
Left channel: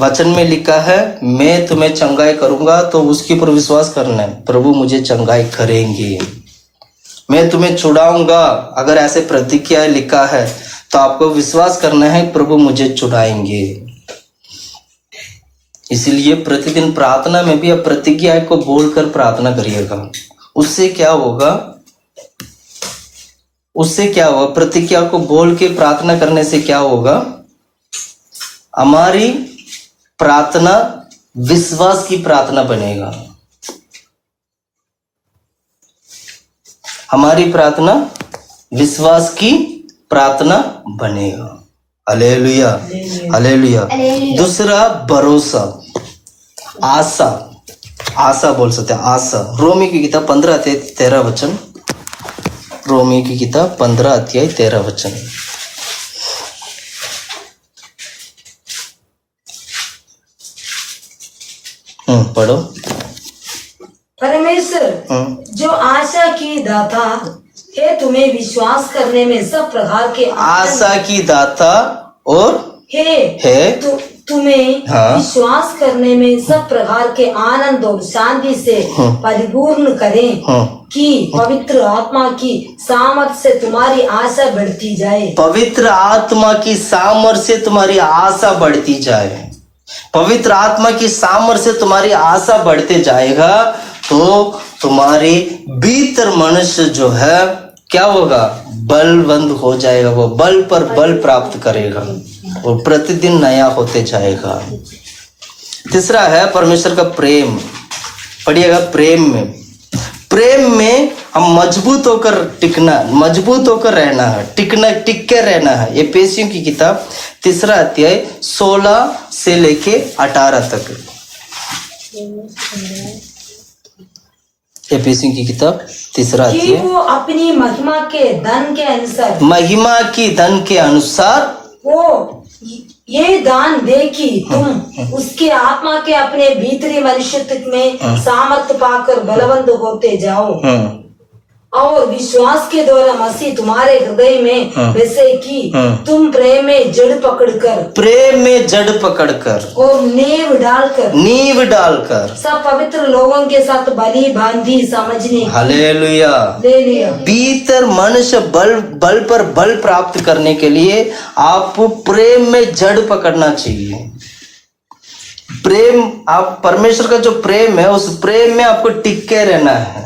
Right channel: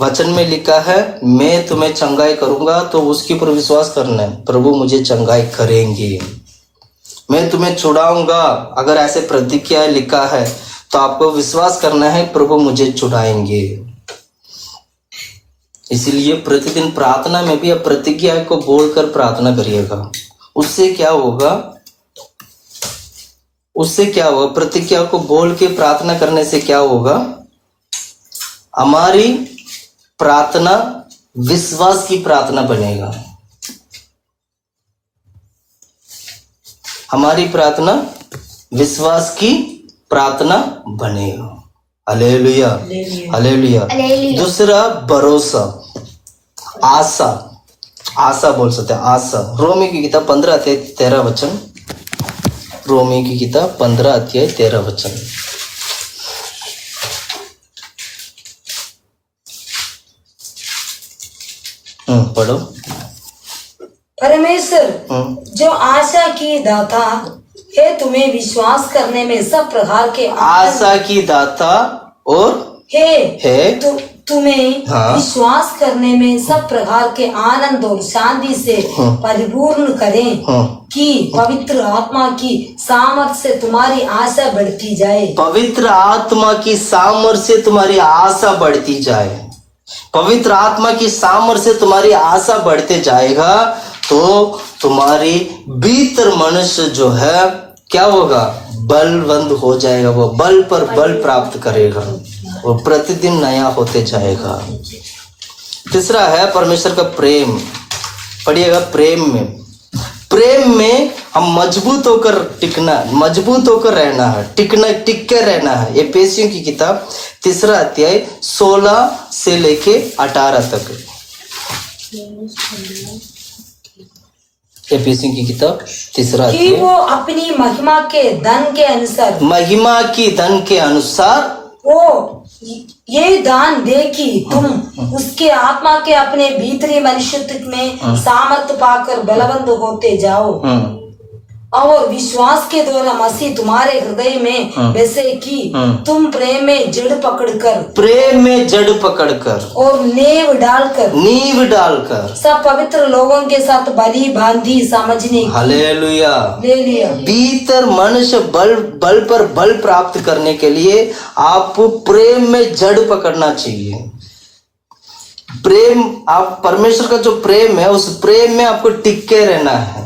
वचन में लिखा है मैं तुम्हें चंगाई करूंगा, तो उसके ऊपर विश्वास करना है, प्रभु मुझे चंगाई करेंगे। मैं तुम्हें छुड़ाऊंगा, अगर ऐसे प्रतिज्ञाएं लिखा है तो आपको विश्वास करना है प्रभु मुझे छुड़ाएंगे। इसलिए प्रतिदिन प्रार्थना में भी आप प्रतिज्ञा को बोलकर प्रार्थना करिएगा। उससे क्या होगा? प्रतिज्ञा को बोल के प्रार्थना करने से क्या होगा? हमारी प्रार्थना विश्वास की प्रार्थना बनेगा। हमारी प्रार्थना विश्वास की प्रार्थना बनेगा। Hallelujah, hallelujah. दूसरा भरोसा, आशा बोल सकते हैं, आशा। रोमी की किताब 15 अध्याय 13 वचन। रोमी की किताब 15 अध्याय 13 वचन। पढ़ो। परमेश्वर जो आशा की दाता है, तुम्हें विश्वास करने में सब प्रकार के आशा की दाता और है तुम्हें विश्वास करने में सब प्रकार के आनंद और शांति से परिपूर्ण करें, कि पवित्र आत्मा की सामर्थ से तुम्हारी आशा बढ़ती जाए। पवित्र आत्मा की सामर्थ से तुम्हारी आशा बढ़ती जाए। पवित्र आत्मा की सामर्थ्य से तुम्हारी आशा बढ़ते जाएगा तो तुम्हारी भीतर मनुष्य जो है क्या होगा, बलवंत हो जाएगा, वो बल पर बल प्राप्त करेगा, वो प्रतिदिन नया होते जाएगा। तीसरा है परमेश्वर का प्रेम। पढ़िएगा, प्रेम में हम मजबूत होकर टिकना, मजबूत होकर रहना है, टिक के रहना है। एफेसियों की किताब 3 अध्याय 16 से लेके 18 तक। एफेसियों की किताब 3 कि अध्याय, वो अपनी महिमा के धन के अनुसार, महिमा की धन के अनुसार वो ये दान दे कि तुम उसके आत्मा के अपने भीतरी मनुष्यत्व में सामर्थ्य पाकर बलवंत होते जाओ और विश्वास के द्वारा मसीह तुम्हारे हृदय में वैसे कि तुम प्रेम में जड़ पकड़कर और नींव डालकर सब पवित्र लोगों के साथ भली भांति समझने, हालेलुया, भीतर मनुष्य बल पर बल प्राप्त करने के लिए आपको प्रेम में जड़ पकड़ना चाहिए। प्रेम, आप परमेश्वर का जो प्रेम है उस प्रेम में आपको टिक के रहना है।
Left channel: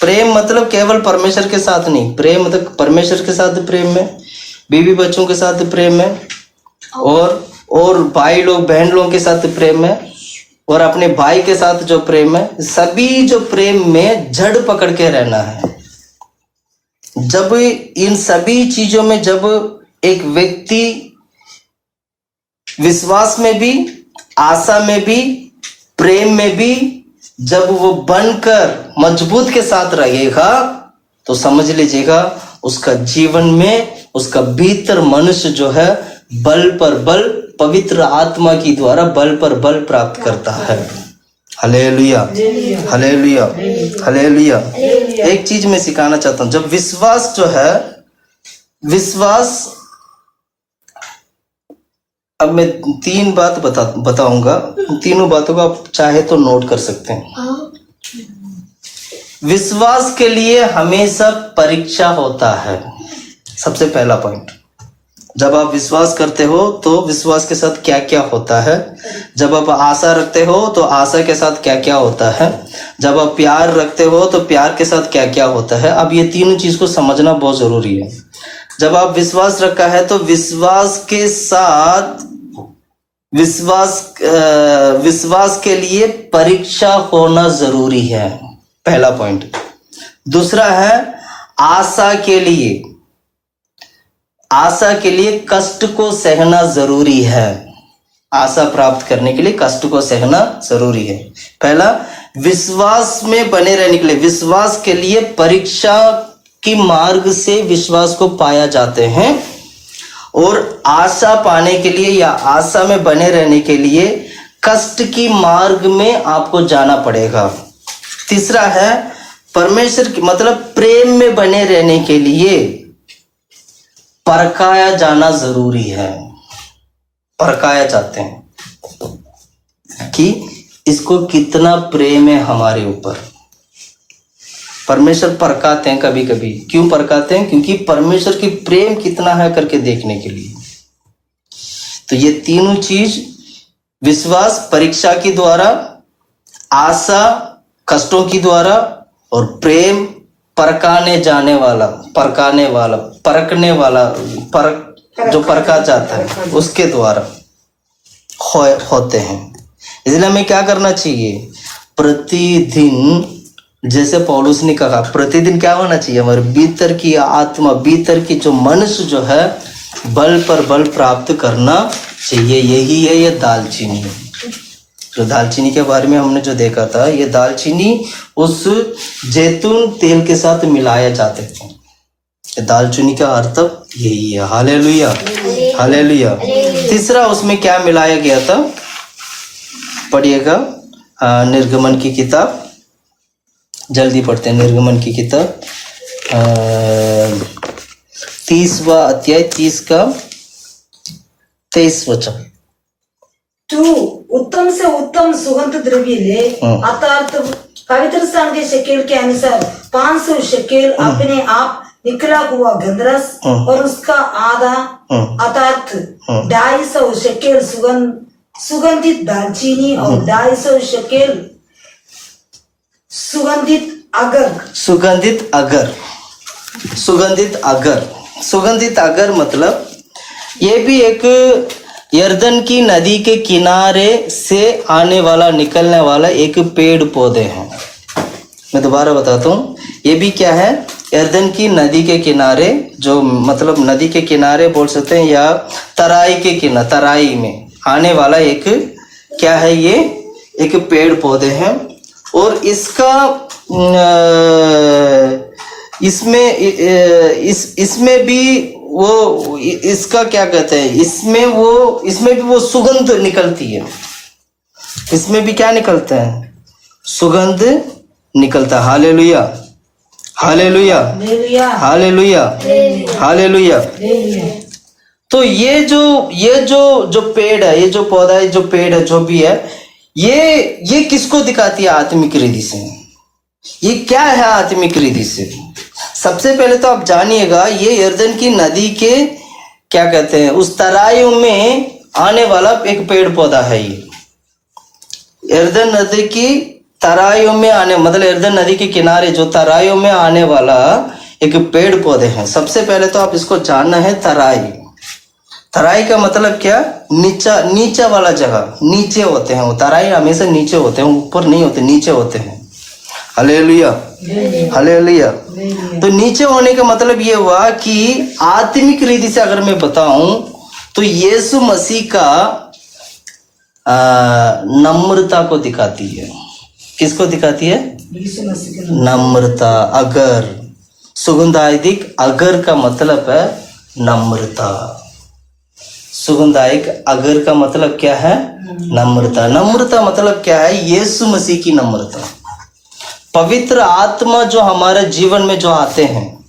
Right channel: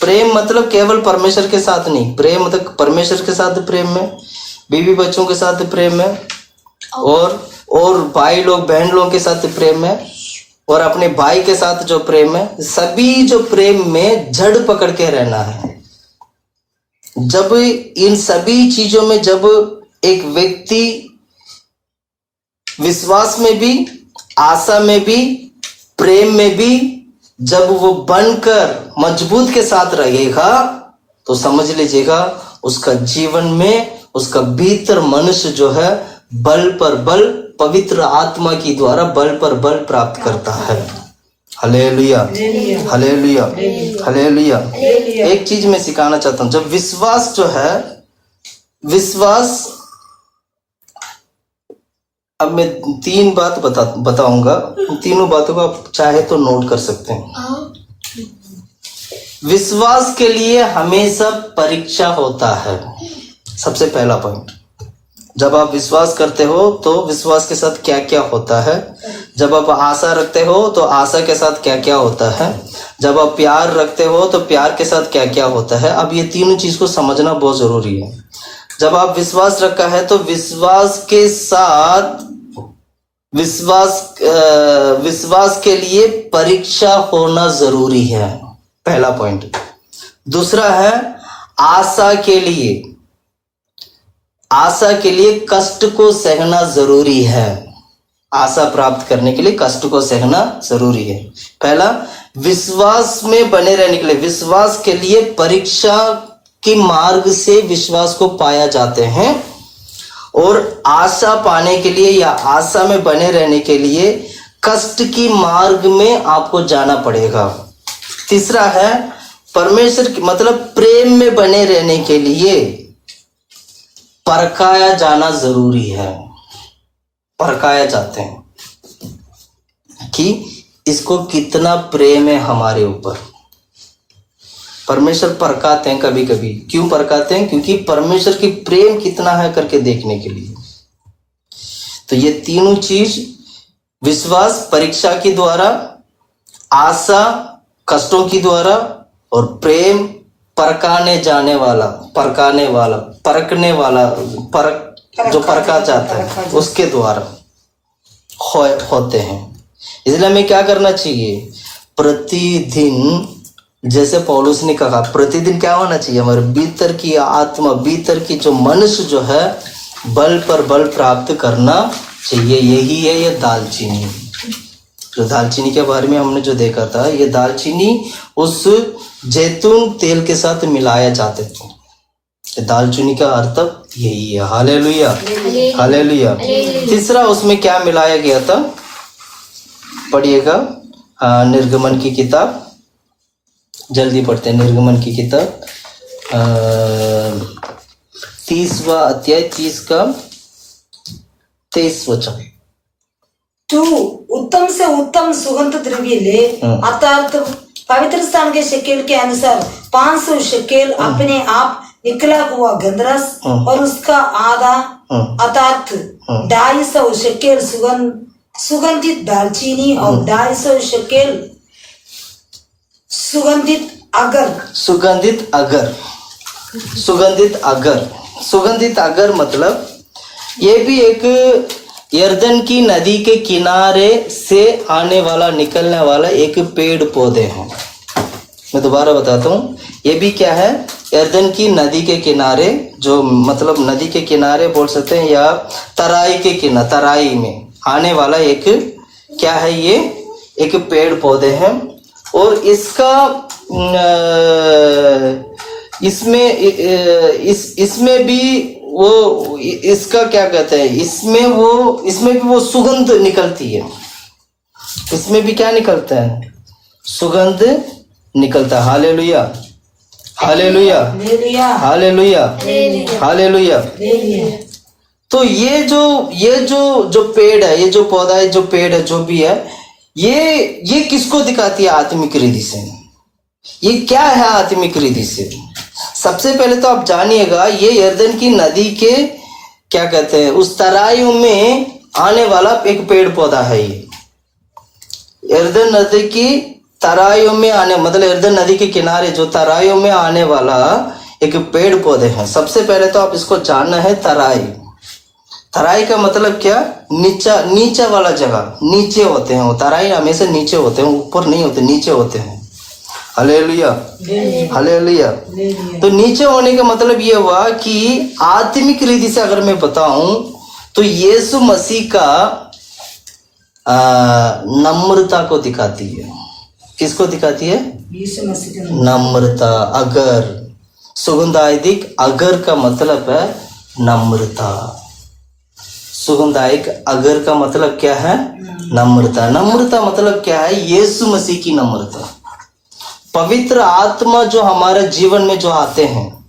प्रेम मतलब केवल परमेश्वर के साथ नहीं, प्रेम मतलब परमेश्वर के साथ प्रेम में, बीवी बच्चों के साथ प्रेम में, और भाई लोग बहन लोगों के साथ प्रेम है, और अपने भाई के साथ जो प्रेम है, सभी जो प्रेम में जड़ पकड़ के रहना है। जब इन सभी चीजों में जब एक व्यक्ति विश्वास में भी, आशा में भी, प्रेम में भी जब वो बनकर मजबूत के साथ रहेगा तो समझ लीजिएगा उसका जीवन में उसका भीतर मनुष्य जो है बल पर बल, पवित्र आत्मा की द्वारा बल पर बल प्राप्त करता है। Hallelujah, hallelujah, hallelujah. एक चीज मैं सिखाना चाहता हूं, जब विश्वास जो है, विश्वास, अब मैं 3 बात बताऊंगा, तीनों बातों को आप चाहे तो नोट कर सकते हैं। विश्वास के लिए हमेशा परीक्षा होता है, सबसे पहला पॉइंट। जब आप विश्वास करते हो तो विश्वास के साथ क्या क्या होता है, जब आप आशा रखते हो तो आशा के साथ क्या क्या होता है, जब आप प्यार रखते हो तो प्यार के साथ क्या क्या होता है। अब ये तीनों चीज को समझना बहुत जरूरी है। जब आप विश्वास रखा है तो विश्वास के साथ विश्वास के लिए परीक्षा होना जरूरी है, पहला पॉइंट। दूसरा है आशा के लिए कष्ट को सहना जरूरी है। आशा प्राप्त करने के लिए कष्ट को सहना जरूरी है। पहला, विश्वास में बने रहने के लिए, विश्वास के लिए परीक्षा के मार्ग से विश्वास को पाया जाते हैं, और आशा पाने के लिए या आशा में बने रहने के लिए कष्ट की मार्ग में आपको जाना पड़ेगा। तीसरा है परमेश्वर की, मतलब प्रेम में बने रहने के लिए परखाया जाना जरूरी है। परखाया जाते हैं कि इसको कितना प्रेम है हमारे ऊपर। परमेश्वर परखाते हैं कभी कभी। क्यों परखाते हैं? क्योंकि परमेश्वर की प्रेम कितना है करके देखने के लिए। तो ये तीनों चीज, विश्वास परीक्षा के द्वारा, आशा कष्टों की द्वारा, और प्रेम परखने वाला जो परखा जाता है उसके द्वारा होते हैं। इसलिए हमें क्या करना चाहिए? प्रतिदिन, जैसे पौलुस ने कहा, प्रतिदिन क्या होना चाहिए? हमारे भीतर की आत्मा, भीतर की जो मनुष्य जो है बल पर बल प्राप्त करना चाहिए। यही है ये दालचीनी। जो दालचीनी के बारे में हमने जो देखा था, ये दालचीनी उस जैतून तेल के साथ मिलाया जाते थे। दालचीनी का अर्थ यही है। Hallelujah, hallelujah. तीसरा, उसमें क्या मिलाया गया था? पढ़िएगा निर्गमन की किताब, जल्दी पढ़ते हैं। निर्गमन की किताब 30वां अध्याय 30 का 23 वचन। तू उत्तम से उत्तम सुगंध द्रव्य ले, अर्थात पवित्र स्थान के शकेल के अनुसार 500 शकेल अपने आप निकला हुआ गंधरस और उसका आधा अर्थात 250 शेकेल सुगंधित दालचीनी और 250 शेकेल सुगंधित अगर मतलब ये भी एक यर्दन की नदी के किनारे से आने वाला निकलने वाला एक पेड़ पौधे हैं। मैं दोबारा बताता हूँ, ये भी क्या है, यर्दन की नदी के किनारे, जो मतलब नदी के किनारे बोल सकते हैं या तराई के किनारे, तराई में आने वाला एक क्या है, ये एक पेड़ पौधे हैं। और इसका इसमें भी वो, इसका क्या कहते हैं, इसमें भी वो सुगंध निकलती है। इसमें भी क्या निकलता है, सुगंध निकलता है। Hallelujah, hallelujah, hallelujah, hallelujah. तो ये जो पेड़ है, ये जो पौधा है, जो पेड़ है, जो भी है, ये किसको दिखाती है आत्मिक रीति से? ये क्या है आत्मिक रीति से? सबसे पहले तो आप जानिएगा, ये यर्दन की नदी के क्या कहते हैं, उस तराइयों में आने वाला एक पेड़ पौधा है। ये यर्दन नदी की तराइयों में आने, मतलब यर्दन नदी के किनारे जो तराइयों में आने वाला एक पेड़ पौधे हैं। सबसे पहले तो आप इसको जानना है, तराई का मतलब क्या, नीचा वाला जगह, नीचे होते हैं वो। तराई हमेशा नीचे होते हैं, ऊपर नहीं होते, नीचे होते हैं। Hallelujah, hallelujah. तो नीचे होने का मतलब ये हुआ कि आत्मिक रीति से अगर मैं बताऊं तो यीशु मसीह का नम्रता को दिखाती है। किसको दिखाती है? यीशु मसीह का नम्रता। अगर सुगंधायिक अगर का मतलब है नम्रता। सुगंधायिक अगर का मतलब क्या है? नम्रता। नम्रता मतलब क्या है? यीशु मसीह की नम्रता। पवित्र आत्मा जो हमारे जीवन में जो आते हैं,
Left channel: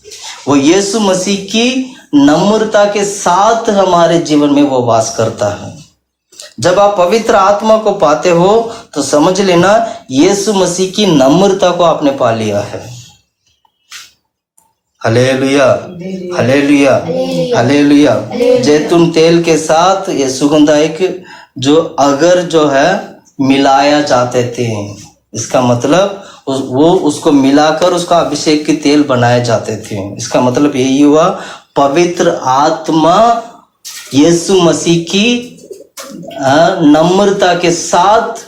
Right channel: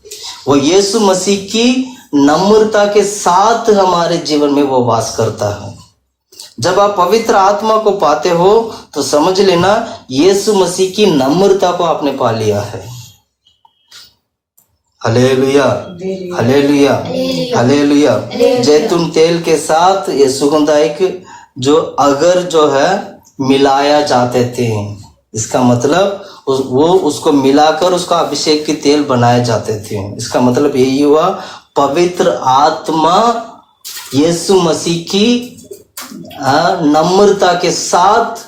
वो यीशु मसीह की नम्रता के साथ हमारे जीवन में वो वास करता है। जब आप पवित्र आत्मा को पाते हो तो समझ लेना यीशु मसीह की नम्रता को आपने पा लिया है। Hallelujah, hallelujah, hallelujah. जैतून तेल के साथ ये सुगंधायक जो अगर जो है मिलाया जाते थे, इसका मतलब वो उसको मिलाकर उसका अभिषेक के तेल बनाए जाते थे। इसका मतलब यही हुआ, पवित्र आत्मा यीशु मसीह की नम्रता के साथ,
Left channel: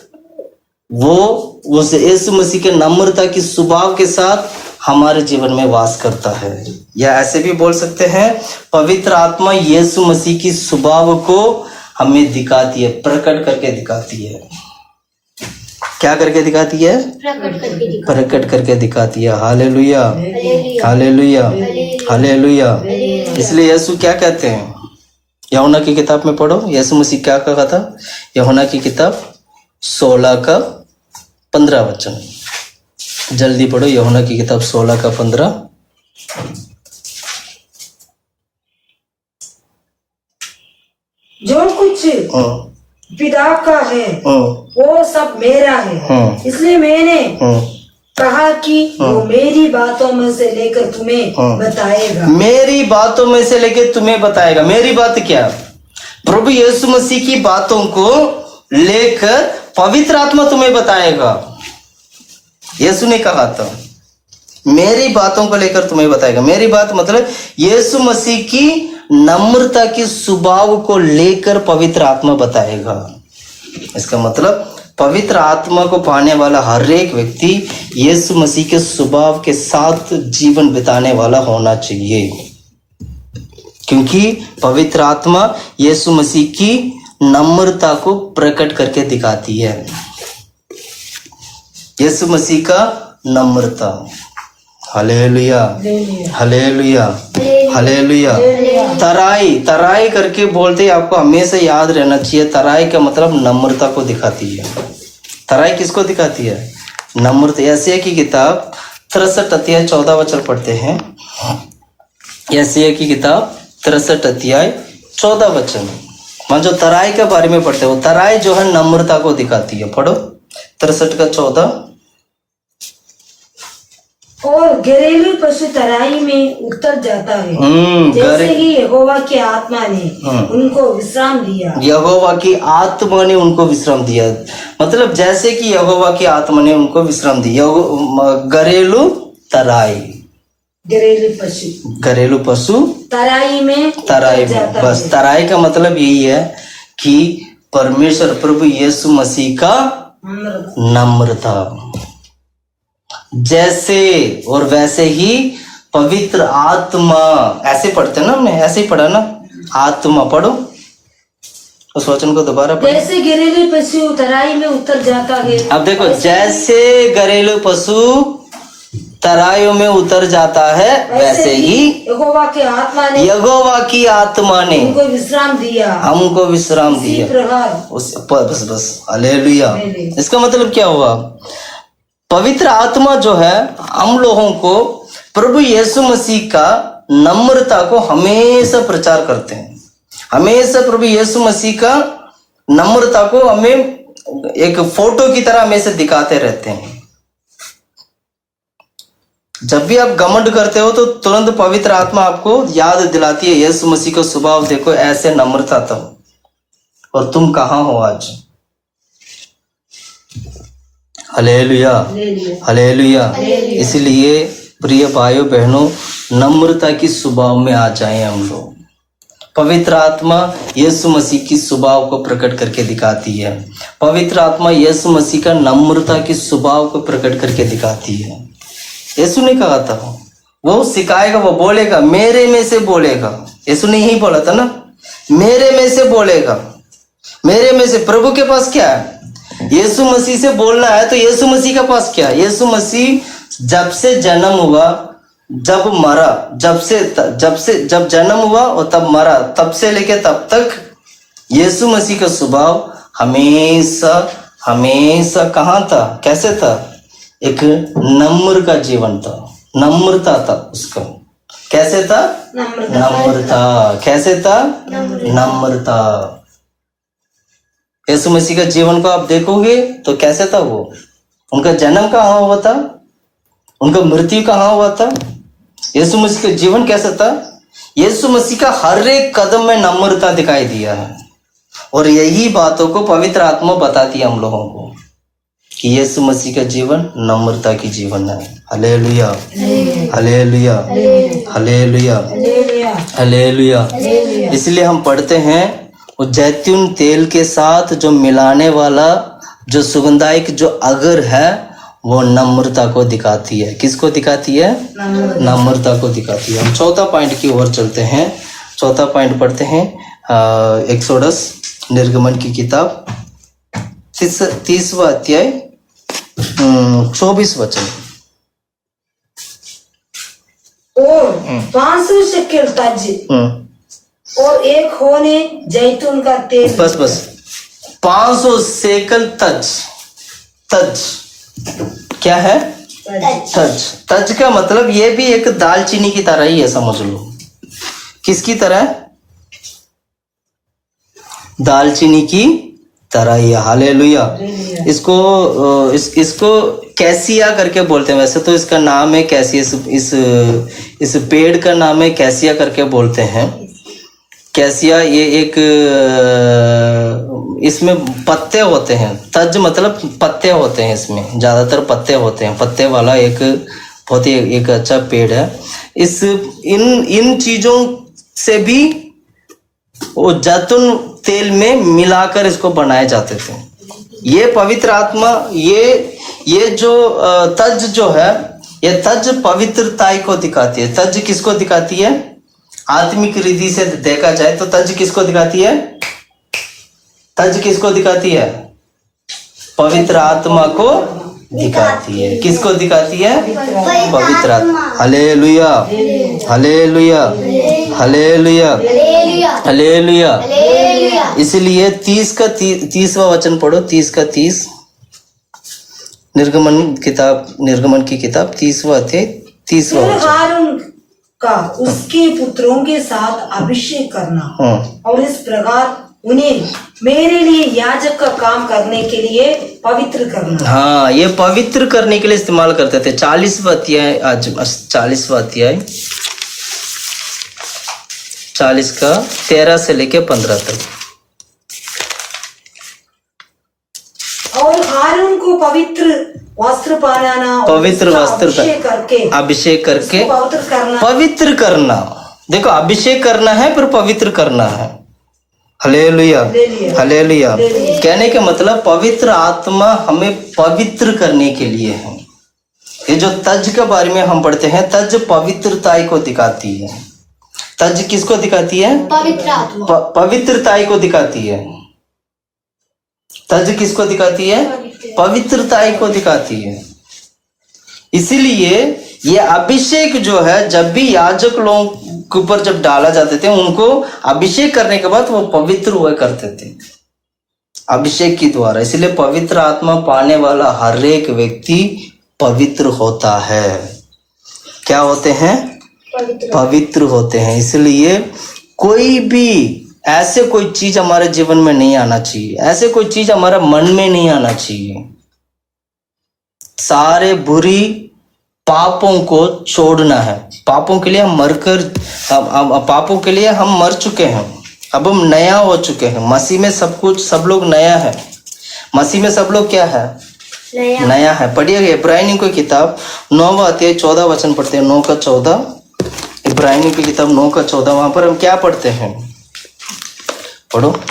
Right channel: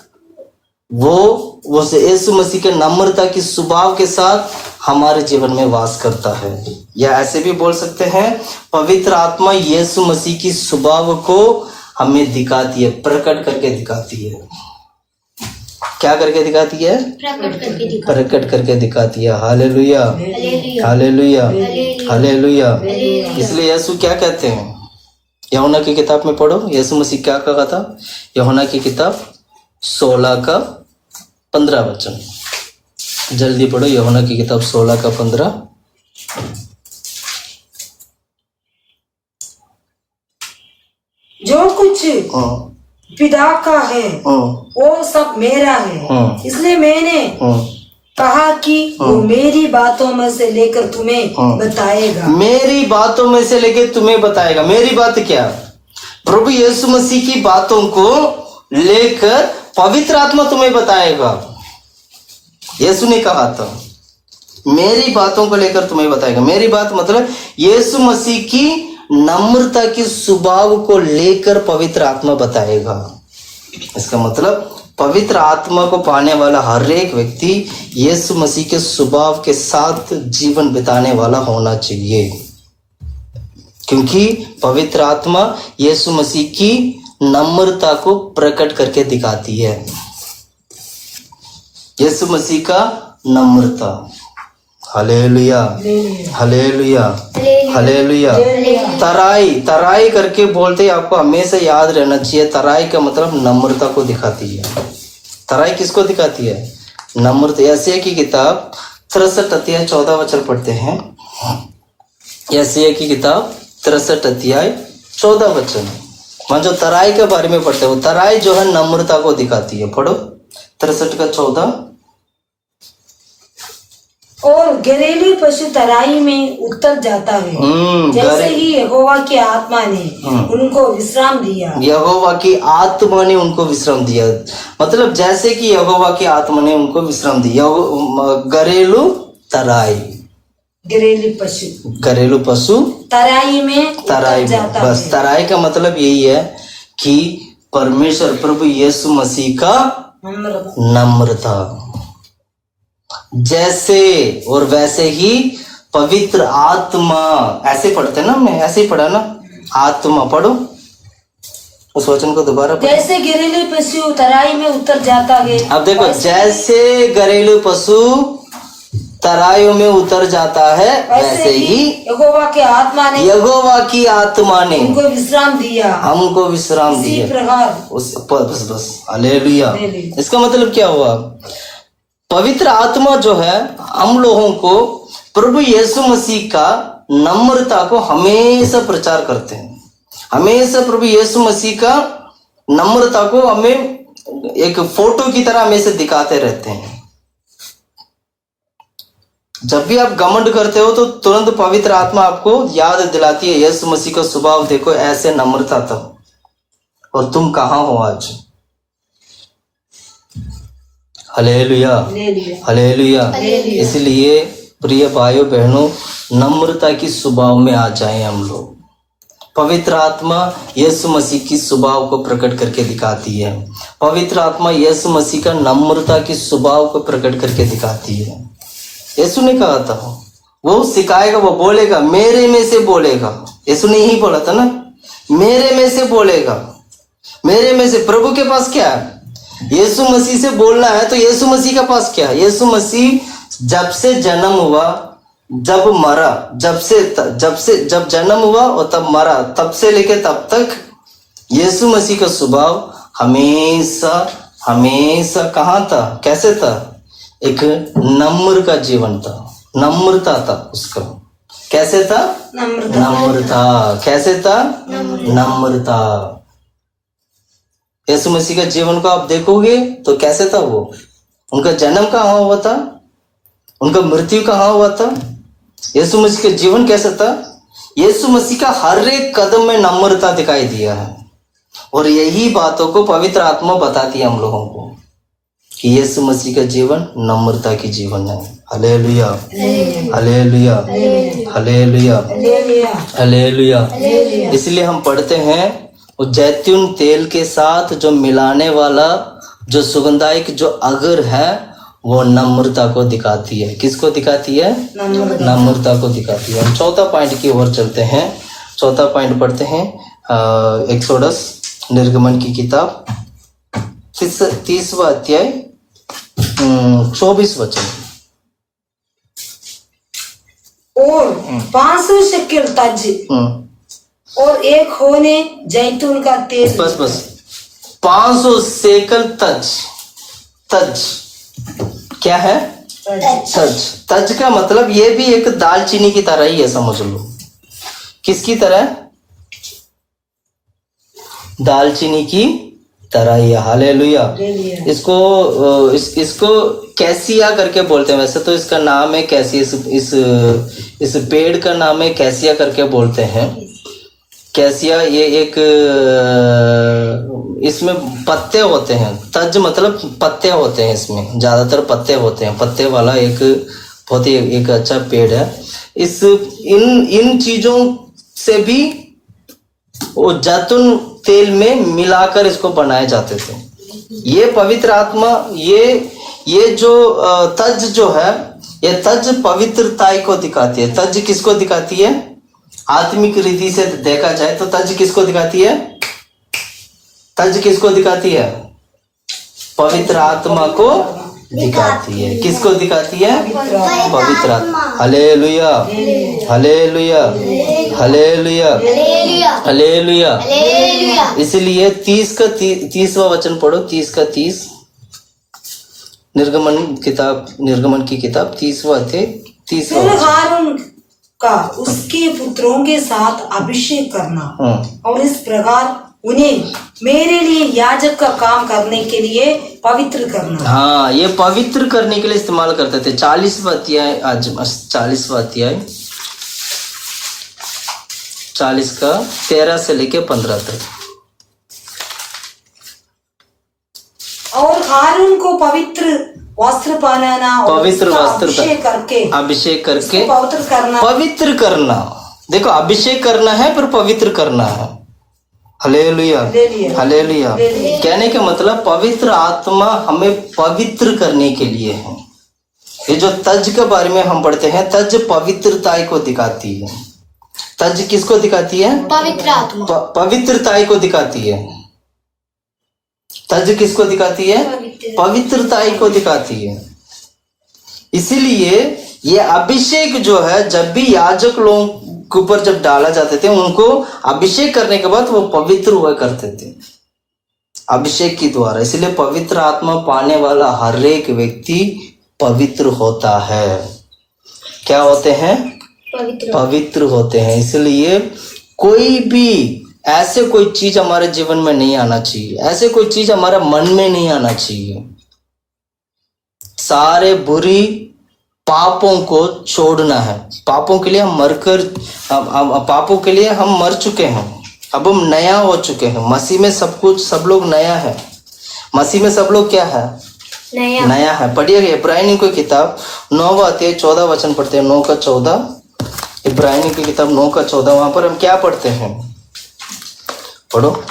वो यीशु मसीह के नम्रता की स्वभाव के साथ हमारे जीवन में वास करता है। या ऐसे भी बोल सकते हैं, पवित्र आत्मा यीशु मसीह की स्वभाव को हमें दिखाती है, प्रकट करके दिखाती है। क्या करके दिखाती है? प्रकट करके दिखाती है। Hallelujah, hallelujah, hallelujah. इसलिए यीशु क्या कहते हैं? यूहन्ना की किताब में पढ़ो, यीशु मसीह क्या कहा था? यूहन्ना की किताब 16 का 15 वचन, जल्दी पढ़ो। यूहन्ना की किताब 16 का 15। जो कुछ पिता का है वो सब मेरा है, इसलिए मैंने कहा कि वो मेरी बातों में से लेकर तुम्हें बताएगा। मेरी बातों में से लेकर तुम्हें बताएगा। मेरी बात क्या? प्रभु यीशु मसीह की बातों को लेकर पवित्र आत्मा तुम्हें बताएगा। यीशु ने कहा था मेरी बातों को लेकर तुम्हें बताएगा। मेरी बात मतलब यीशु मसीह की नम्रता की स्वभाव को लेकर पवित्र आत्मा बताएगा। इसका मतलब पवित्र आत्मा को पाने वाला हर एक व्यक्ति यीशु मसीह के स्वभाव के साथ जीवन बिताने वाला होना चाहिए, क्योंकि पवित्र आत्मा यीशु मसीह की नम्रता को प्रकट करके दिखाती है। यीशु मसीह का नम्रता। Hallelujah, hallelujah, hallelujah. तराई करके बोलते, आपको हमेशा याद रहना चाहिए, तराई का मतलब नम्रता को दिखाती है। तराई किसको दिखाती है? नम्रता। यशायाह की किताब 63 अध्याय 14 वचन पढ़ते हैं। यशायाह की किताब 63 अध्याय 14 वचन, वहां जो तराई के बारे में पढ़ते हैं, वो तराई जो है नम्रता को दिखाती है। पढ़ो 63 का 14। और घरेलू पशु तराई में उतर जाता है, जैसे ही यहोवा की आत्मा ने उनको विश्राम दिया। यहोवा की आत्मा ने उनको विश्राम दिया, मतलब जैसे कि यहोवा की आत्मा ने उनको विश्राम दिया। घरेलू तराई, घरेलू पशु तराई में बस तराई का मतलब यही है कि परमेश्वर प्रभु यीशु मसीह का नम्रता, जैसे और वैसे ही पवित्र आत्मा, ऐसे पढ़ते ना, मैं ऐसे ही पढ़ा ना, आत्मा पढ़ो उस वचन को दोबारा पढ़ो। जैसे घरेलू पशु तराई में उतर जाता है, अब देखो, जैसे घरेलू पशु तराइयों में उतर जाता है वैसे ही यहोवा की आत्मा ने हमको विश्राम दिया, प्रकार उस बस हालेलुया। इसका मतलब क्या हुआ? पवित्र आत्मा जो है हम लोगों को प्रभु यीशु मसीह का नम्रता को हमेशा प्रचार करते हैं, हमेशा प्रभु यीशु मसीह का नम्रता को हमें एक फोटो की तरह हमेशा दिखाते रहते हैं। जब भी आप घमंड करते हो तो तुरंत पवित्र आत्मा आपको याद दिलाती है, यीशु मसीह का स्वभाव देखो, ऐसे नम्रता था, और तुम कहाँ हो आज। Hallelujah, hallelujah. इसलिए प्रिय भाइयों बहनों, नम्रता की स्वभाव में आ जाएं हम लोग। पवित्र आत्मा यीशु मसीह की स्वभाव को प्रकट करके दिखाती है, पवित्र आत्मा यीशु मसीह का नम्रता की स्वभाव को प्रकट करके दिखाती है। यीशु ने कहा था, वो सिखाएगा, वो बोलेगा, मेरे में से बोलेगा। यीशु ने यही बोला था ना, मेरे में से बोलेगा, मेरे में से। प्रभु के पास क्या है? यीशु मसीह से बोलना है, तो यीशु मसीह के पास क्या है? यीशु मसीह जब से जन्म हुआ, जब मरा, जब जन्म हुआ और तब मरा, तब से लेके तब तक यीशु मसीह का स्वभाव हमेशा हमेशा कहाँ था? कैसे था? एक नम्र का जीवन था, नम्रता था उसका। कैसे था? नम्रता। कैसे था? नम्रता। यीशु मसीह का जीवन को आप देखोगे तो कैसे था वो? उनका जन्म कहाँ हुआ था? उनका मृत्यु कहाँ हुआ था? यीशु मसीह का जीवन कैसा था? यीशु मसीह का हर एक कदम में नम्रता दिखाई दिया है, और यही बातों को पवित्र आत्मा बताती है हम लोगों को कि यीशु मसीह का जीवन नम्रता की जीवन है। Hallelujah, hallelujah, hallelujah, hallelujah. इसलिए हम पढ़ते हैं, और जैतून तेल के साथ जो मिलाने वाला जो सुगंधायक जो अगर है, वो नम्रता को दिखाती है। किसको दिखाती है? नम्रता को दिखाती है। हम चौथा पॉइंट की ओर चलते हैं। चौथा पॉइंट पढ़ते हैं, एक्सोडस, निर्गमन की किताब 30वां अध्याय 24 वचन। और 500 शेकेल तज और एक होने जैतून का तेल। बस 500 शेकल तज। तज क्या है? तज। तज का मतलब ये भी एक दालचीनी की तरह ही है, समझ लो। किसकी तरह? दालचीनी की तरह ही। हालेलुया। इसको कैसिया करके बोलते हैं। वैसे तो इसका नाम है कैसिया, इस पेड़ का नाम है कैसिया करके बोलते हैं। कैसिया ये एक, इसमें पत्ते होते हैं। तज मतलब पत्ते होते हैं, इसमें ज्यादातर पत्ते होते हैं। पत्ते वाला एक बहुत ही एक अच्छा पेड़ है। इन चीजों से भी वो जैतून तेल में मिलाकर इसको बनाए जाते थे। ये पवित्र आत्मा, ये जो तज जो है, ये तज पवित्रताई को दिखाती है। तज किसको दिखाती है? आत्मिक रीति से देखा जाए तो तज किसको दिखाती है? तज किसको दिखाती है? पवित्र आत्मा को दिखाती है। किसको दिखाती है? पवित्र आत्मा। Hallelujah, hallelujah, hallelujah, hallelujah. इसलिए 30वां वचन पढ़ो, 30 का 30, निर्गमन की किताब 30वां अध्याय 30वां वचन। का उसके पुत्रों के साथ अभिषेक करना और इस प्रकार उन्हें मेरे लिए याजक का काम करने के लिए पवित्र करना। हाँ, ये पवित्र करने के लिए इस्तेमाल करते थे। 40वां अध्याय, आज 40वां अध्याय 40 का 13 से लेके 15 तक। और हारून को पवित्र वस्त्र पहनाना, पवित्र वस्त्र अभिषेक करके पवित्र करना। पवित्र करना, देखो अभिषेक करना है फिर पवित्र करना है। Hallelujah, hallelujah. कहने का मतलब पवित्र आत्मा हमें पवित्र करने के लिए है। ये जो तज के बारे में हम पढ़ते हैं, तज पवित्रता को दिखाती है। तज किसको दिखाती है? पवित्र आत्मा, पवित्रता को दिखाती है। तज किसको दिखाती है? पवित्रता को दिखाती है। इसीलिए ये अभिषेक जो है, जब भी याजक लोगों के ऊपर जब डाला जाते थे, उनको अभिषेक करने के बाद वो पवित्र हुआ करते थे अभिषेक के द्वारा। इसलिए पवित्र आत्मा पाने वाला हर एक व्यक्ति पवित्र होता है। क्या होते हैं? पवित्र होते हैं। इसलिए कोई भी ऐसे कोई चीज हमारे जीवन में नहीं आना चाहिए, ऐसे कोई चीज हमारा मन में नहीं आना चाहिए। सारे बुरी पापों को छोड़ना है। पापों के लिए हम मरकर, पापों के लिए हम मर चुके हैं, अब हम नया हो चुके हैं। मसीह में सब कुछ, सब लोग नया है। मसीह में सब लोग क्या है? नया है। पढ़िए इब्रानियों की किताब 9वां अध्याय 14 वचन पढ़ते हैं। 9 का 14, इब्रानियों की किताब 9 का 14। वहां पर हम क्या पढ़ते हैं? पढ़ो।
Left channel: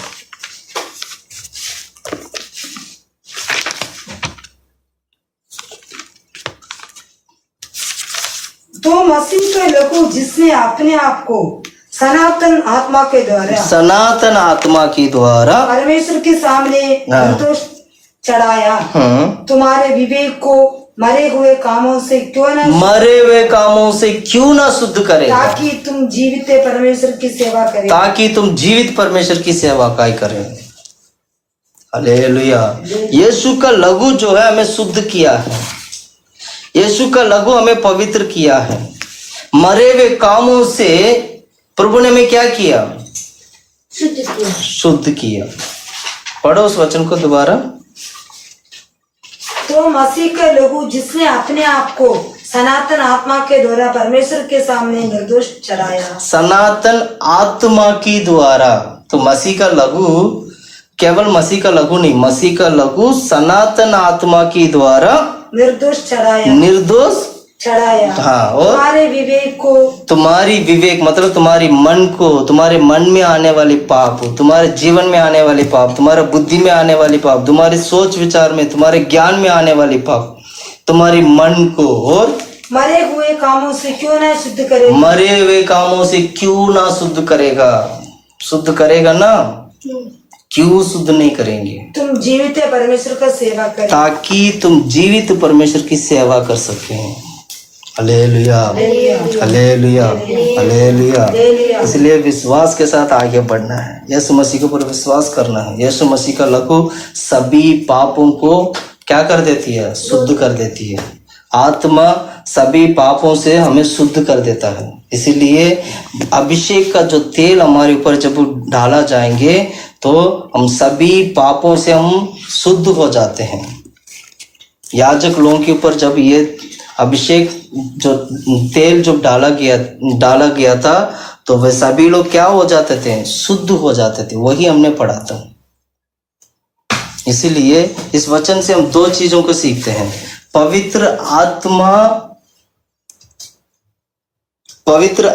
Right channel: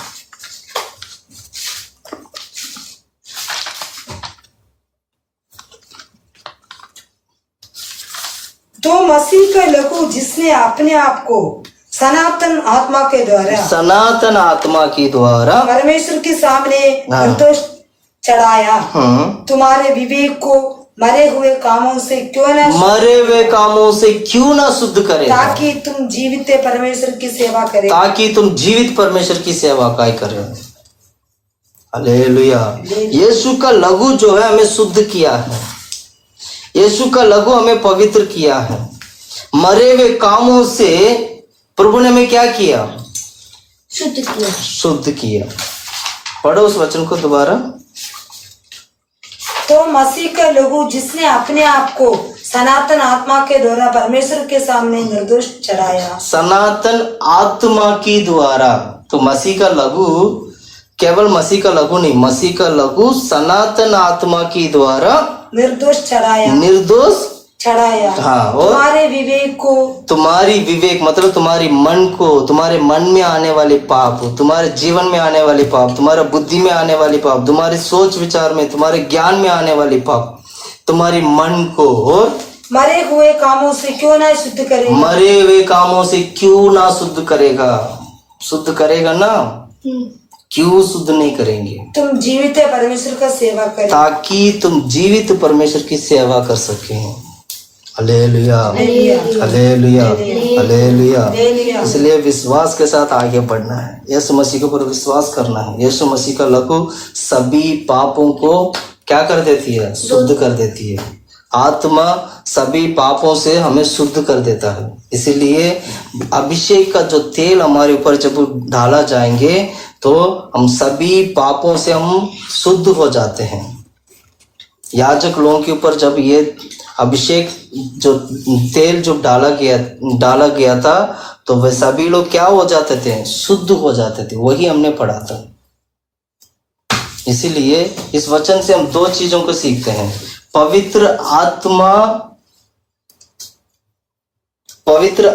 तो मसीह का लहू जिसने अपने आप को सनातन आत्मा के द्वारा परमेश्वर के सामने निर्दोष चढ़ाया, तुम्हारे विवेक को मरे हुए कामों से क्यों ना शुद्ध करे, ताकि तुम जीवित परमेश्वर की सेवा करें। हालेलुया। यीशु का लहू जो है हमें शुद्ध किया है। यीशु का लहू हमें पवित्र किया है। मरे हुए कामों से प्रभु ने हमें क्या किया? शुद्ध किया। पढ़ो उस वचन को दोबारा। तो मसीह का लहू जिसने अपने आप को सनातन आत्मा के द्वारा परमेश्वर के सामने निर्दोष चढ़ाया। सनातन आत्मा की द्वारा। तो मसीह का लहू केवल मसीह का लहू नहीं, मसीह का लहू सनातन आत्मा की द्वारा निर्दोष चढ़ाया। हाँ, और तुम्हारी विवेक मतलब तुम्हारी मन को, तुम्हारे मन में आने वाले पाप, तुम्हारे जीवन में आने वाले पाप, तुम्हारे बुद्धि में आने वाले पाप, तुम्हारे सोच विचार में, तुम्हारे ज्ञान में आने वाले पाप, तुम्हारी मन को और मरे हुए कामों से क्यों ना शुद्ध करेगा। शुद्ध करेगा ना? क्यों शुद्ध नहीं करेंगे? तुम जीवित परमेश्वर का सेवा करें, ताकि तुम जीवित परमेश्वर की सेवा कर सके। Hallelujah, hallelujah, hallelujah. इसलिए विश्वास के साथ आगे बढ़ना है। यीशु मसीह के ऊपर विश्वास करना है। यीशु मसीह का लहू सभी पापों को क्या कर देती है? शुद्ध कर देती है। आत्मा सभी पापों से हमें शुद्ध कर देता है। इसीलिए अभिषेक का जो तेल हमारे ऊपर जब डाला जाएंगे तो हम सभी पापों से हम शुद्ध हो जाते हैं। याजक लोगों के ऊपर जब ये अभिषेक जो तेल जो डाला गया था, तो वे सभी लोग क्या हो जाते थे? शुद्ध हो जाते थे। वही हमने पढ़ा था। इसीलिए इस वचन से हम दो चीजों को सीखते हैं। पवित्र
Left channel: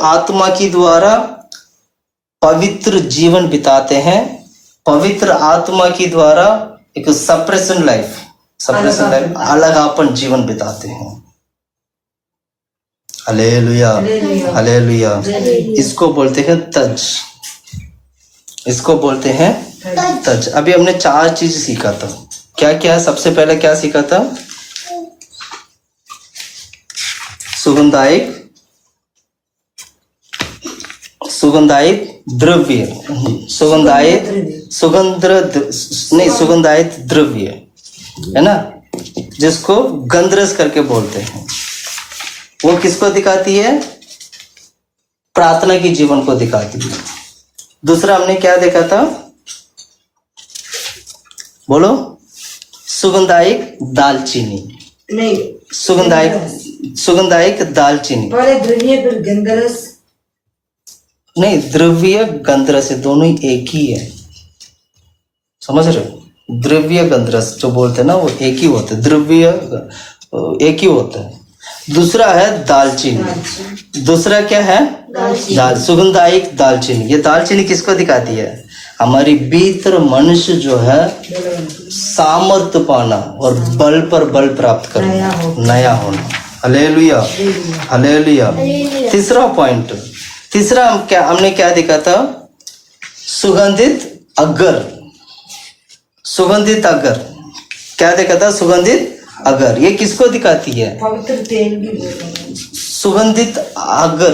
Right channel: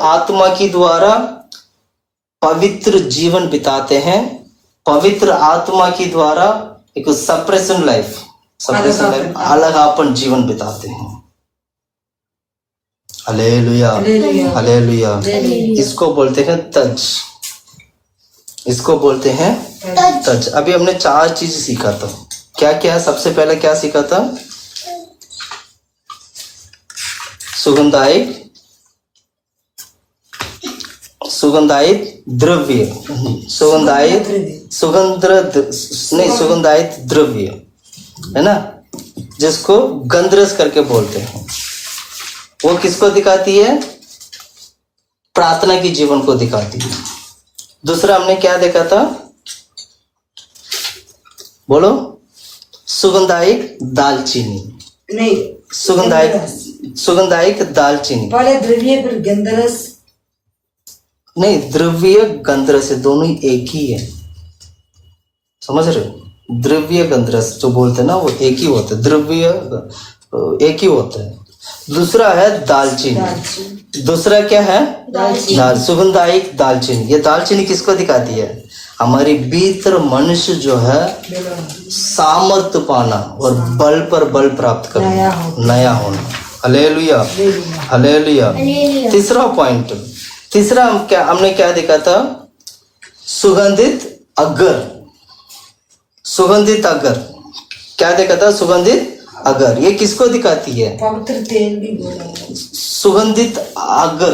आत्मा की द्वारा पवित्र जीवन बिताते हैं। पवित्र आत्मा की द्वारा एक सप्रेशन लाइफ, अलगापन जीवन बिताते हैं। Hallelujah, hallelujah. इसको बोलते हैं तज, इसको बोलते हैं तज। अभी हमने 4 चीज सीखा था। क्या क्या? सबसे पहले क्या सीखा था? सुगंधायित द्रव्य, सुगंधायित द्रव्य है ना, जिसको गंधरस करके बोलते हैं। वो किसको दिखाती है? प्रार्थना की जीवन को दिखाती है। दूसरा हमने क्या देखा था? बोलो, सुगंधायक दालचीनी, नहीं, सुगंधायक दालचीनी, पहले द्रव्य फिर गंधरस। नहीं, द्रव्य गंधरस दोनों ही एक ही है, समझ रहे हो? द्रव्य गंधरस जो बोलते हैं ना वो एक ही होते हैं, द्रव्य एक ही होता है। दूसरा है दालचीनी, दूसरा क्या है? सुगंधायक दालचीनी। ये दालचीनी किसको दिखाती है? हमारी भीतर मनुष्य जो है सामर्थ्य पाना और बल पर बल प्राप्त करना, नया होना। Hallelujah, hallelujah. तीसरा पॉइंट, तीसरा हमने क्या देखा था? सुगंधित अगर, सुगंधित अगर क्या देखा था? सुगंधित अगर। ये किसको दिखाती है? पवित्र तेल भी। सुगंधित अगर,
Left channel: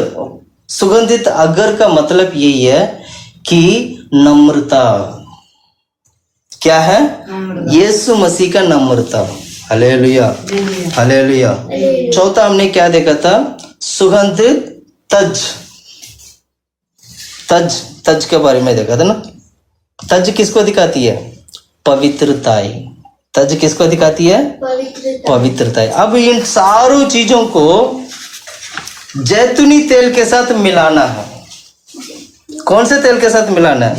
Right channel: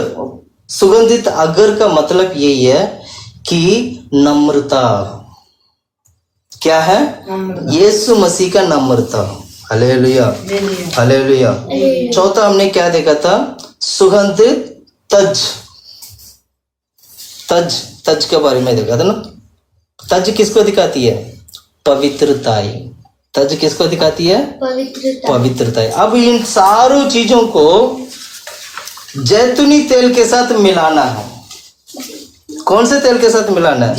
सुगंधित अगर का मतलब यही है कि नम्रता। क्या है? यीशु मसीह का नम्रता। Hallelujah, hallelujah. चौथा हमने क्या देखा था? सुगंधित तज, तज, तज के बारे में देखा था ना। तज किसको दिखाती है? पवित्रताएं। तज किसको दिखाती है? पवित्रताएं। अब इन सारों चीजों को जैतूनी तेल के साथ मिलाना है। कौन से तेल के साथ मिलाना है?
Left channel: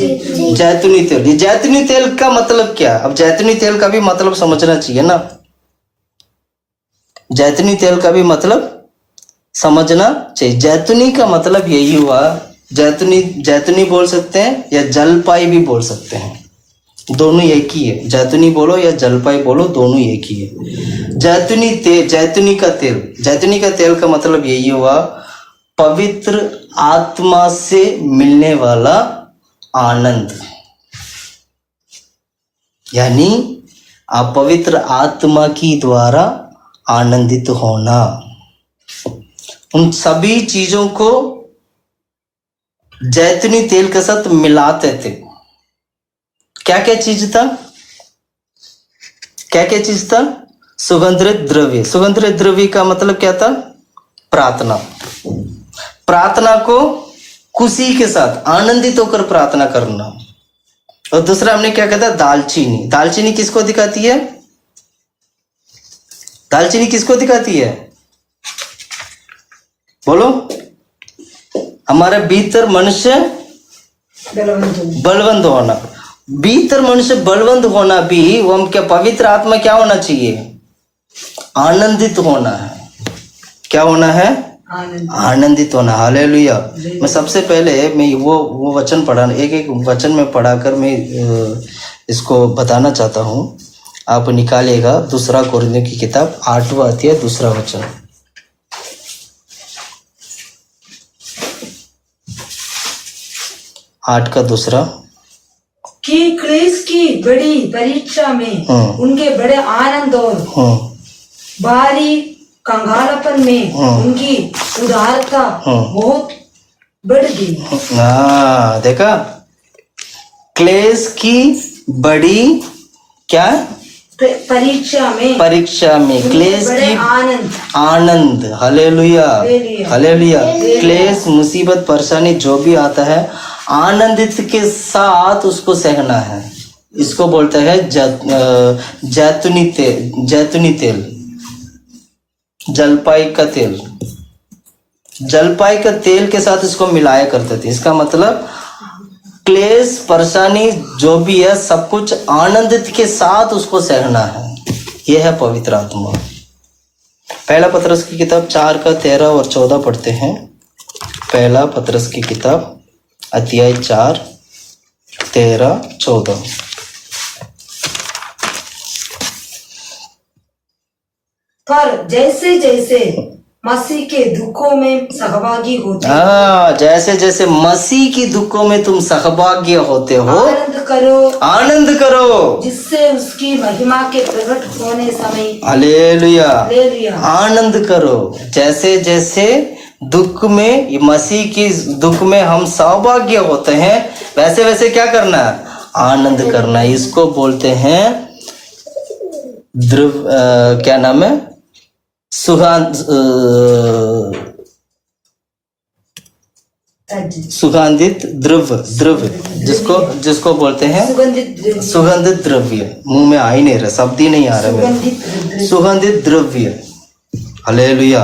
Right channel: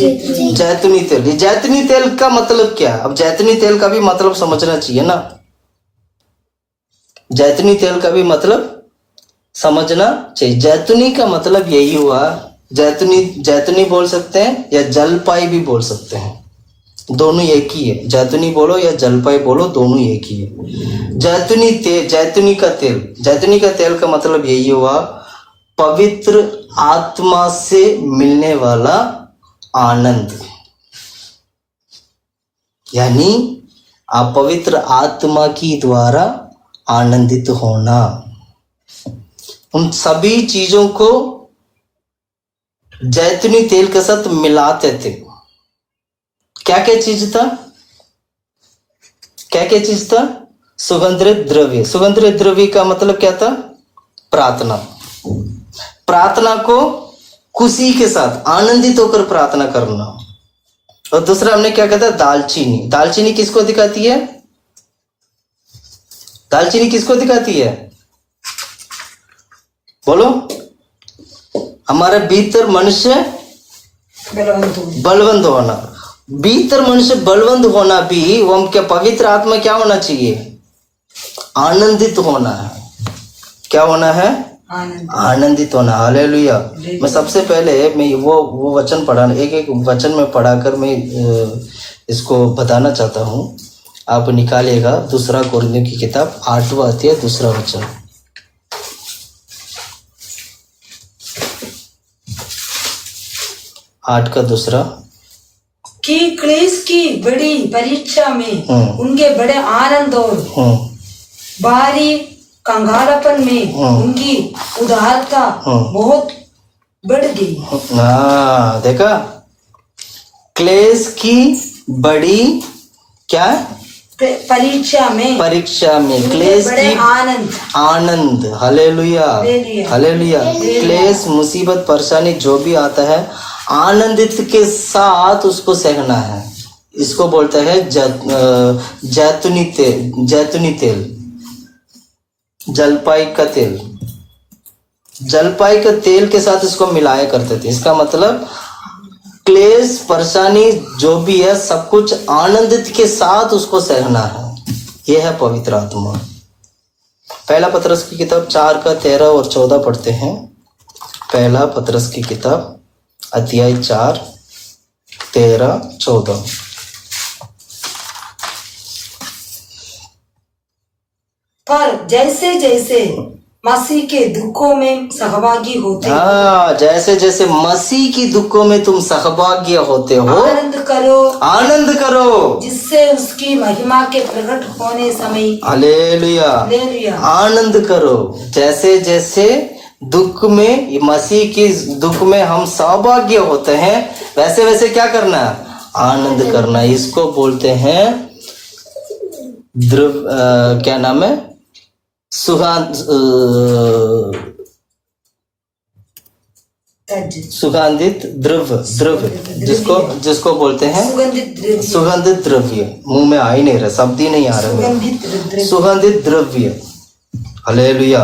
जैतूनी तेल। ये जैतूनी तेल का मतलब क्या है? अब जैतूनी तेल का भी मतलब समझना चाहिए ना। जैतूनी तेल का भी मतलब समझना चाहिए। जैतूनी का मतलब यही हुआ, जैतूनी, जैतूनी बोल सकते हैं या जलपाई भी बोल सकते हैं, दोनों एक ही है। जैतूनी बोलो या जलपाई बोलो, दोनों एक ही है। जैतूनी तेल, जैतूनी का तेल, जैतूनी का तेल का मतलब यही हुआ पवित्र आत्मा से मिलने वाला आनंद, यानी आप पवित्र आत्मा की द्वारा आनंदित होना। उन सभी चीजों को जैतूनी तेल के साथ मिलाते थे। क्या क्या चीज था? क्या क्या चीज था? सुगंधित द्रव्य। सुगंधित द्रव्य का मतलब क्या था? प्रार्थना। प्रार्थना को खुशी के साथ आनंदित होकर प्रार्थना करना। और दूसरा हमने क्या कहता? दालचीनी। दालचीनी किसको दिखाती है? दालचीनी किसको दिखाती है? बोलो। हमारे भीतर मनुष्य बलवंत होना। भीतर मनुष्य बलवंत होना भी, वो हम क्या, पवित्र आत्मा क्या होना चाहिए? आनंदित होना है। क्या होना है? आनंदित होना। हालेलुया। मैं सबसे पहले मैं वो वचन पढ़ा, एक एक वचन में पढ़ाकर मैं इसको बताना चाहता हूँ। आप निकालिएगा दूसरा कोरिन्थियों की किताब 8वां अध्याय 2 वचन। 8 का 2 कि क्लेश की बड़ी परीक्षा में उनके बड़े आनंद और भारी कंगालपन में उनकी उदारता बहुत बढ़ गई। देखा? क्लेश की बड़ी क्या? परीक्षा में, परीक्षा में क्लेश की आनंद, आनंद। Hallelujah, hallelujah. क्लेश, मुसीबत, परेशानी जो भी आता है, आनंदित के साथ उसको सहना है। इसको बोलते हैं जैतूनी तेल, जैतूनी तेल, जलपाई का तेल। जलपाई का तेल के साथ इसको मिलाया करते थे। इसका मतलब क्लेश, परेशानी जो भी है, सब कुछ आनंदित के साथ उसको सहना है। यह है पवित्र आत्मा। पहला पतरस की किताब 4 का 13 और 14 पढ़ते हैं। पहला पतरस की किताब अध्याय 4 13 14। पर जैसे जैसे मसीह के दुखों में सहभागी होते हो, जैसे जैसे मसीह की दुखों में तुम सहभागी होते हो, आनंद करो, आनंद करो, जिससे उसकी महिमा के प्रकट होने समय। हालेलुया, आनंद करो। जैसे जैसे दुख में, मसीह की दुख में हम सहभागी होते हैं, वैसे वैसे क्या करना है? आनंद करना। इसको बोलते हैं क्या नाम है? तज सुगंधित द्रव्य जिसको बोलते हैं सुगंधित द्रव्य। मुंह में आ ही नहीं रहा, शब्द ही नहीं आ रहा मेरे। सुगंधित द्रव्य। Hallelujah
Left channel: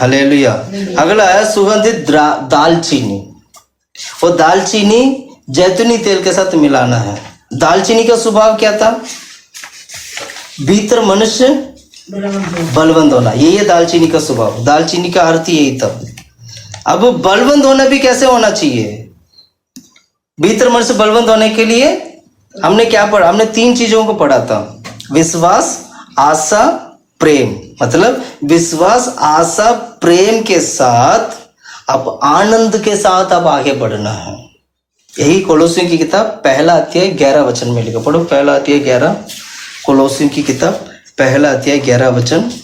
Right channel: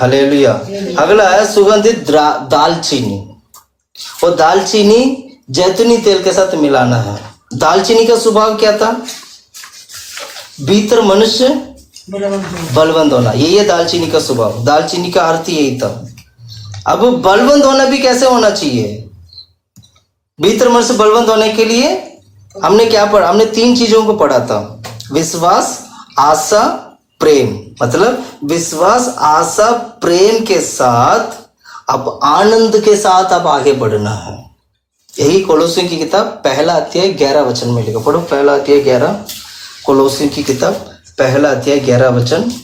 hallelujah. अगला है सुगंधित दालचीनी। वो दालचीनी जैतूनी तेल के साथ मिलाना है। दालचीनी का स्वभाव क्या था? भीतर मनुष्य बलवंत होना, ये दालचीनी का स्वभाव। दालचीनी का अर्थ यही था। अब बलवंत होना भी कैसे होना चाहिए? भीतर मनुष्य बलवंत होने के लिए हमने क्या पढ़ा? हमने 3 चीजों को पढ़ा था। विश्वास, आशा, प्रेम। मतलब विश्वास, आशा, प्रेम के साथ अब आनंद के साथ अब आगे बढ़ना है। यही कोलोसियों की किताब 1:11 में लिखा। पढ़ो 1:11 कोलोसियों की किताब 1:11।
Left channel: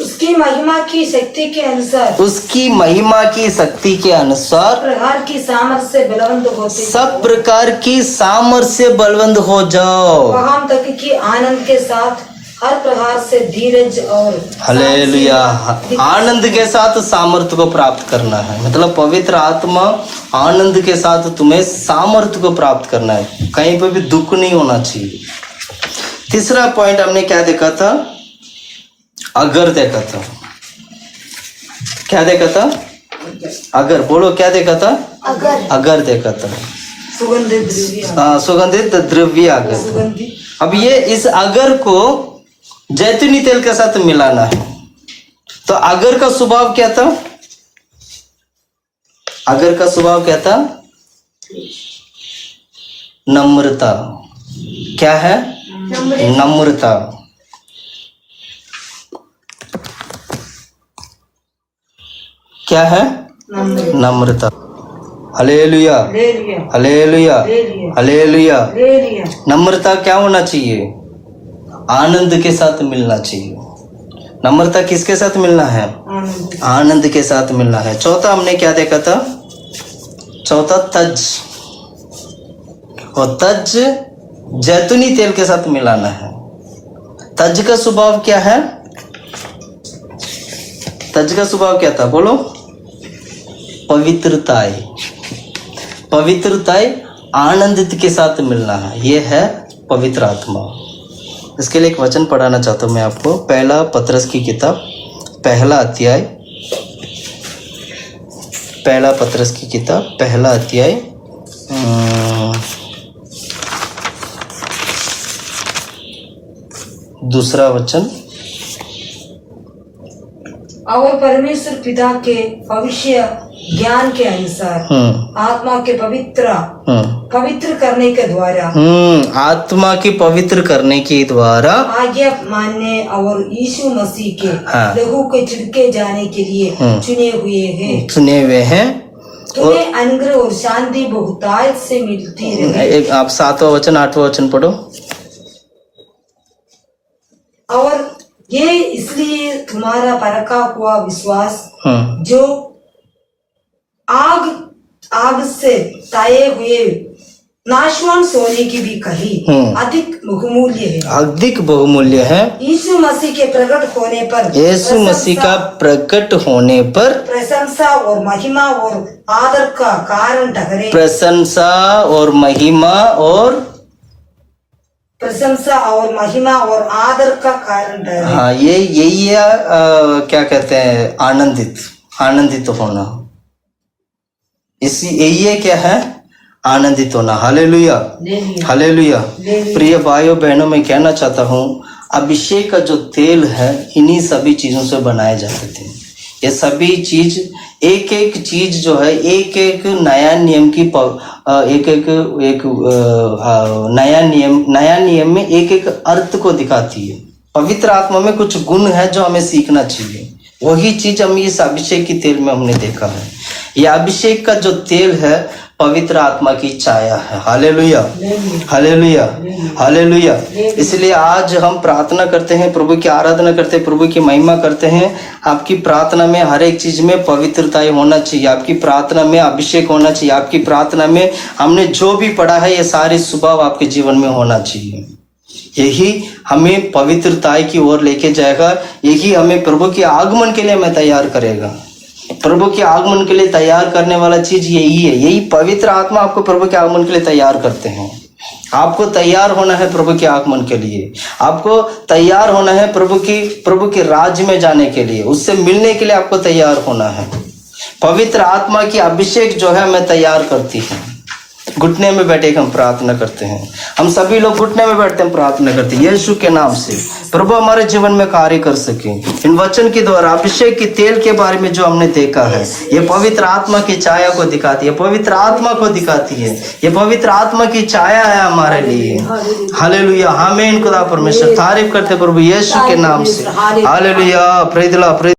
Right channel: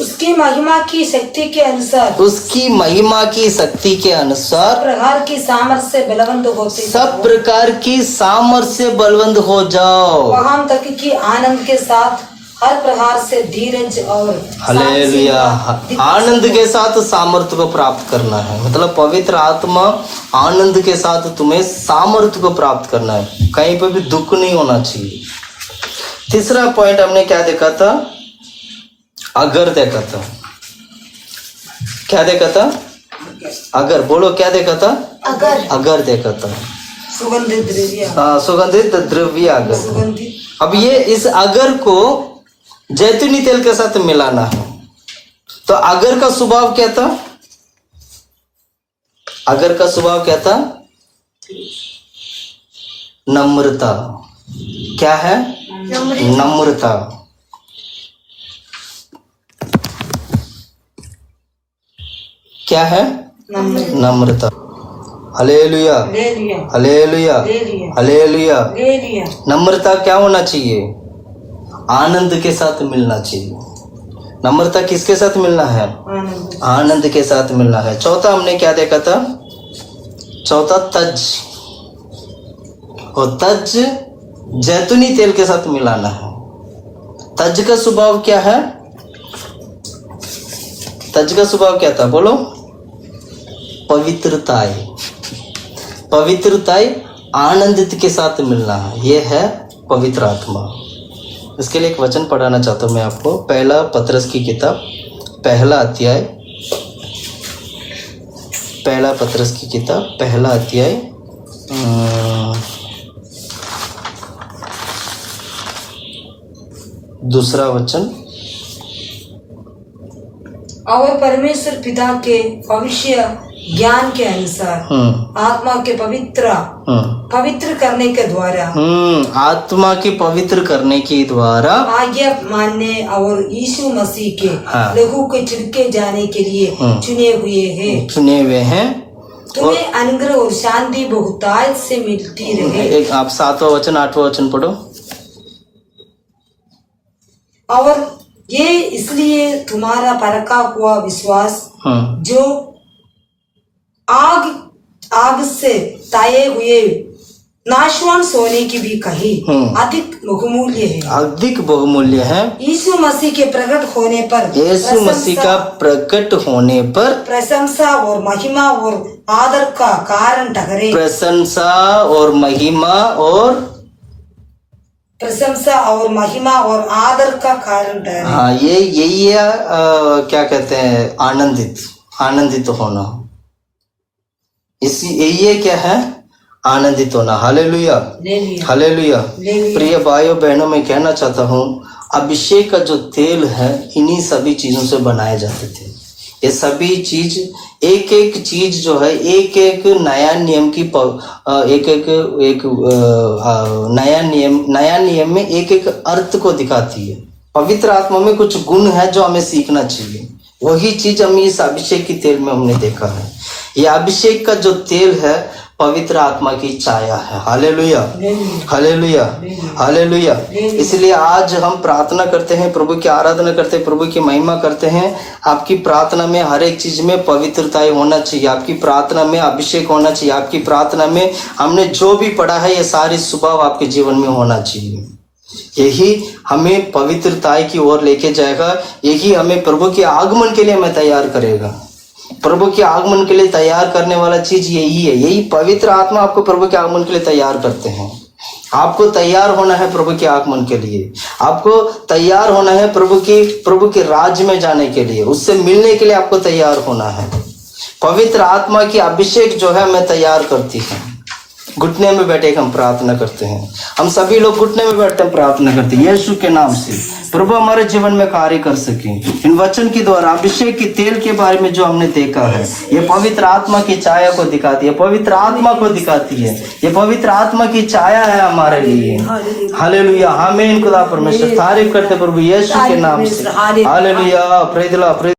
उसकी महिमा की शक्ति के अनुसार, उसकी महिमा की शक्ति के अनुसार प्रकार की सामर्थ्य से बलवंत होते, सब प्रकार की सामर्थ्य से बलवंत हो जाओ। वहां तक कि आनंद के साथ हर प्रकार से धीरज और हालेलुया। आनंद के साथ सामर्थ्य को प्राप्त करना है। मतलब पवित्र आत्मा आनंद के साथ तुम्हें सामर्थ्य को प्राप्त करना है। कहीं पर भी दुख नहीं होना चाहिए। तीसरा पॉइंट हमने क्या देखा था? अगर देखा था। क्या देखा था? अगर। बोलो क्या देखा था? अगर देखा था। सुगंधित द्रव्य। सुगंधित द्रव्य अगर। अब ये इस अगर को जैतूनी तेल के साथ मिलाना है। तो अगर का स्वभाव क्या था? अगर का स्वभाव क्या था? नम्रता। क्या है? नम्रता। क्या है? नम्रता। Hallelujah hallelujah hallelujah. नम्रता क्या होना चाहिए? आनंद के साथ मिलना चाहिए। नम्रता किसके साथ मिलना है? आनंद के साथ मिलना है। चौथा हमने क्या देखा था? चौथा तज। और तज जैतूनी तेल के साथ मिलाना है। तज का स्वभाव क्या है? तज का स्वभाव क्या था? बोलो। पवित्रताई। पवित्रताई आनंदित के साथ मिलना है। यह है पवित्र आत्मा। इसके लिए एक वचन पढ़ाना चाहता हूं मैं आपको। 1 पतरस की किताब 1 अध्याय। 1 पतरस की किताब 1 अध्याय 2 वचन। और परमेश्वर पिता के भविष्य ज्ञान के अनुसार आत्मा के पवित्र करने के द्वारा, आत्मा की पवित्र करने के द्वारा आज्ञा मानने और यीशु मसीह के लहू के छिड़के जाने के लिए चुने हुए हैं। तुम्हें अनुग्रह और शांति बहुतायत से मिलती रहे। एक आप 7वां वचन 8वां वचन पढ़ो। और ये इसलिए तुम्हारा परखा हुआ विश्वास जो आग से ताए हुए नाशवान सोने की भी कहीं अधिक बहुमूल्य है। अधिक बहुमूल्य है। यीशु मसीह के प्रकट होने पर, यीशु मसीह का प्रकट होने पर प्रशंसा और महिमा और आदर का कारण ठहरे। प्रशंसा और महिमा और आदर का कारण ठहरे। हाँ, ये यही है। क्या कहते हैं? आनंदित होना। ये क्या है? आनंदित होना। Hallelujah hallelujah. प्रिय भाइयों बहनों, मैं कहना चाहता हूँ, अभिषेक का जो तेल है इन्हीं सभी चीजों से बनाए जाते थे। ये सभी चीज एक एक चीज जो है एक एक नया नियम की एक नया नियम में एक एक अर्थ को दिखाती है। पवित्र आत्मा में कुछ गुण है जो हमें सीखना चाहिए। वही चीज हम इस अभिषेक की तेल में हमने देखा है। यह अभिषेक का जो तेल है पवित्र आत्मा की छाया है। Hallelujah hallelujah hallelujah. इसलिए आज हम प्रार्थना करते हैं, प्रभु की आराधना करते हैं, प्रभु की महिमा करते हैं। आपकी प्रार्थना में हर एक चीज में पवित्रता होना चाहिए। आपकी प्रार्थना में अभिषेक होना चाहिए। आपकी प्रार्थना में हमने जो भी पढ़ा है ये सारे स्वभाव आपके जीवन में होना चाहिए। यही हमें पवित्रताई की ओर लेके जाएगा, यही हमें प्रभु के आगमन के लिए हमें तैयार करेगा। प्रभु के आगमन के लिए तैयार करने वाला चीज यही है, यही पवित्र आत्मा आपको प्रभु के आगमन के लिए तैयार करते हैं। आपको तैयार होना है प्रभु के आगमन के लिए, आपको तैयार होना है प्रभु के राज्य में जाने के लिए, उससे मिलने के लिए आपको तैयार होना है। पवित्र आत्मा की अभिषेक जो है हमें तैयार करती है। घुटने में बैठे हम प्रार्थना करते हैं, हम सभी लोग घुटने में बैठते हैं, प्रार्थना करते हैं यीशु के नाम से प्रभु हमारे जीवन में कार्य कर सके। इन वचन के द्वारा अभिषेक के तेल के बारे में जो हमने देखा है, ये पवित्र आत्मा की छाया को दिखाती है, पवित्र आत्मा को दिखाती है, ये पवित्र आत्मा की छाया है हमारे लिए। हालेलुया, आमीन। खुदा परमेश्वर तारीफ करते प्रभु यीशु के नाम से। Hallelujah, praise the Lord.